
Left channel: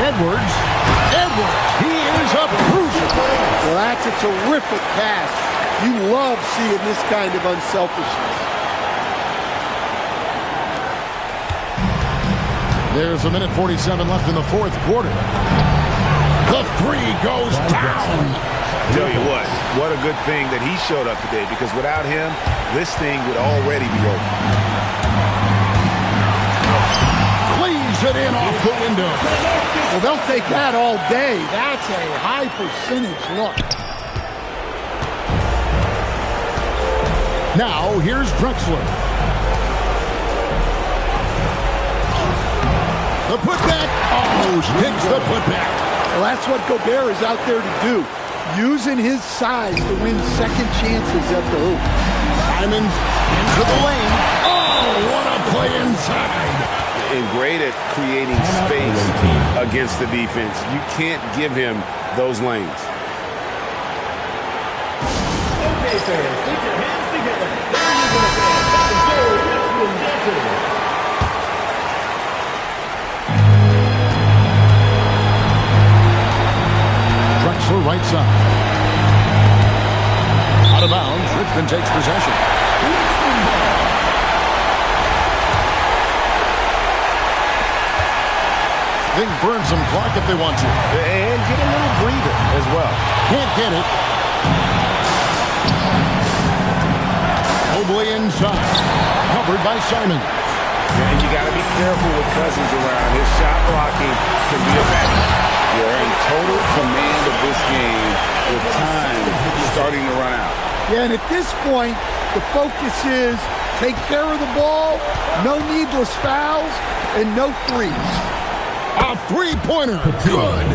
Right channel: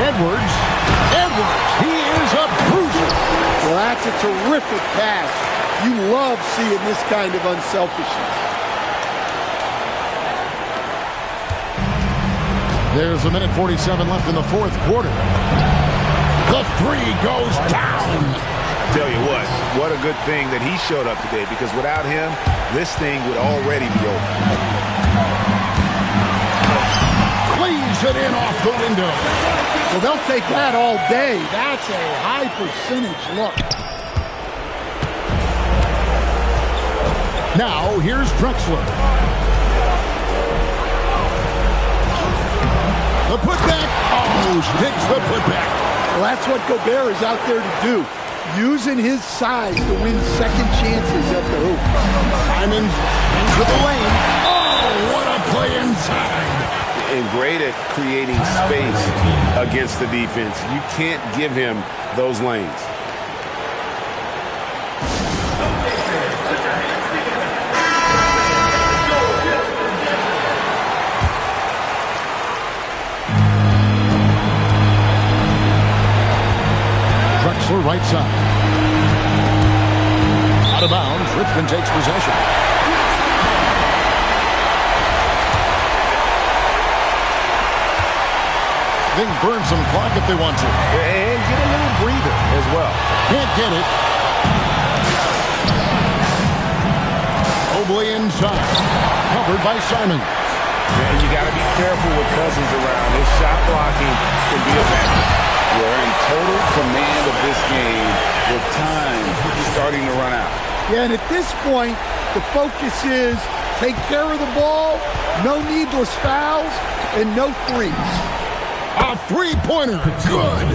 Edwards. He is a bruiser. Well, that's a terrific pass. You love seeing this kind of unselfishness. There's 1:47 left in the fourth quarter. The three goes down. I tell you what a good thing that he showed up today, because without him, this thing would already be over. Cleaves it in off the window. Well, they'll take that all day. That's a high percentage look. Now, here's Drexler. The putback. Oh, sticks the putback. Well, that's what Gobert is out there to do. Using his size to win second chances at the hoop. Simons into the lane. Oh, what a play inside. And great at creating space against the defense. You can't give him those lanes. Drexler right side. Out of bounds. Richmond takes possession. They can burn some clock if they want to. And get a little breather as well. Can't get it. Mobley inside. Covered by Simons. And you got to be careful with Cousins around. His shot blocking can be a factor. You're in total command of this game with time starting to run out. Yeah, and at this point, the focus is take care of the ball, no needless fouls, and no threes. A three-pointer. Good.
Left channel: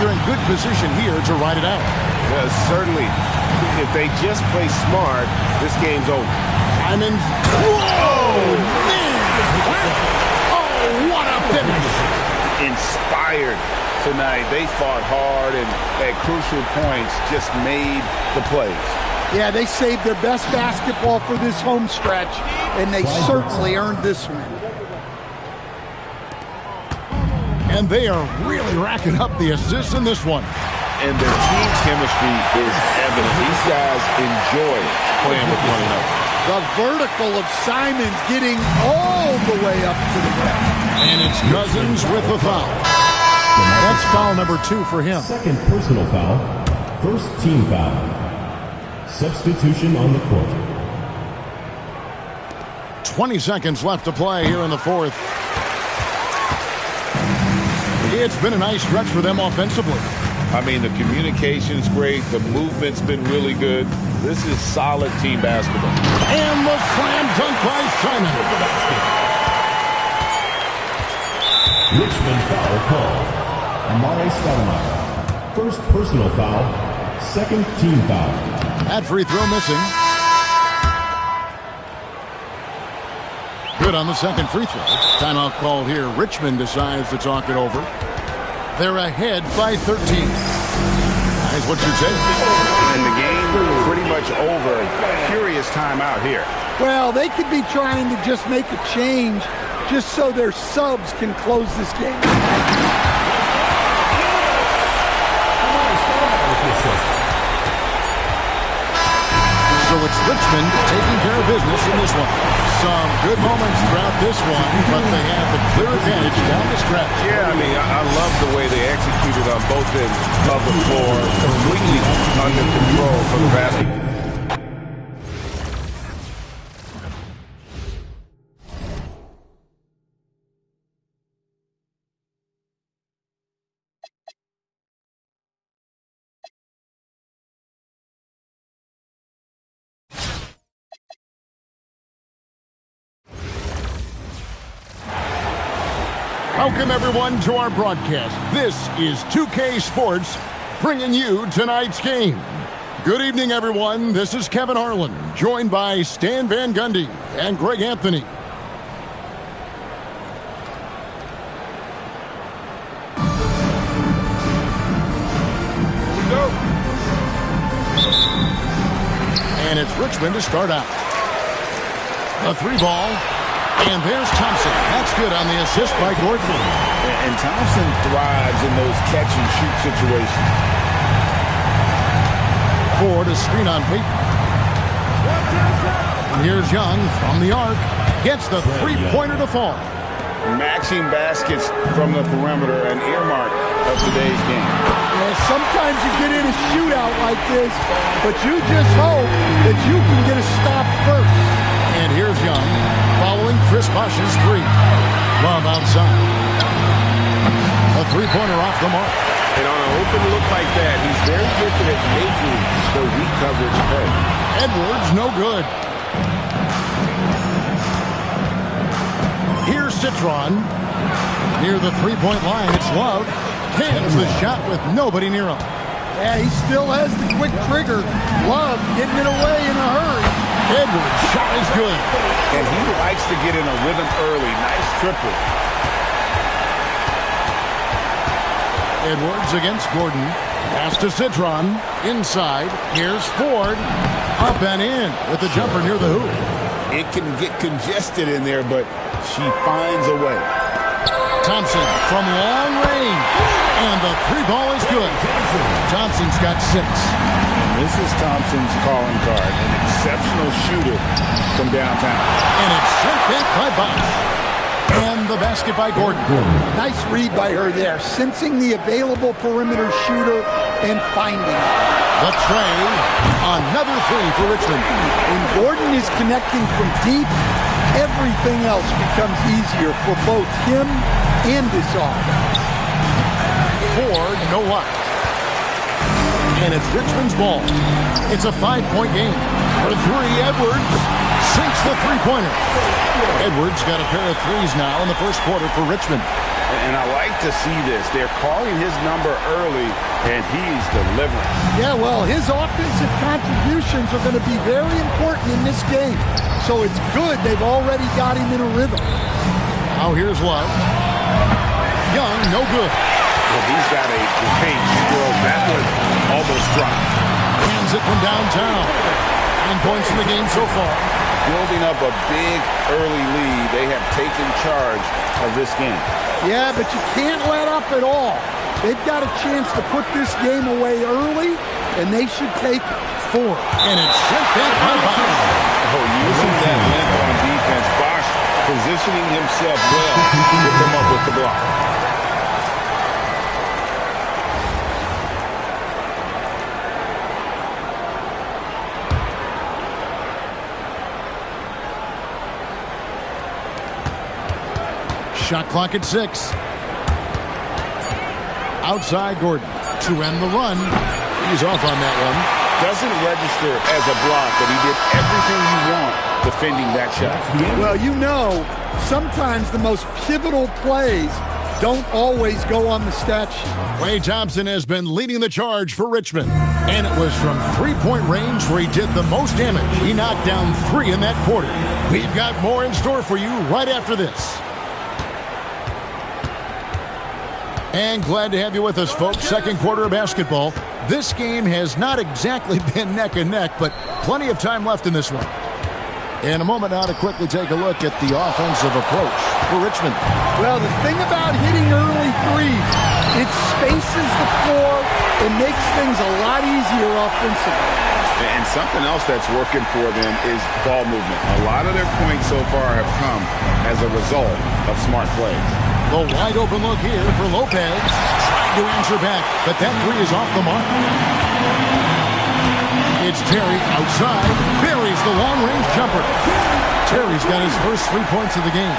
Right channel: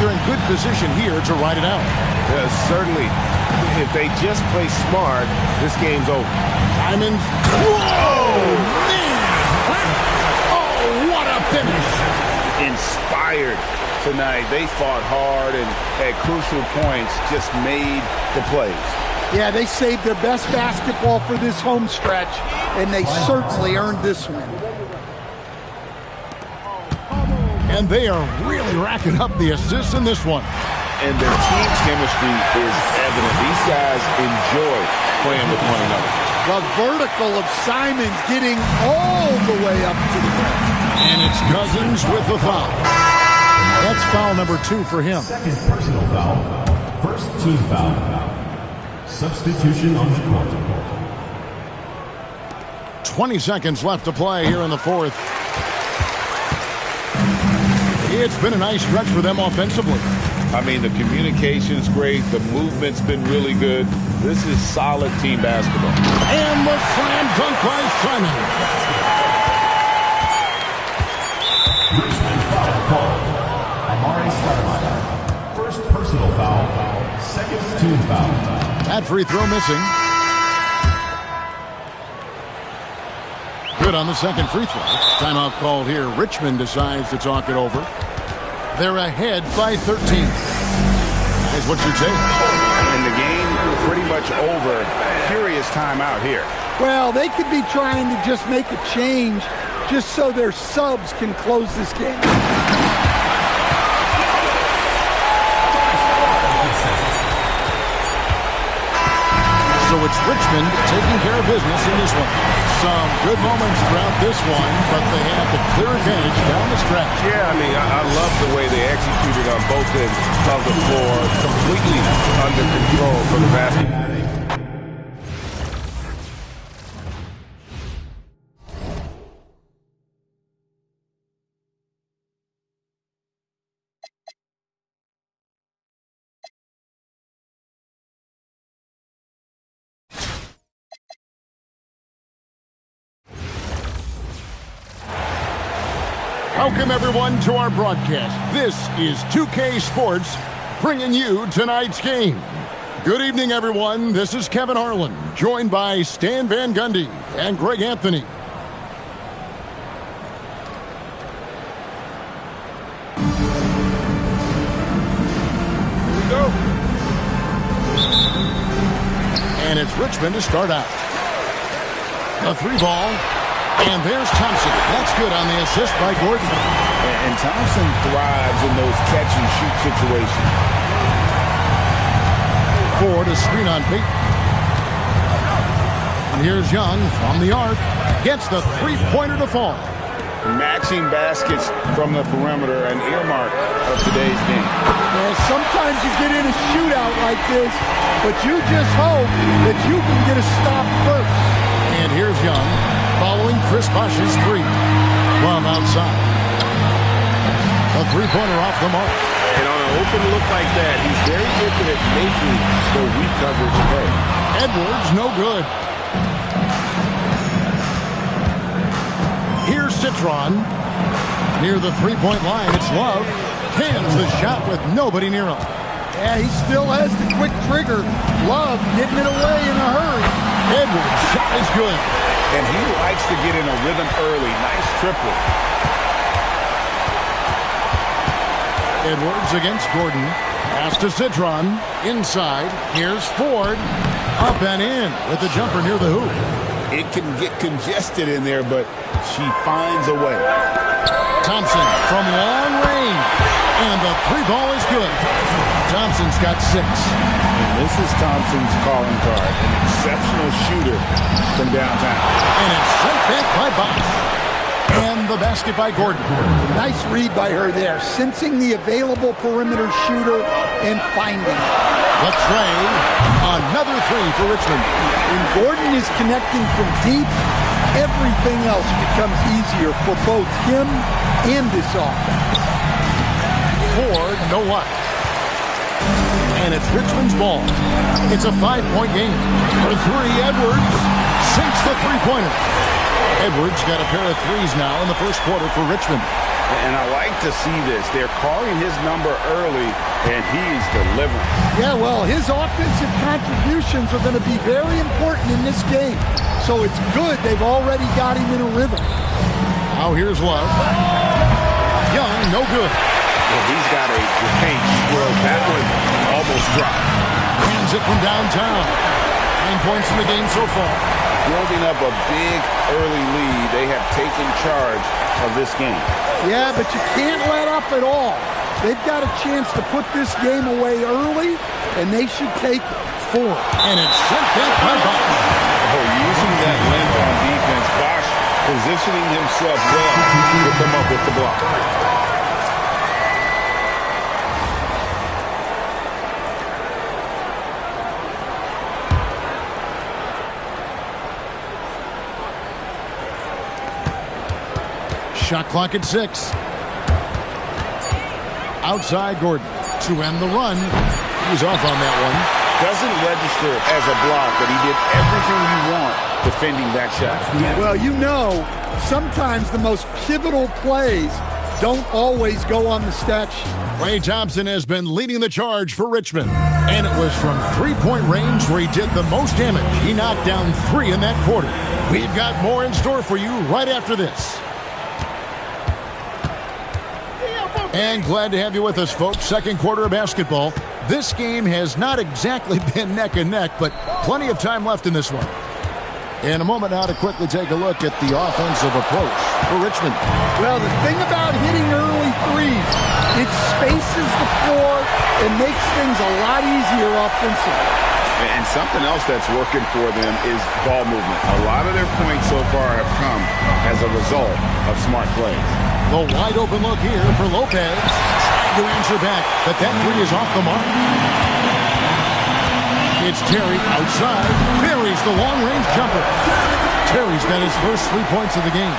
They're in good position here to ride it out. Certainly. If they just play smart, this game's over. Simons. Whoa, man. Oh, what a finish. Inspired tonight. They fought hard and at crucial points just made the plays. Yeah, they saved their best basketball for this home stretch, and they certainly earned this win. And they are really racking up the assists in this one. And their team chemistry is evident. These guys enjoy playing with one another. The vertical of Simons getting all the way up to the rim. And it's Cousins with the foul. That's foul number 2 for him. Second personal foul. First team foul. Substitution on the court. 20 seconds left to play here in the fourth. It's been a nice stretch for them offensively. I mean, the communication's great. The movement's been really good. This is solid team basketball. And the slam dunk by Simon. Richmond foul called. Amari Stoudemire. First personal foul. Second team foul. That free throw missing. Good on the second free throw. Timeout called here. Richmond decides to talk it over. They're ahead by 13. Guys, what's your take? And the game pretty much over. Curious timeout here. Well, they could be trying to just make a change just so their subs can close this game. So it's Richmond taking care of business in this one. Some good moments throughout this one, but they have the clear advantage down the stretch. Yeah, I mean, I love the way they executed on both ends of the floor. Completely under control for the basket. Welcome, everyone, to our broadcast. This is 2K Sports, bringing you tonight's game. Good evening, everyone. This is Kevin Harlan, joined by Stan Van Gundy and Greg Anthony. Here we go. And it's Richmond to start out. The three ball. And there's Thompson. That's good on the assist by Gordon. And Thompson thrives in those catch-and-shoot situations. Ford a screen on Peyton. And here's Young from the arc. Gets the three-pointer to fall. Matching baskets from the perimeter, an earmark of today's game. Yeah, sometimes you get in a shootout like this, but you just hope that you can get a stop first. And here's Young following Chris Bosh's three. Love outside. A three-pointer off the mark. And on an open look like that, he's very gifted at making the weak coverage pay. Edwards, no good. Here's Citron. Near the three-point line, it's Love. Cans the shot with nobody near him. Yeah, he still has the quick trigger. Love getting it away in a hurry. Edwards' shot is good. And he likes to get in a rhythm early. Nice triple. Edwards against Gordon. Pass to Citron. Inside. Here's Ford. Up and in with the jumper near the hoop. It can get congested in there, but she finds a way. Thompson from long range. And the three ball is good. Thompson's got 6. And this is Thompson's calling card. An exceptional shooter from downtown. And it's sent back by Bosh. And the basket by Gordon. Nice read by her there. Sensing the available perimeter shooter and finding it. The tray. Another three for Richmond. When Gordon is connecting from deep, everything else becomes easier for both him and this offense. Ford, no luck. And it's Richmond's ball. It's a 5-point game. For three, Edwards sinks the three-pointer. Edwards got a pair of threes now in the first quarter for Richmond. And I like to see this. They're calling his number early, and he's delivering. Yeah, well, his offensive contributions are going to be very important in this game. So it's good they've already got him in a rhythm. Now here's Love. Young, no good. Well, he's got a great stroke. That one almost dropped. Hands it from downtown. 9 points in the game so far. Building up a big early lead. They have taken charge of this game. Yeah, but you can't let up at all. They've got a chance to put this game away early, and they should take it. 4. And it's sent back by Bosh. Oh, using that length on defense. Bosh positioning himself well to come up with the block. Shot clock at 6. Outside Gordon to end the run. He's off on that one. Doesn't register as a block, but he did everything you want defending that shot. Well, you know, sometimes the most pivotal plays don't always go on the stat sheet. Ray Thompson has been leading the charge for Richmond. And it was from three-point range where he did the most damage. He knocked down 3 in that quarter. We've got more in store for you right after this. And glad to have you with us, folks. Second quarter of basketball. This game has not exactly been neck and neck, but plenty of time left in this one. In a moment now to quickly take a look at the offensive approach for Richmond. Well, the thing about hitting early threes, it spaces the floor and makes things a lot easier offensively. And something else that's working for them is ball movement. A lot of their points so far have come as a result of smart plays. The wide open look here for Lopez. Trying to answer back, but that three is off the mark. It's Terry outside. Buries the long-range jumper. Terry's got his first 3 points of the game.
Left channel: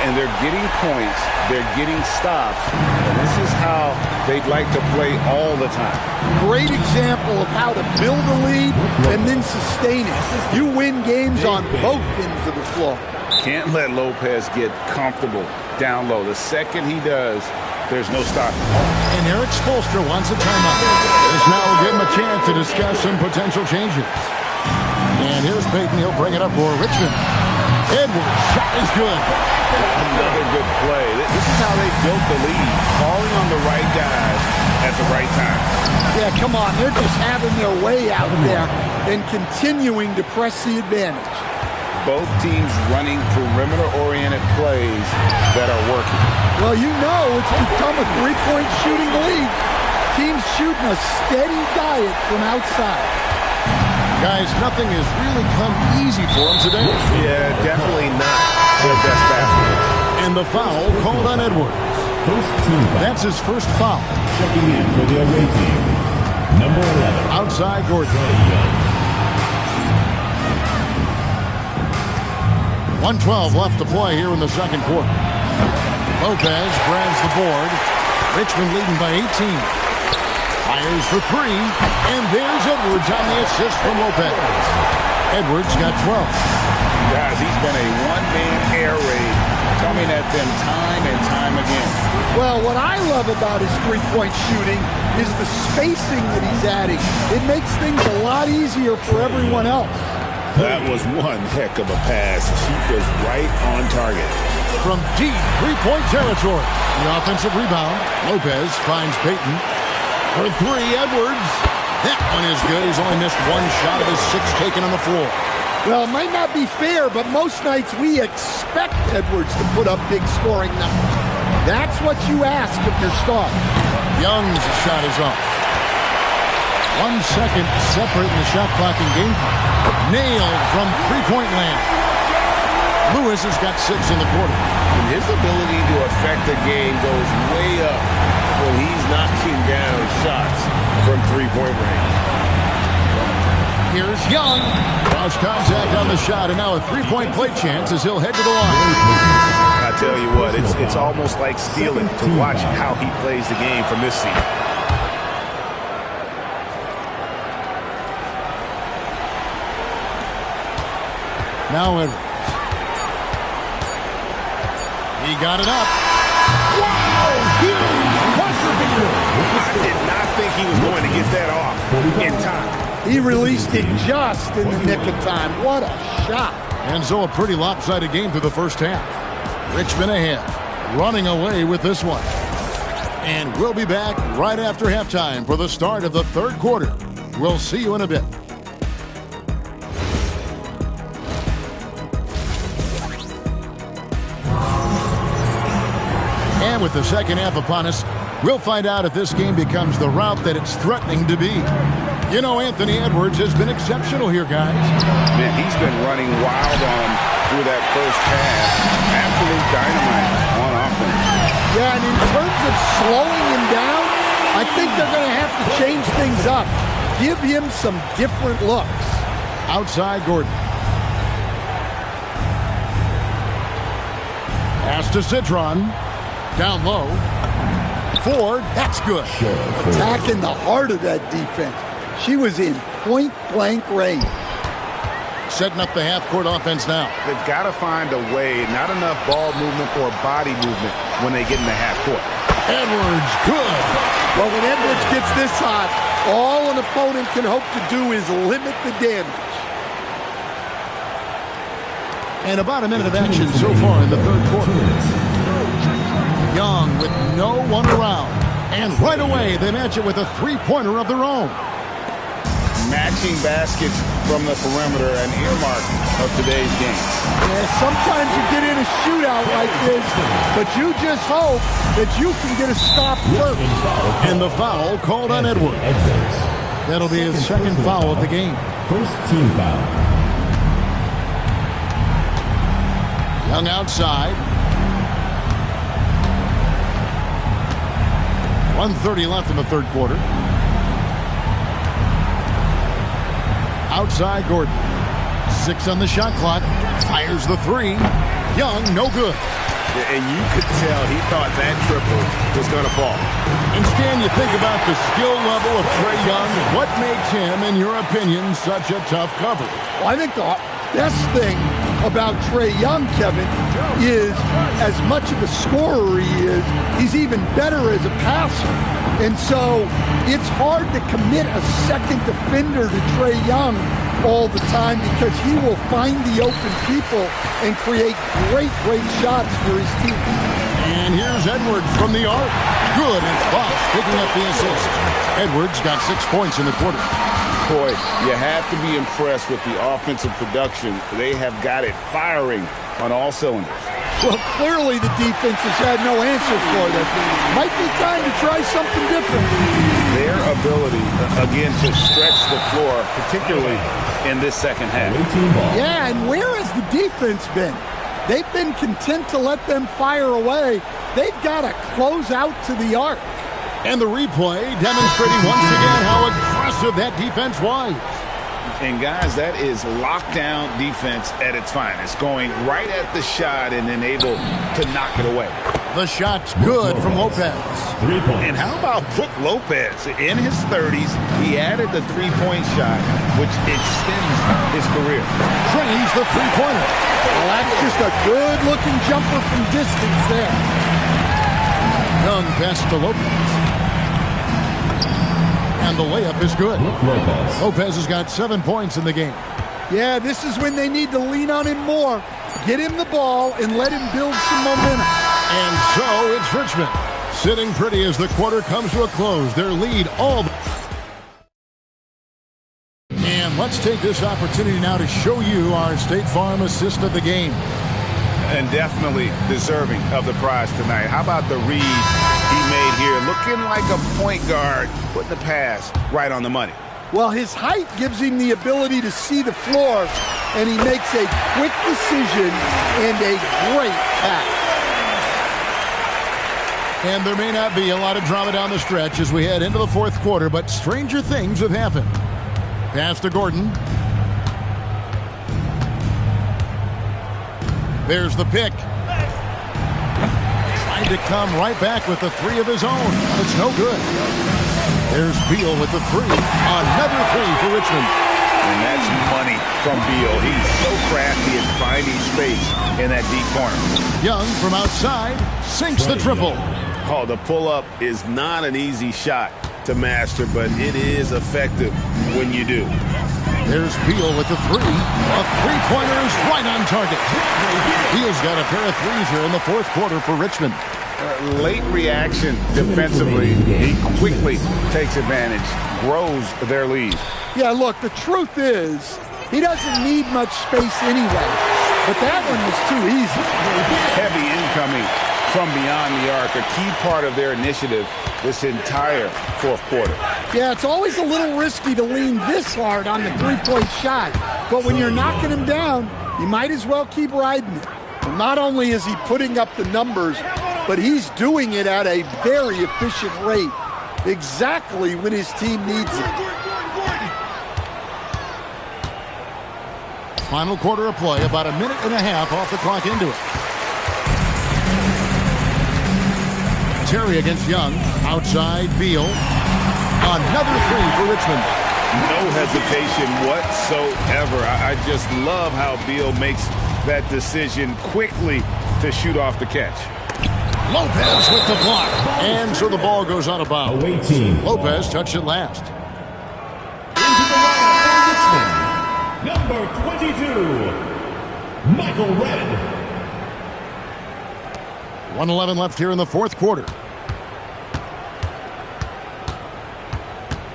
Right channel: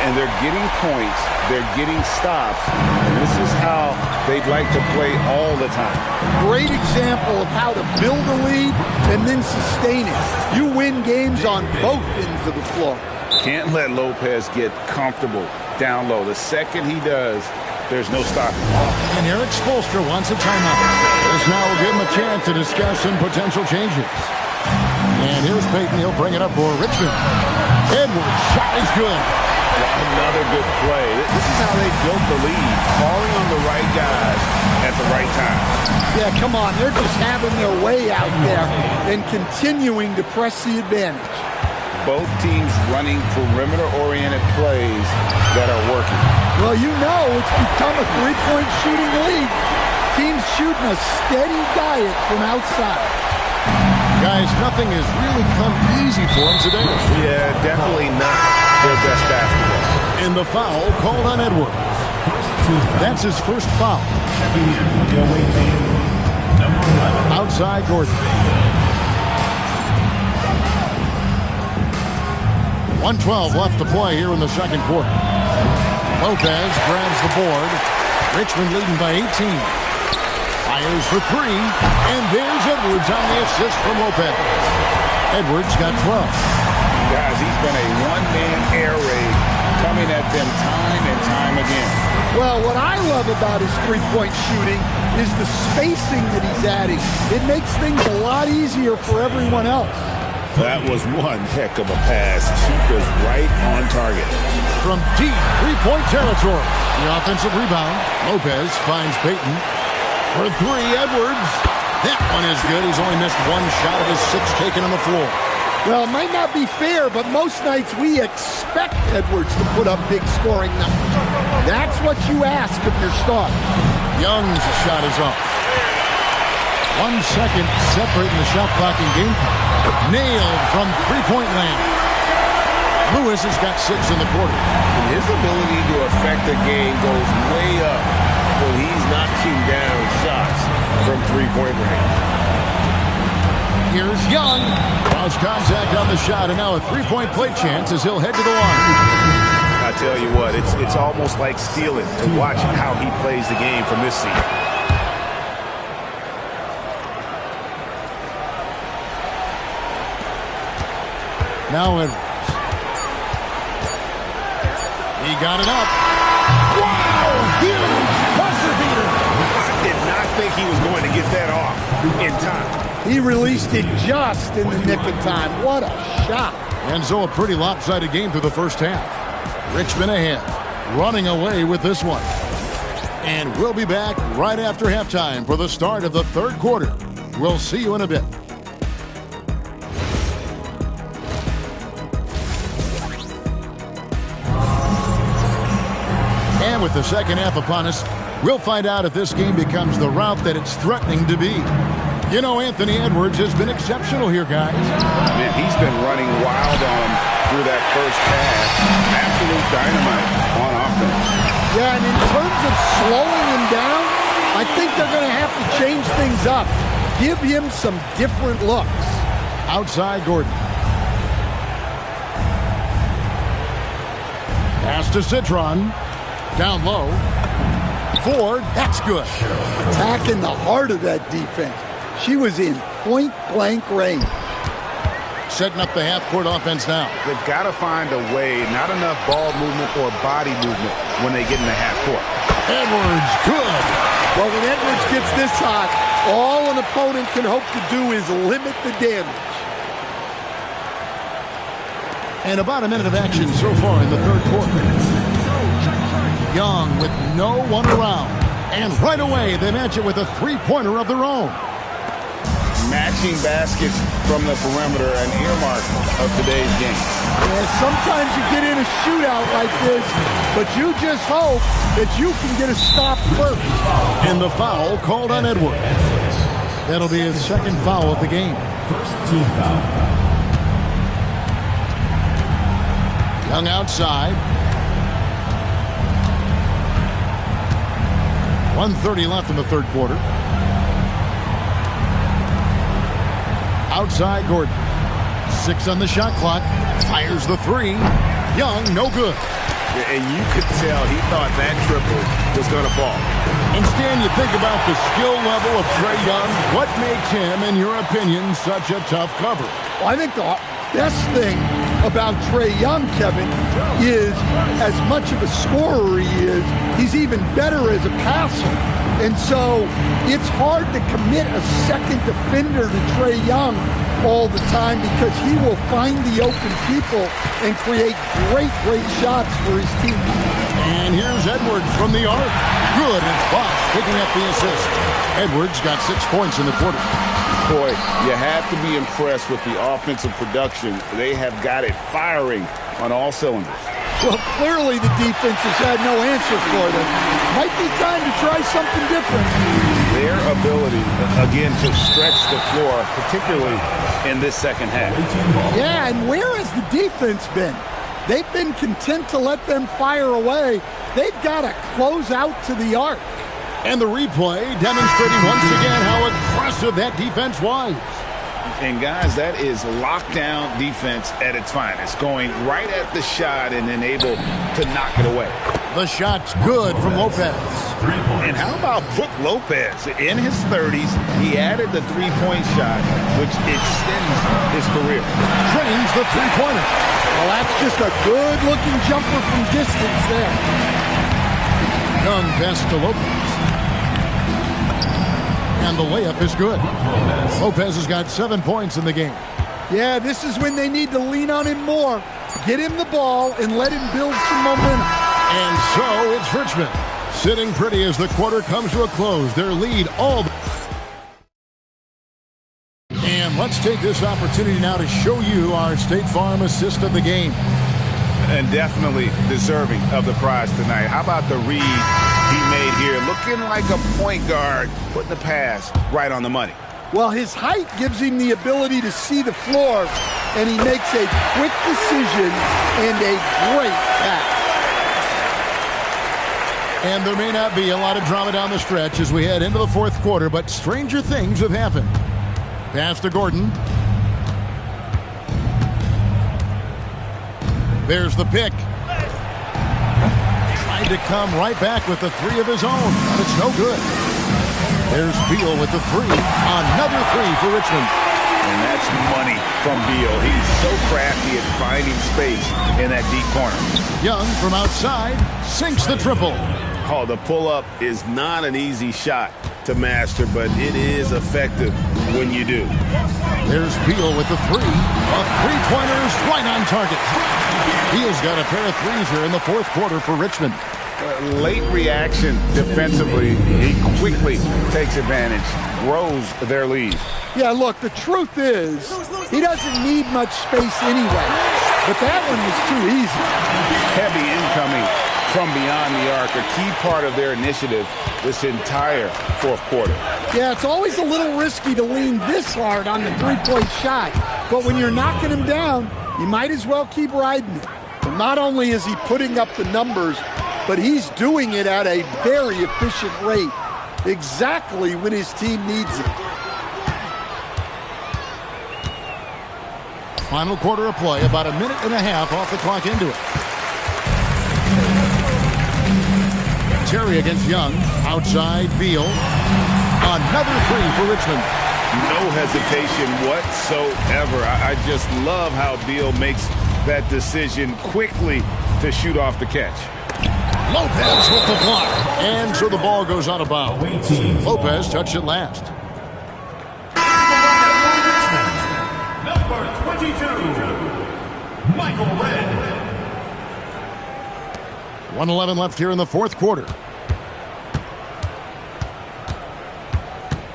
And they're getting points. They're getting stops. And this is how they'd like to play all the time. Great example of how to build a lead and then sustain it. You win games on both ends of the floor. Can't let Lopez get comfortable down low. The second he does, there's no stopping. And Eric Spoelstra wants a timeout. This now will give him a chance to discuss some potential changes. And here's Peyton. He'll bring it up for Richmond. Edwards' shot is good. Another good play. This is how they built the lead. Calling on the right guys at the right time. Yeah, come on. They're just having their way out there and continuing to press the advantage. both teams running perimeter-oriented plays that are working. Well, you know it's become a three-point shooting league. Teams shooting a steady diet from outside. Guys, nothing has really come easy for them today. Yeah, definitely not their best basketball. And the foul called on Edwards. That's his first foul. Checking in for the away team, number 11. Outside Gordon. 1:12 left to play here in the second quarter. Lopez grabs the board. Richmond leading by 18. Fires for three, and there's Edwards on the assist from Lopez. Edwards got 12. Guys, he's been a one-man air raid coming at them time and time again. Well, what I love about his three-point shooting is the spacing that he's adding. It makes things a lot easier for everyone else. That was one heck of a pass. She was right on target. From deep three-point territory, the offensive rebound. Lopez finds Payton. For three, Edwards. That one is good. He's only missed one shot of his 6 taken on the floor. Well, it might not be fair, but most nights we expect Edwards to put up big scoring numbers. That's what you ask of your starter. Young's shot is off. 1 second separating the shot clock and game clock. Nailed from three-point land. Lewis has got 6 in the quarter. And his ability to affect the game goes way up when he's knocking down shots from three-point range. Here's Young. Lost contact on the shot, and now a three-point play chance as he'll head to the line. I tell you what, it's almost like stealing to watch how he plays the game from this seat. Now Edwards. He got it up. Wow! Huge buzzer beater! I did not think he was going to get that off in time. He released it just in the nick of time. What a shot. And so a pretty lopsided game through the first half. Richmond ahead, running away with this one. And we'll be back right after halftime for the start of the third quarter. We'll see you in a bit. And with the second half upon us, we'll find out if this game becomes the route that it's threatening to be. You know, Anthony Edwards has been exceptional here, guys. Man, he's been running wild on him through that first half. Absolute dynamite on offense. Yeah, and in terms of slowing him down, I think they're going to have to change things up. Give him some different looks. Outside Gordon. Pass to Citron. Down low. Ford, that's good. Attacking the heart of that defense. She was in point-blank range. Setting up the half-court offense now. They've got to find a way, not enough ball movement or body movement when they get in the half-court. Edwards, good. Well, when Edwards gets this hot, all an opponent can hope to do is limit the damage. And about a minute of action so far in the third quarter. Young with no one around. And right away, they match it with a three-pointer of their own. Matching baskets from the perimeter, an earmark of today's game. Yeah, sometimes you get in a shootout like this, but you just hope that you can get a stop first. And the foul called on Edwards. That'll be his second foul of the game. First team foul. Young outside. 1:30 left in the third quarter. Outside Gordon. 6 on the shot clock. Fires the three. Young, no good. And you could tell he thought that triple was going to fall. And Stan, you think about the skill level of Trae Young. What makes him, in your opinion, such a tough cover? Well, I think the best thing about Trae Young, Kevin, is as much of a scorer he is, he's even better as a passer. And so it's hard to commit a second defender to Trae Young all the time because he will find the open people and create great shots for his team. And here's Edwards from the arc. Good, and Bosch picking up the assist. Edwards got 6 points in the quarter. Boy, you have to be impressed with the offensive production. They have got it firing on all cylinders. Well, clearly the defense has had no answer for them. Might be time to try something different. Their ability, again, to stretch the floor, particularly in this second half. Yeah, and where has the defense been? They've been content to let them fire away. They've got to close out to the arc. And the replay demonstrating once again how aggressive that defense was. And, guys, that is lockdown defense at its finest, going right at the shot and then able to knock it away. The shot's good from Lopez. 3 points. And how about Brook Lopez? In his 30s, he added the three-point shot, which extends his career. Trains the three-pointer. Well, that's just a good-looking jumper from distance there. Young pass to Lopez. And the layup is good. Lopez has got 7 points in the game. Yeah, this is when they need to lean on him more. Get him the ball and let him build some momentum. And so it's Richmond sitting pretty as the quarter comes to a close. Their lead all. And let's take this opportunity now to show you our State Farm assist of the game. And definitely deserving of the prize tonight. How about the read he made here? Looking like a point guard, putting the pass right on the money. Well, his height gives him the ability to see the floor, and he makes a quick decision and a great pass. And there may not be a lot of drama down the stretch as we head into the fourth quarter, but stranger things have happened. Pass to Gordon. There's the pick. Tried to come right back with the three of his own, but it's no good. There's Beal with the three. Another three for Richmond. And that's money from Beal. He's so crafty at finding space in that deep corner. Young from outside sinks the triple. Oh, the pull-up is not an easy shot to master, but it is effective when you do. There's Beal with the three. A three-pointer's right on target. Beal's got a pair of threes here in the fourth quarter for Richmond. Late reaction defensively. He quickly takes advantage, grows their lead. Yeah, look, the truth is he doesn't need much space anyway, but that one was too easy. Heavy incoming from beyond the arc, a key part of their initiative this entire fourth quarter. Yeah, it's always a little risky to lean this hard on the three-point shot, but when you're knocking him down, you might as well keep riding it. And not only is he putting up the numbers, but he's doing it at a very efficient rate, exactly when his team needs it. Final quarter of play, about a minute and a half off the clock into it. Terry against Young, outside Beal. Another three for Richmond. No hesitation whatsoever. I just love how Beal makes that decision quickly to shoot off the catch. Lopez with the block. And so the ball goes out of bounds. Lopez touched it last. Into the line for Richmond, number 22, Michael Redd. 1:11 left here in the fourth quarter.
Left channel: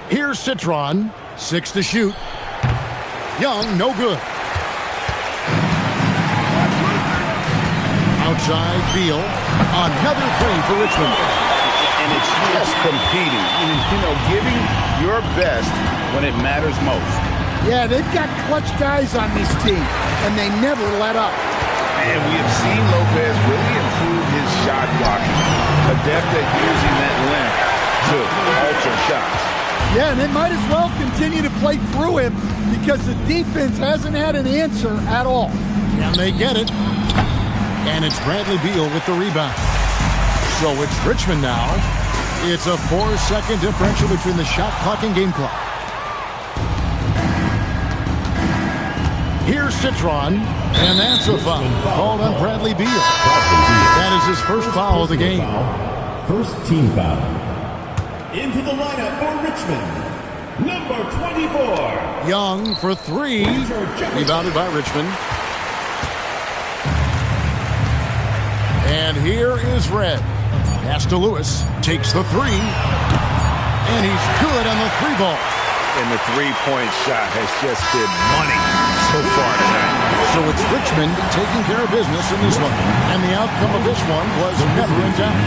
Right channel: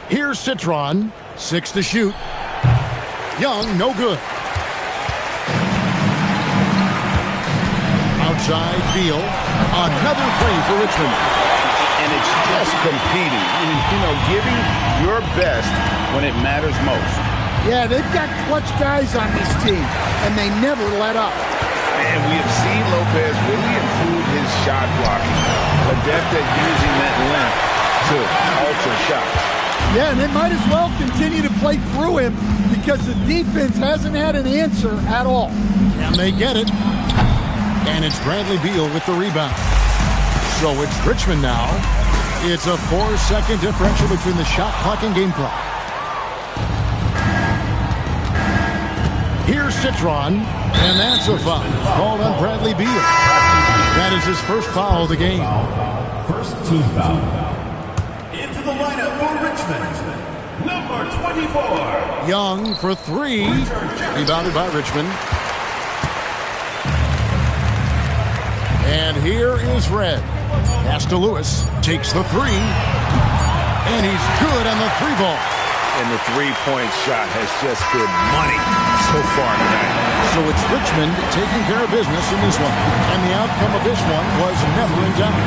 Here's Citron. 6 to shoot. Young, no good. Outside Beal. Another three for Richmond. And it's just competing. You know, giving your best when it matters most. Yeah, they've got clutch guys on this team, and they never let up. And we have seen Lopez really improve his shot blocking. Adept at using that length to alter shots. Yeah, and they might as well continue to play through him because the defense hasn't had an answer at all. Can they get it? And it's Bradley Beal with the rebound. So it's Richmond now. It's a 4-second differential between the shot clock and game clock. Here's Citron, and that's a foul called on Bradley Beal. That is his first foul of the game. First team foul. Into the lineup for Richmond, number 24. Young for three. Rebounded by Richmond. And here is Red. Pass to Lewis. Takes the three. And he's good on the three ball. and the three-point shot has just been money so far tonight. So it's Richmond taking care of business in this one. And the outcome of this one was never in doubt.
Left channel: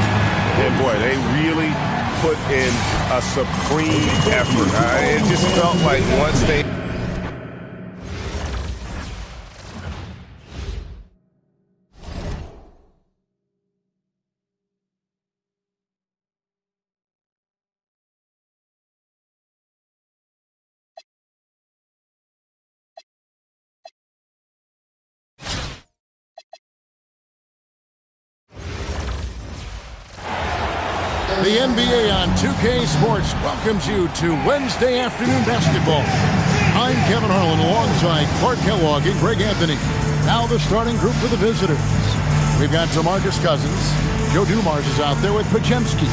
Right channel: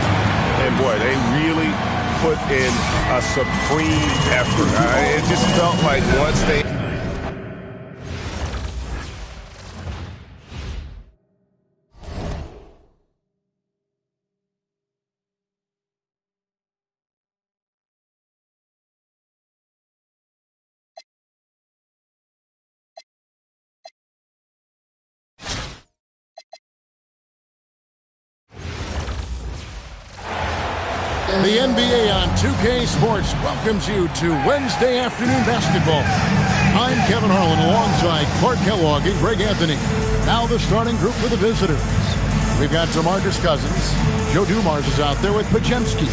And boy, they really put in a supreme effort. It just felt like once they... The NBA on 2K Sports welcomes you to Wednesday afternoon basketball. I'm Kevin Harlan alongside Clark Kellogg and Greg Anthony. Now the starting group for the visitors. We've got DeMarcus Cousins. Joe Dumars is out there with Pajemski.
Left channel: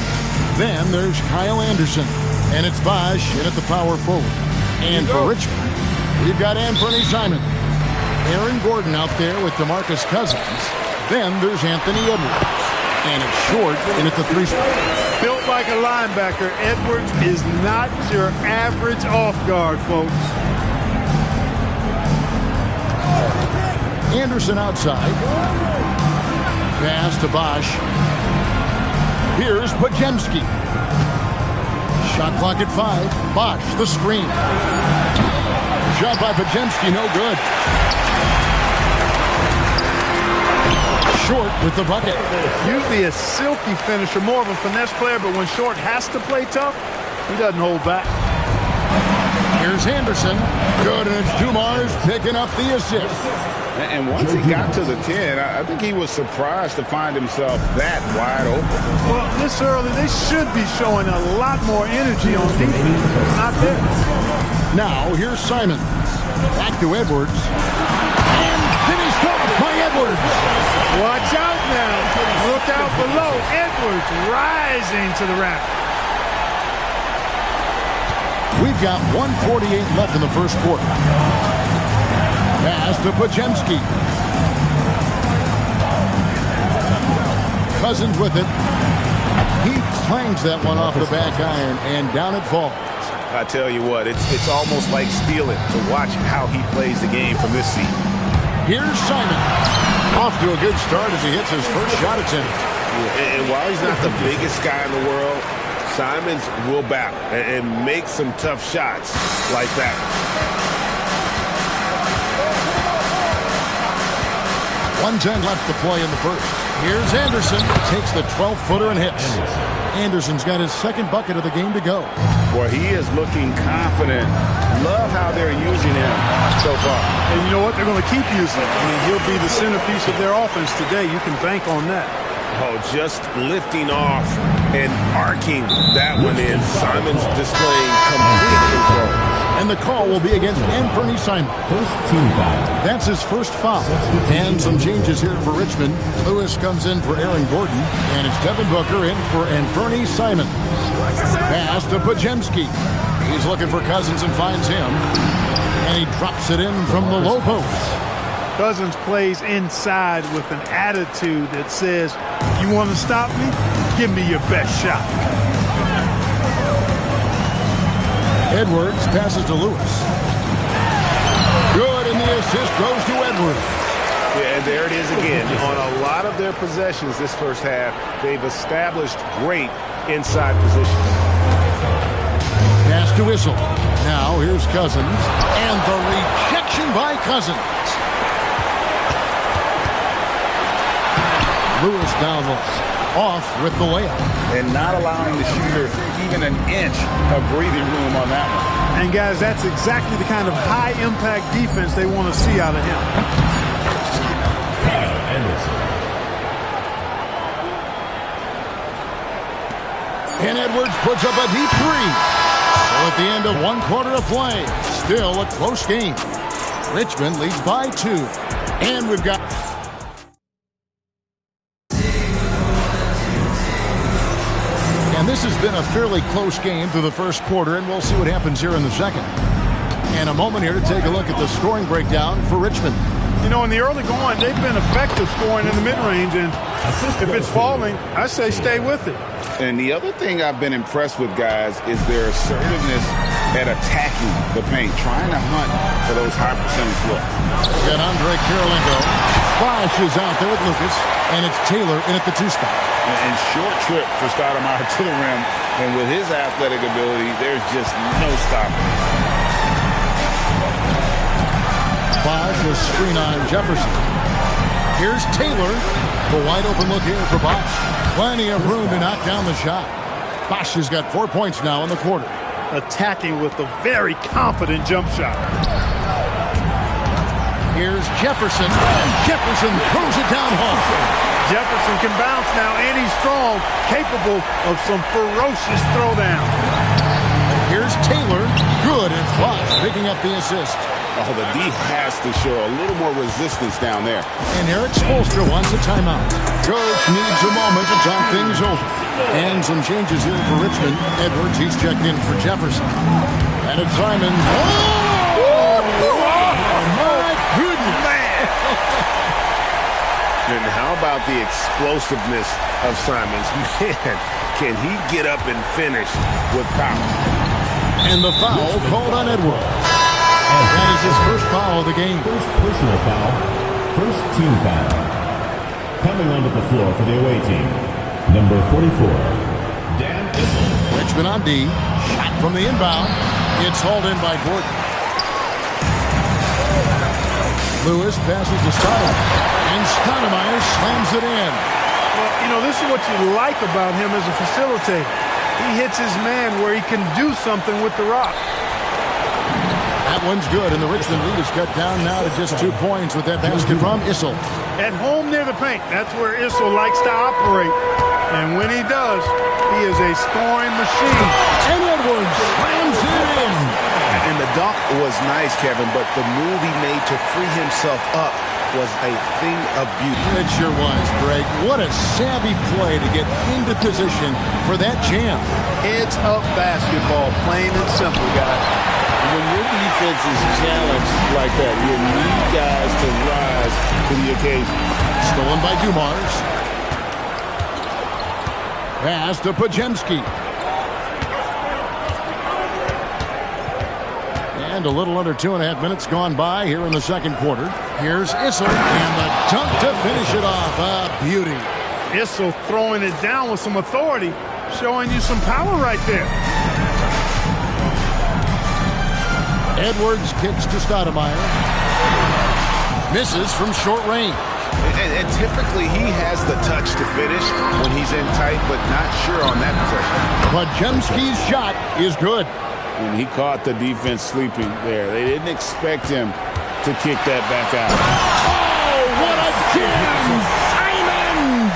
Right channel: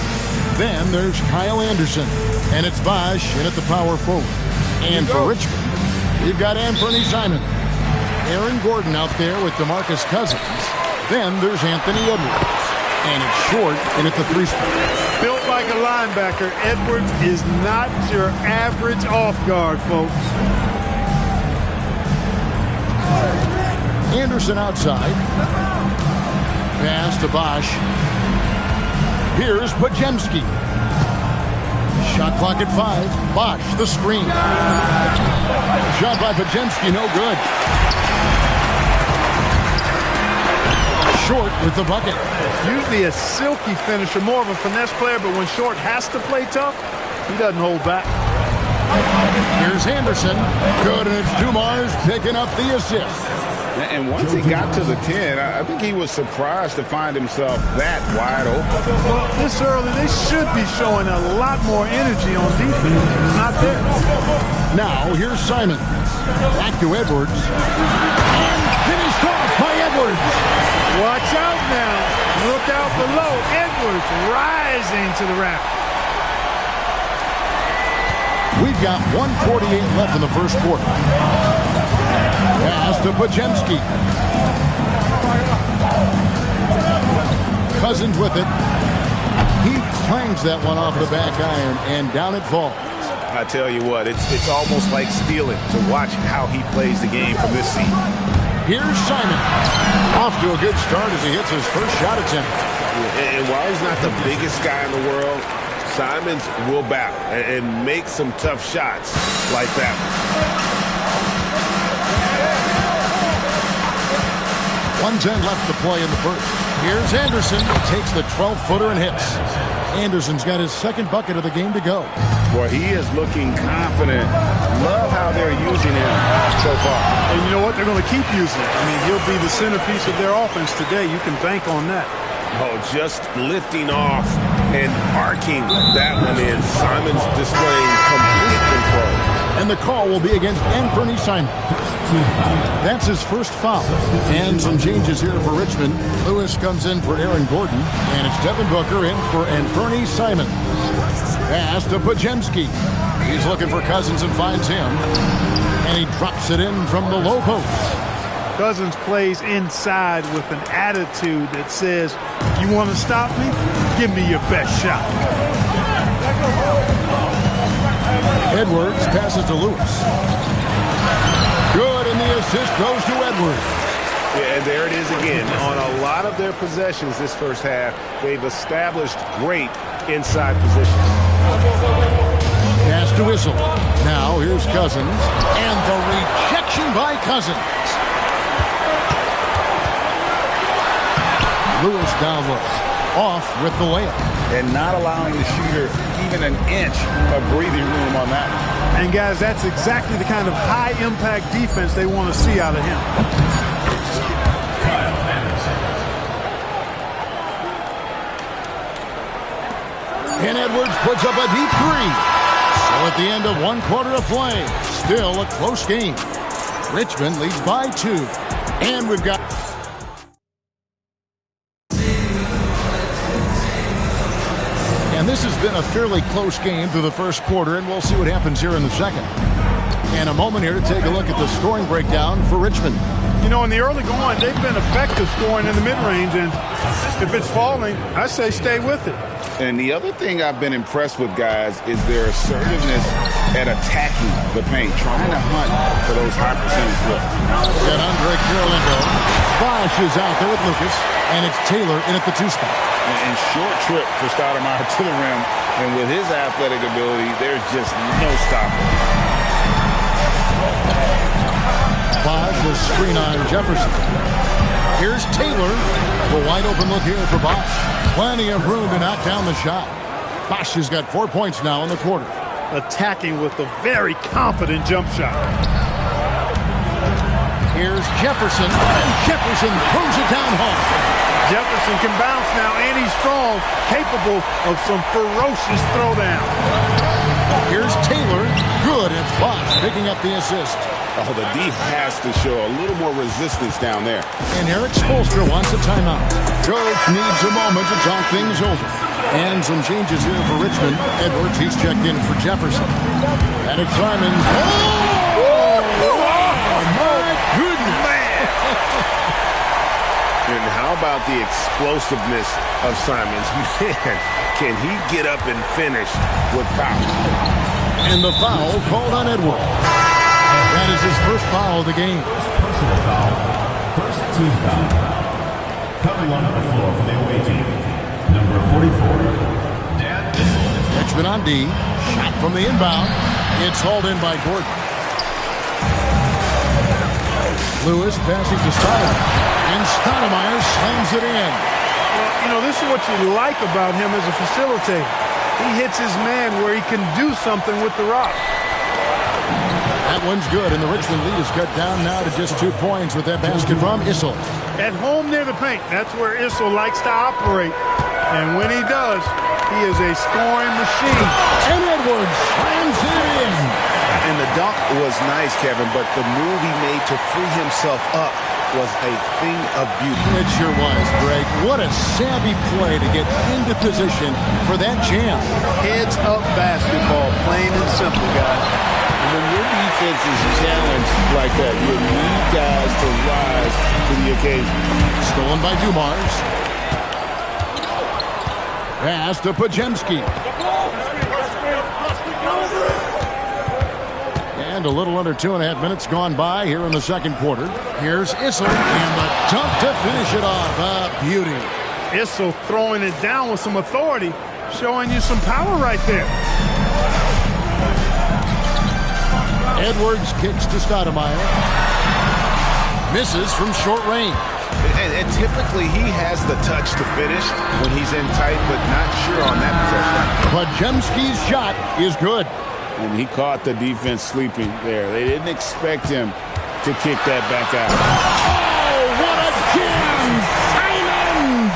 Then there's Kyle Anderson. And it's Bosh in at the power forward. And for Richmond, we've got Anthony Simons. Aaron Gordon out there with DeMarcus Cousins. Then there's Anthony Edwards. And it's Short in at the three spot. Built like a linebacker, Edwards is not your average off guard, folks. Anderson outside. Pass to Bosh. Here's Pajemski. Shot clock at 5. Bosh, the screen. Shot by Pajemski, no good. Short with the bucket. Usually a silky finisher, more of a finesse player, but when Short has to play tough, he doesn't hold back. Here's Anderson. Good, and it's Dumars picking up the assist. And once he got to the 10, I think he was surprised to find himself that wide open. Well, this early, they should be showing a lot more energy on defense. It's not there. Now, here's Simons. Back to Edwards. And finished off by Edwards. Watch out now. Look out below. Edwards rising to the rafters. We've got 1:48 left in the first quarter. Pass to Pajemski. Cousins with it. He clangs that one off the back iron, and down it falls. I tell you what, it's almost like stealing to watch how he plays the game from this seat. Here's Simon. Off to a good start as he hits his first shot attempt. And while he's not the biggest guy in the world, Simons will battle and make some tough shots like that. 1:10 left to play in the first. Here's Anderson. Takes the 12-footer and hits. Anderson's got his second bucket of the game to go. Boy, he is looking confident. Love how they're using him so far. And you know what? They're going to keep using him. I mean, he'll be the centerpiece of their offense today. You can bank on that. Oh, just lifting off and arcing that one in. Simons displaying complete control. And the call will be against Anthony Simons. That's his first foul. And some changes here for Richmond. Lewis comes in for Aaron Gordon. And it's Devin Booker in for Anthony Simons. Pass to Pajemski. He's looking for Cousins and finds him. And he drops it in from the low post. Cousins plays inside with an attitude that says, you want to stop me? Give me your best shot. Edwards passes to Lewis. Good, and the assist goes to Edwards. Yeah, and there it is again. On a lot of their possessions this first half, they've established great inside positions. Pass to Whistle. Now here's Cousins. And the rejection by Cousins. Lewis down low. Off with the layup. And not allowing the shooter even an inch of breathing room on that one. And, guys, that's exactly the kind of high-impact defense they want to see out of him. Kyle Anderson. And Edwards puts up a deep three. So at the end of one quarter of play, still a close game. Richmond leads by 2. And we've got... And this has been a fairly close game through the first quarter, and we'll see what happens here in the second. And a moment here to take a look at the scoring breakdown for Richmond. You know, in the early going, they've been effective scoring in the mid-range, and if it's falling, I say stay with it. And the other thing I've been impressed with, guys, is their assertiveness at attacking the paint, trying to hunt for those high percentage looks. Got Andre Kirilenko. Bosch is out there with Lucas, and it's Taylor in at the 2 spot. And short trip for Stoudemire to the rim, and with his athletic ability, there's just no stopping. Bosch will screen on Jefferson. Here's Taylor. The wide open look here for Bosch. Plenty of room to knock down the shot. Bosch has got 4 points now in the quarter. Attacking with a very confident jump shot. Here's Jefferson, and Jefferson throws it down hard. Jefferson can bounce now, and he's strong, capable of some ferocious throwdown. Here's Taylor. Good, and it's Bosch picking up the assist. Oh, the D has to show a little more resistance down there. And Eric Spoelstra wants a timeout. Coach needs a moment to talk things over. And some changes here for Richmond. Edwards, he's checked in for Jefferson. And it's Simons. Oh, my goodness. Man. And how about the explosiveness of Simons? Man, can he get up and finish with power? And the foul called on Edwards. That is his first foul of the game. First personal foul. First team foul. Coming onto the floor for the away team, number 44, Dan Issel. Richmond on D. Shot from the inbound. It's hauled in by Gordon. Lewis passes to Stoudemire. And Stoudemire slams it in. Well, you know, this is what you like about him as a facilitator. He hits his man where he can do something with the rock. That one's good, and the Richmond lead is cut down now to just 2 points with that basket from Issel. At home near the paint, that's where Issel likes to operate. And when he does, he is a scoring machine. And Edwards slams it in. And the dunk was nice, Kevin, but the move he made to free himself up was a thing of beauty. It sure was, Greg. What a savvy play to get into position for that jam. Heads up basketball, plain and simple, guys. When your defense is challenged like that, you need guys to rise to the occasion. Stolen by Dumars. Pass to Pajemski. And a little under 2.5 minutes gone by here in the second quarter. Here's Issel, and the dunk to finish it off. A beauty. Issel throwing it down with some authority, showing you some power right there. Edwards kicks to Stoudemire. Misses from short range. And typically he has the touch to finish when he's in tight, but not sure on that possession. Pajemski's shot is good. And he caught the defense sleeping there. They didn't expect him to kick that back out. Oh, what a jam! Simons!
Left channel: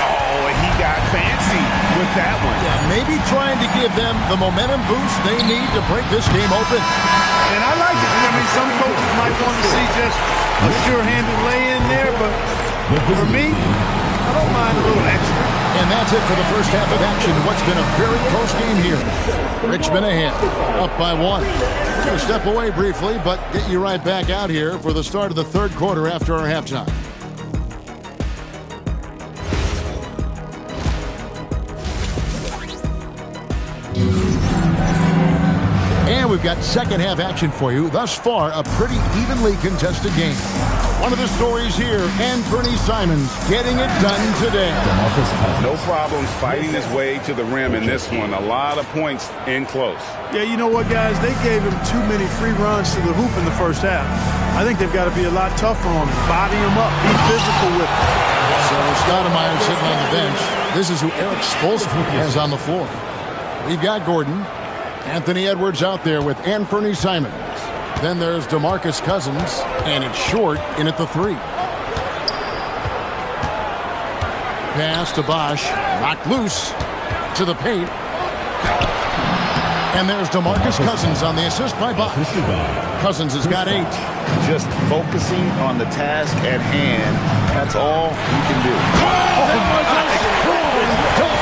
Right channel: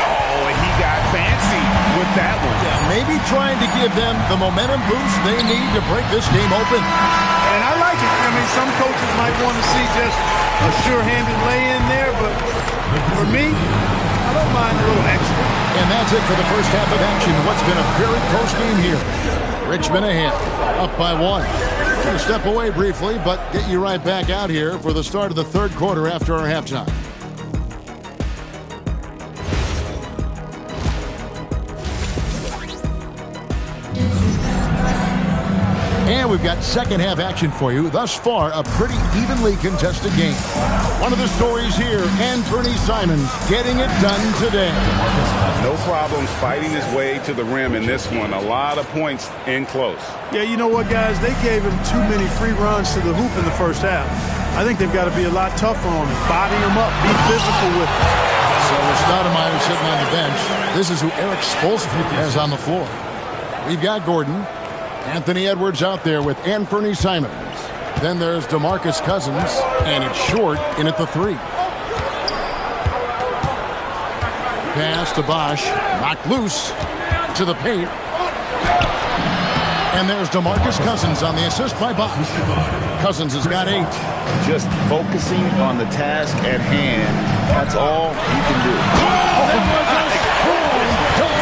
Oh, he got fancy with that one. Yeah, maybe trying to give them the momentum boost they need to break this game open. And I like it. I mean, some coaches might want to see just a sure-handed lay-in there, but for me, I don't mind a little extra. And that's it for the first half of action. What's been a very close game here. Richmond ahead, up by 1. Going to step away briefly, but get you right back out here for the start of the third quarter after our halftime. And we've got second half action for you. Thus far, a pretty evenly contested game. One of the stories here, Anthony Simons getting it done today. No problems fighting his way to the rim in this one. A lot of points in close. Yeah, you know what, guys? They gave him too many free runs to the hoop in the first half. I think they've got to be a lot tougher on him. Body him up. Be physical with him. So with Stoudemire sitting on the bench, this is who Eric Spoelstra has on the floor. We've got Gordon. Anthony Edwards out there with Anthony Simons. Then there's DeMarcus Cousins, and it's short in at the 3. Pass to Bosch, knocked loose to the paint. And there's DeMarcus Cousins on the assist by Bosch. Cousins has got 8. Just focusing on the task at hand, that's all you can do. Oh, that was a strong goal!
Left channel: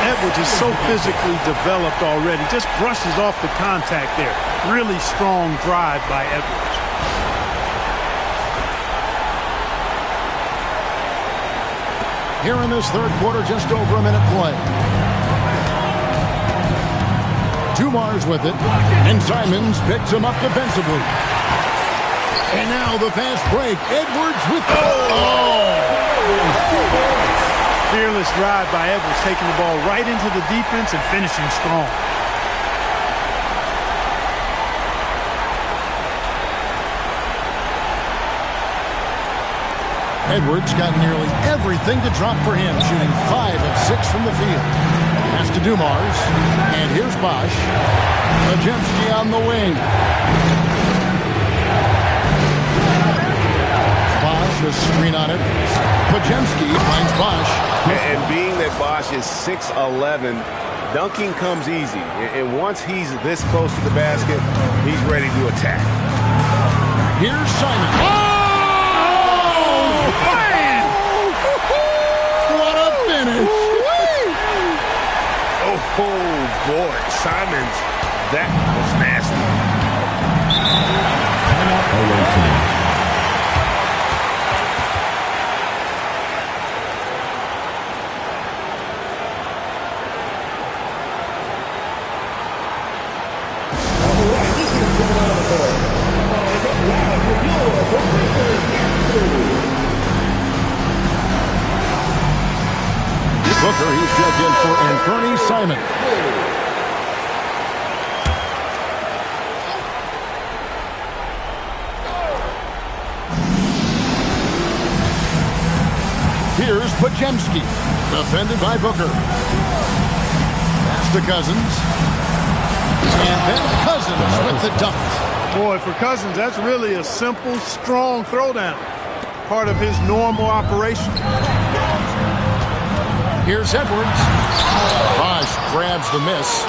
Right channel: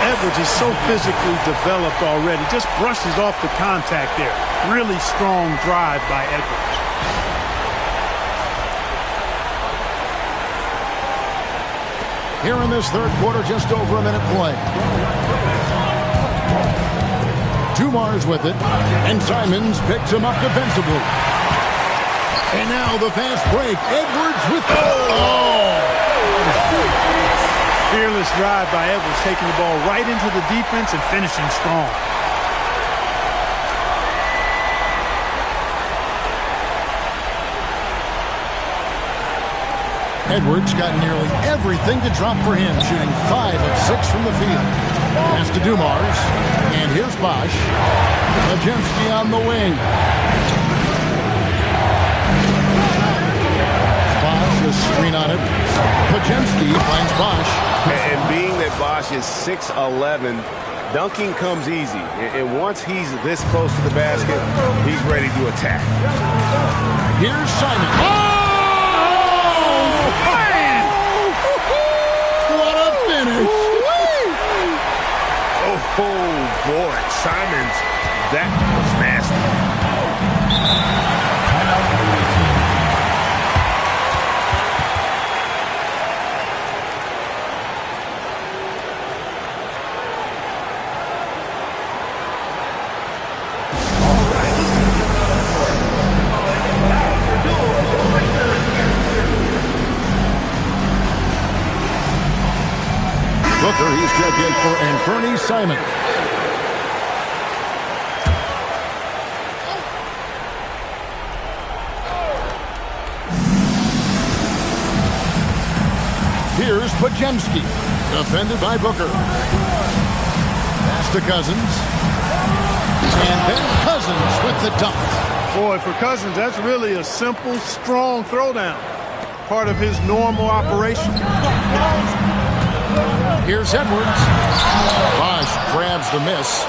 Edwards is so physically developed already. Just brushes off the contact there. Really strong drive by Edwards. Here in this third quarter, just over a minute play. Dumars with it, and Simons picks him up defensively. And now the fast break. Edwards with Fearless drive by Edwards, taking the ball right into the defense and finishing strong. Edwards got nearly everything to drop for him, shooting 5 of 6 from the field. Pass to Dumars, and here's Bosch. Majemski on the wing. Bosch, a screen on Edwards. Majemski finds Bosch. And being that Bosch is 6'11", dunking comes easy. And once he's this close to the basket, he's ready to attack. Here's Simon. Man! What a finish! Oh, boy. Simons, that was nasty. Timeout away team. Booker, he's checked in for Anthony Simons. Here's Majemski, defended by Booker. Pass to Cousins. And then Cousins with the dunk. Boy, for Cousins, that's really a simple, strong throwdown. Part of his normal operation. Here's Edwards. Bosch grabs the miss.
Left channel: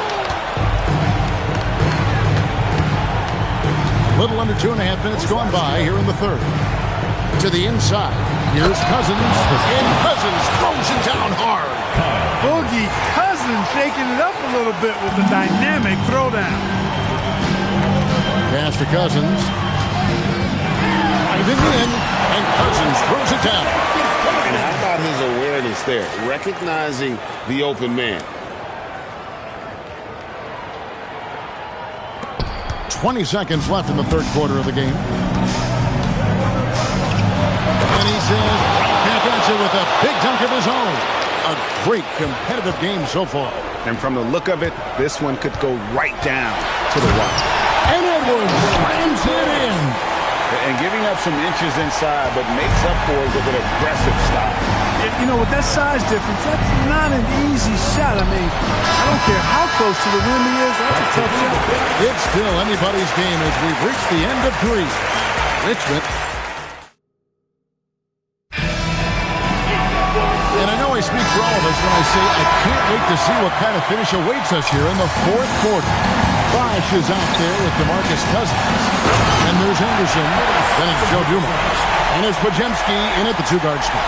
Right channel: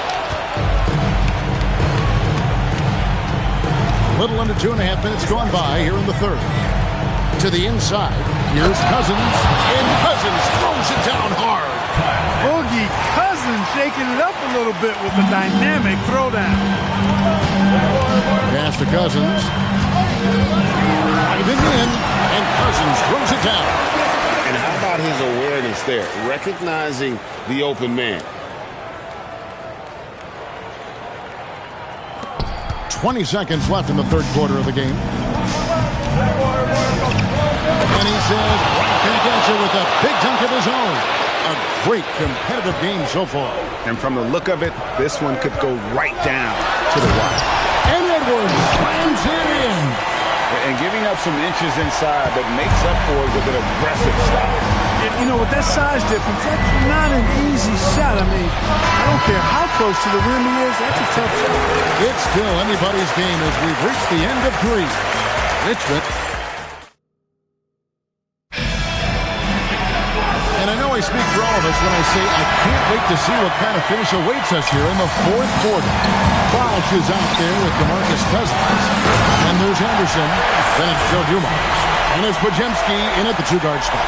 A little under 2.5 minutes gone by here in the third. To the inside. Here's Cousins. And Cousins throws it down hard. Boogie Cousins shaking it up a little bit with a dynamic throwdown. Pass to Cousins. Driving in. And Cousins throws it down. And how about his awareness there, recognizing the open man? 20 seconds left in the third quarter of the game. And he says, right back at you with a big dunk of his own. A great competitive game so far. And from the look of it, this one could go right down to the wire. And Edwards slams it in. And giving up some inches inside, but makes up for it with an aggressive style. You know, with that size difference, that's not an easy shot. I mean, I don't care how close to the rim he is. That's a tough shot. It's still anybody's game as we've reached the end of 3. Richmond. And I know I speak for all of us when I say I can't wait to see what kind of finish awaits us here in the fourth quarter. Bosch is out there with DeMarcus Cousins. And there's Anderson. Then it's Joe Dumars. And it's Majemski in at the 2-guard spot.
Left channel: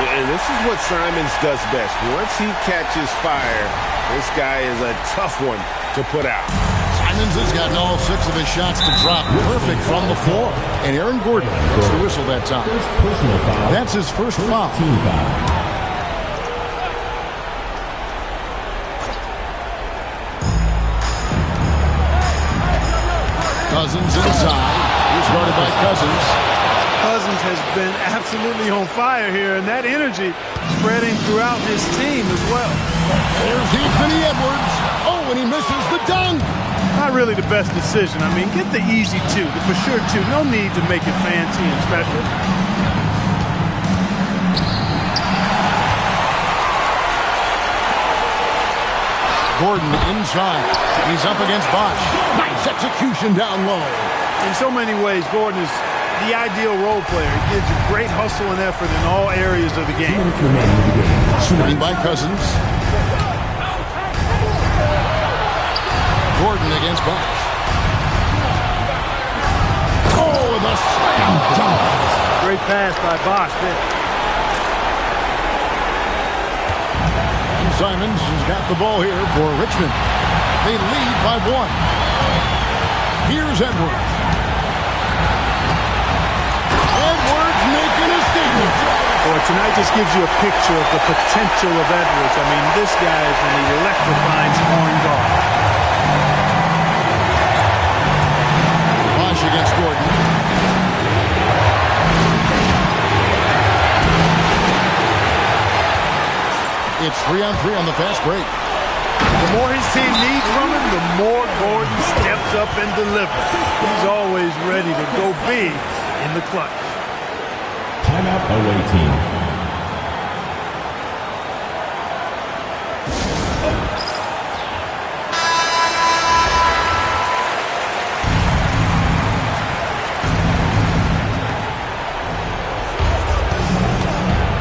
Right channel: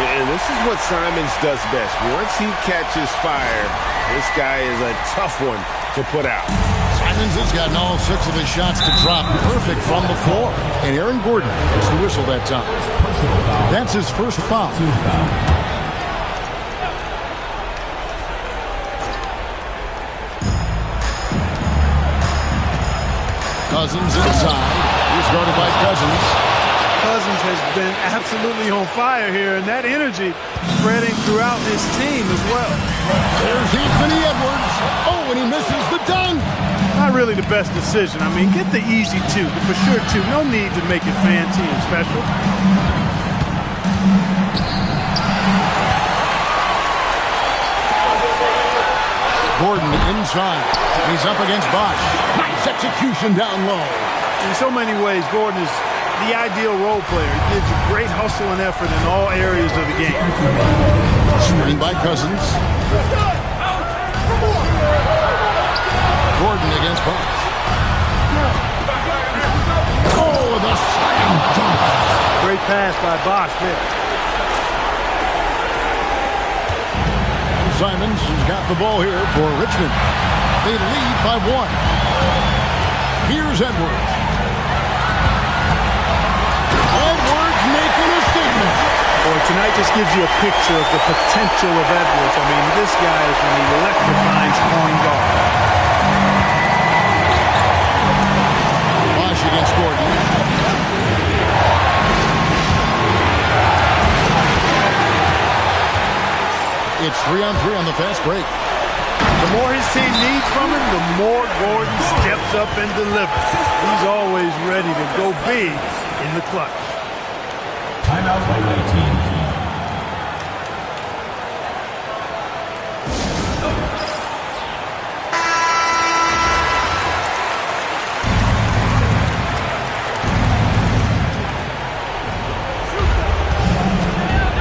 And this is what Simons does best. Once he catches fire, this guy is a tough one to put out. Simons has gotten all 6 of his shots to drop perfect from the floor. And Aaron Gordon gets the whistle that time. That's his first foul. Team foul. Cousins inside. He's guarded by Cousins. Cousins has been absolutely on fire here, and that energy spreading throughout his team as well. There's Anthony Edwards. Oh, and he misses the dunk. Not really the best decision. I mean, get the easy 2, the for sure 2. No need to make it fancy and special. Gordon inside. He's up against Bosch. Nice execution down low. In so many ways, Gordon is the ideal role player. He gives you great hustle and effort in all areas of the game. Screen by Cousins. Gordon against Bosch. Oh, the slam dunk. Great pass by Bosch there. And Simons has got the ball here for Richmond. They lead by 1. Here's Edwards. Edwards making a statement. Boy, tonight just gives you a picture of the potential of Edwards. I mean, this guy is an electrifying scoring guard. It's 3-on-3 on the fast break. The more his team needs from him, the more Gordon steps up and delivers. He's always ready to go big in the clutch. Timeout away team.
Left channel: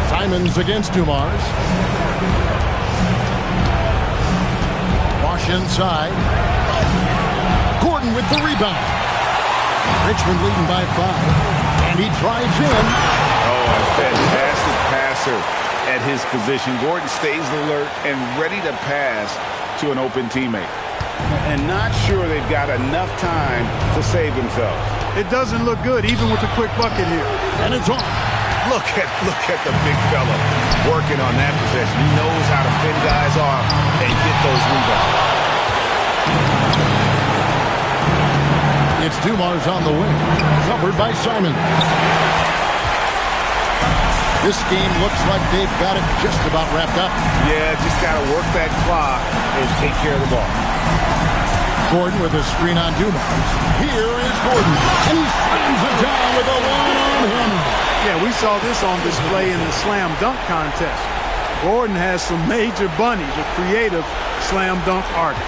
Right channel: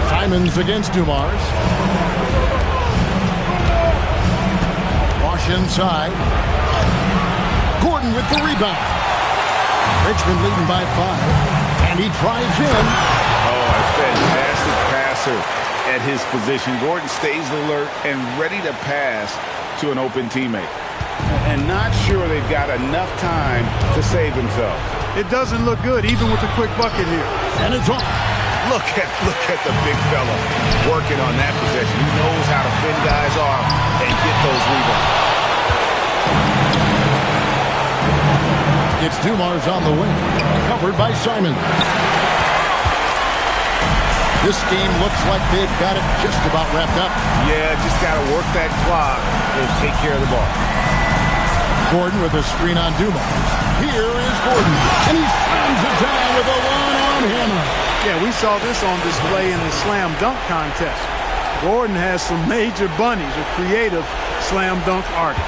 Simons against Dumars. Wash inside. Gordon with the rebound. Richmond leading by 5. And he drives in. Oh, a fantastic passer at his position. Gordon stays alert and ready to pass to an open teammate. And not sure they've got enough time to save themselves. It doesn't look good, even with a quick bucket here. And it's off. Look at the big fella working on that possession. He knows how to fend guys off and get those rebounds. It's Dumars on the wing, covered by Simon. This game looks like they've got it just about wrapped up. Yeah, just got to work that clock and take care of the ball. Gordon with a screen on Dumars. Here is Gordon, and he slams it down with a one-arm hammer. Yeah, we saw this on display in the slam dunk contest. Gordon has some major bunnies, a creative slam dunk artist.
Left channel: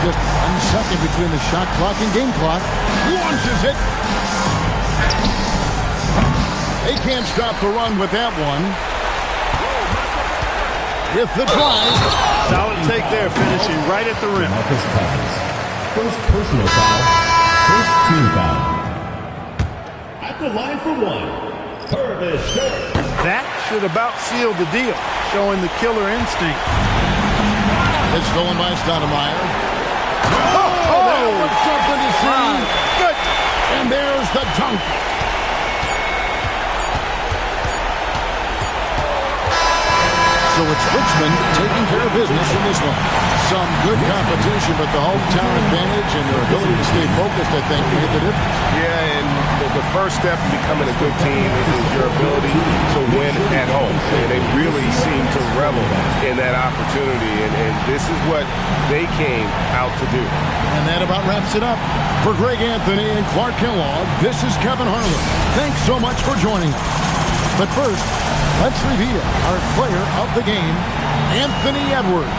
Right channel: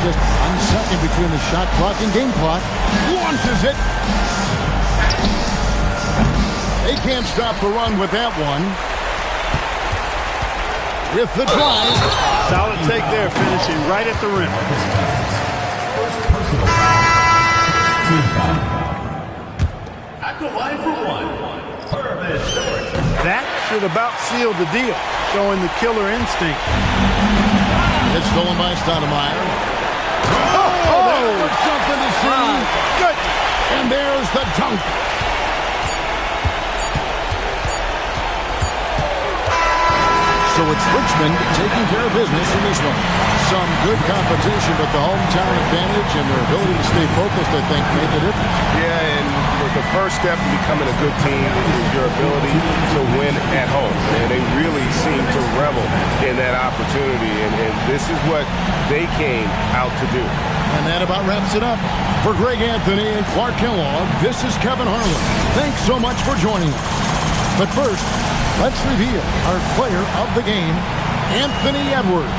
Just 1 second between the shot clock and game clock. Launches it. They can't stop the run with that one. With the drive. Solid take there, finishing right at the rim. Marcus Cousins. First personal foul. First team foul. At the line for one. That should about seal the deal, showing the killer instinct. It's stolen by Stoudemire. Oh, that was something to see. Good. And there's the dunk. So it's Richmond taking care of business in this one. Some good competition, but the hometown advantage and their ability to stay focused, I think, made the difference. Yeah, and the first step in becoming a good team is your ability to win at home. And they really seem to revel in that opportunity, and this is what they came out to do. And that about wraps it up. For Greg Anthony and Clark Kellogg, this is Kevin Harlan. Thanks so much for joining us. But first, let's reveal our player of the game, Anthony Edwards.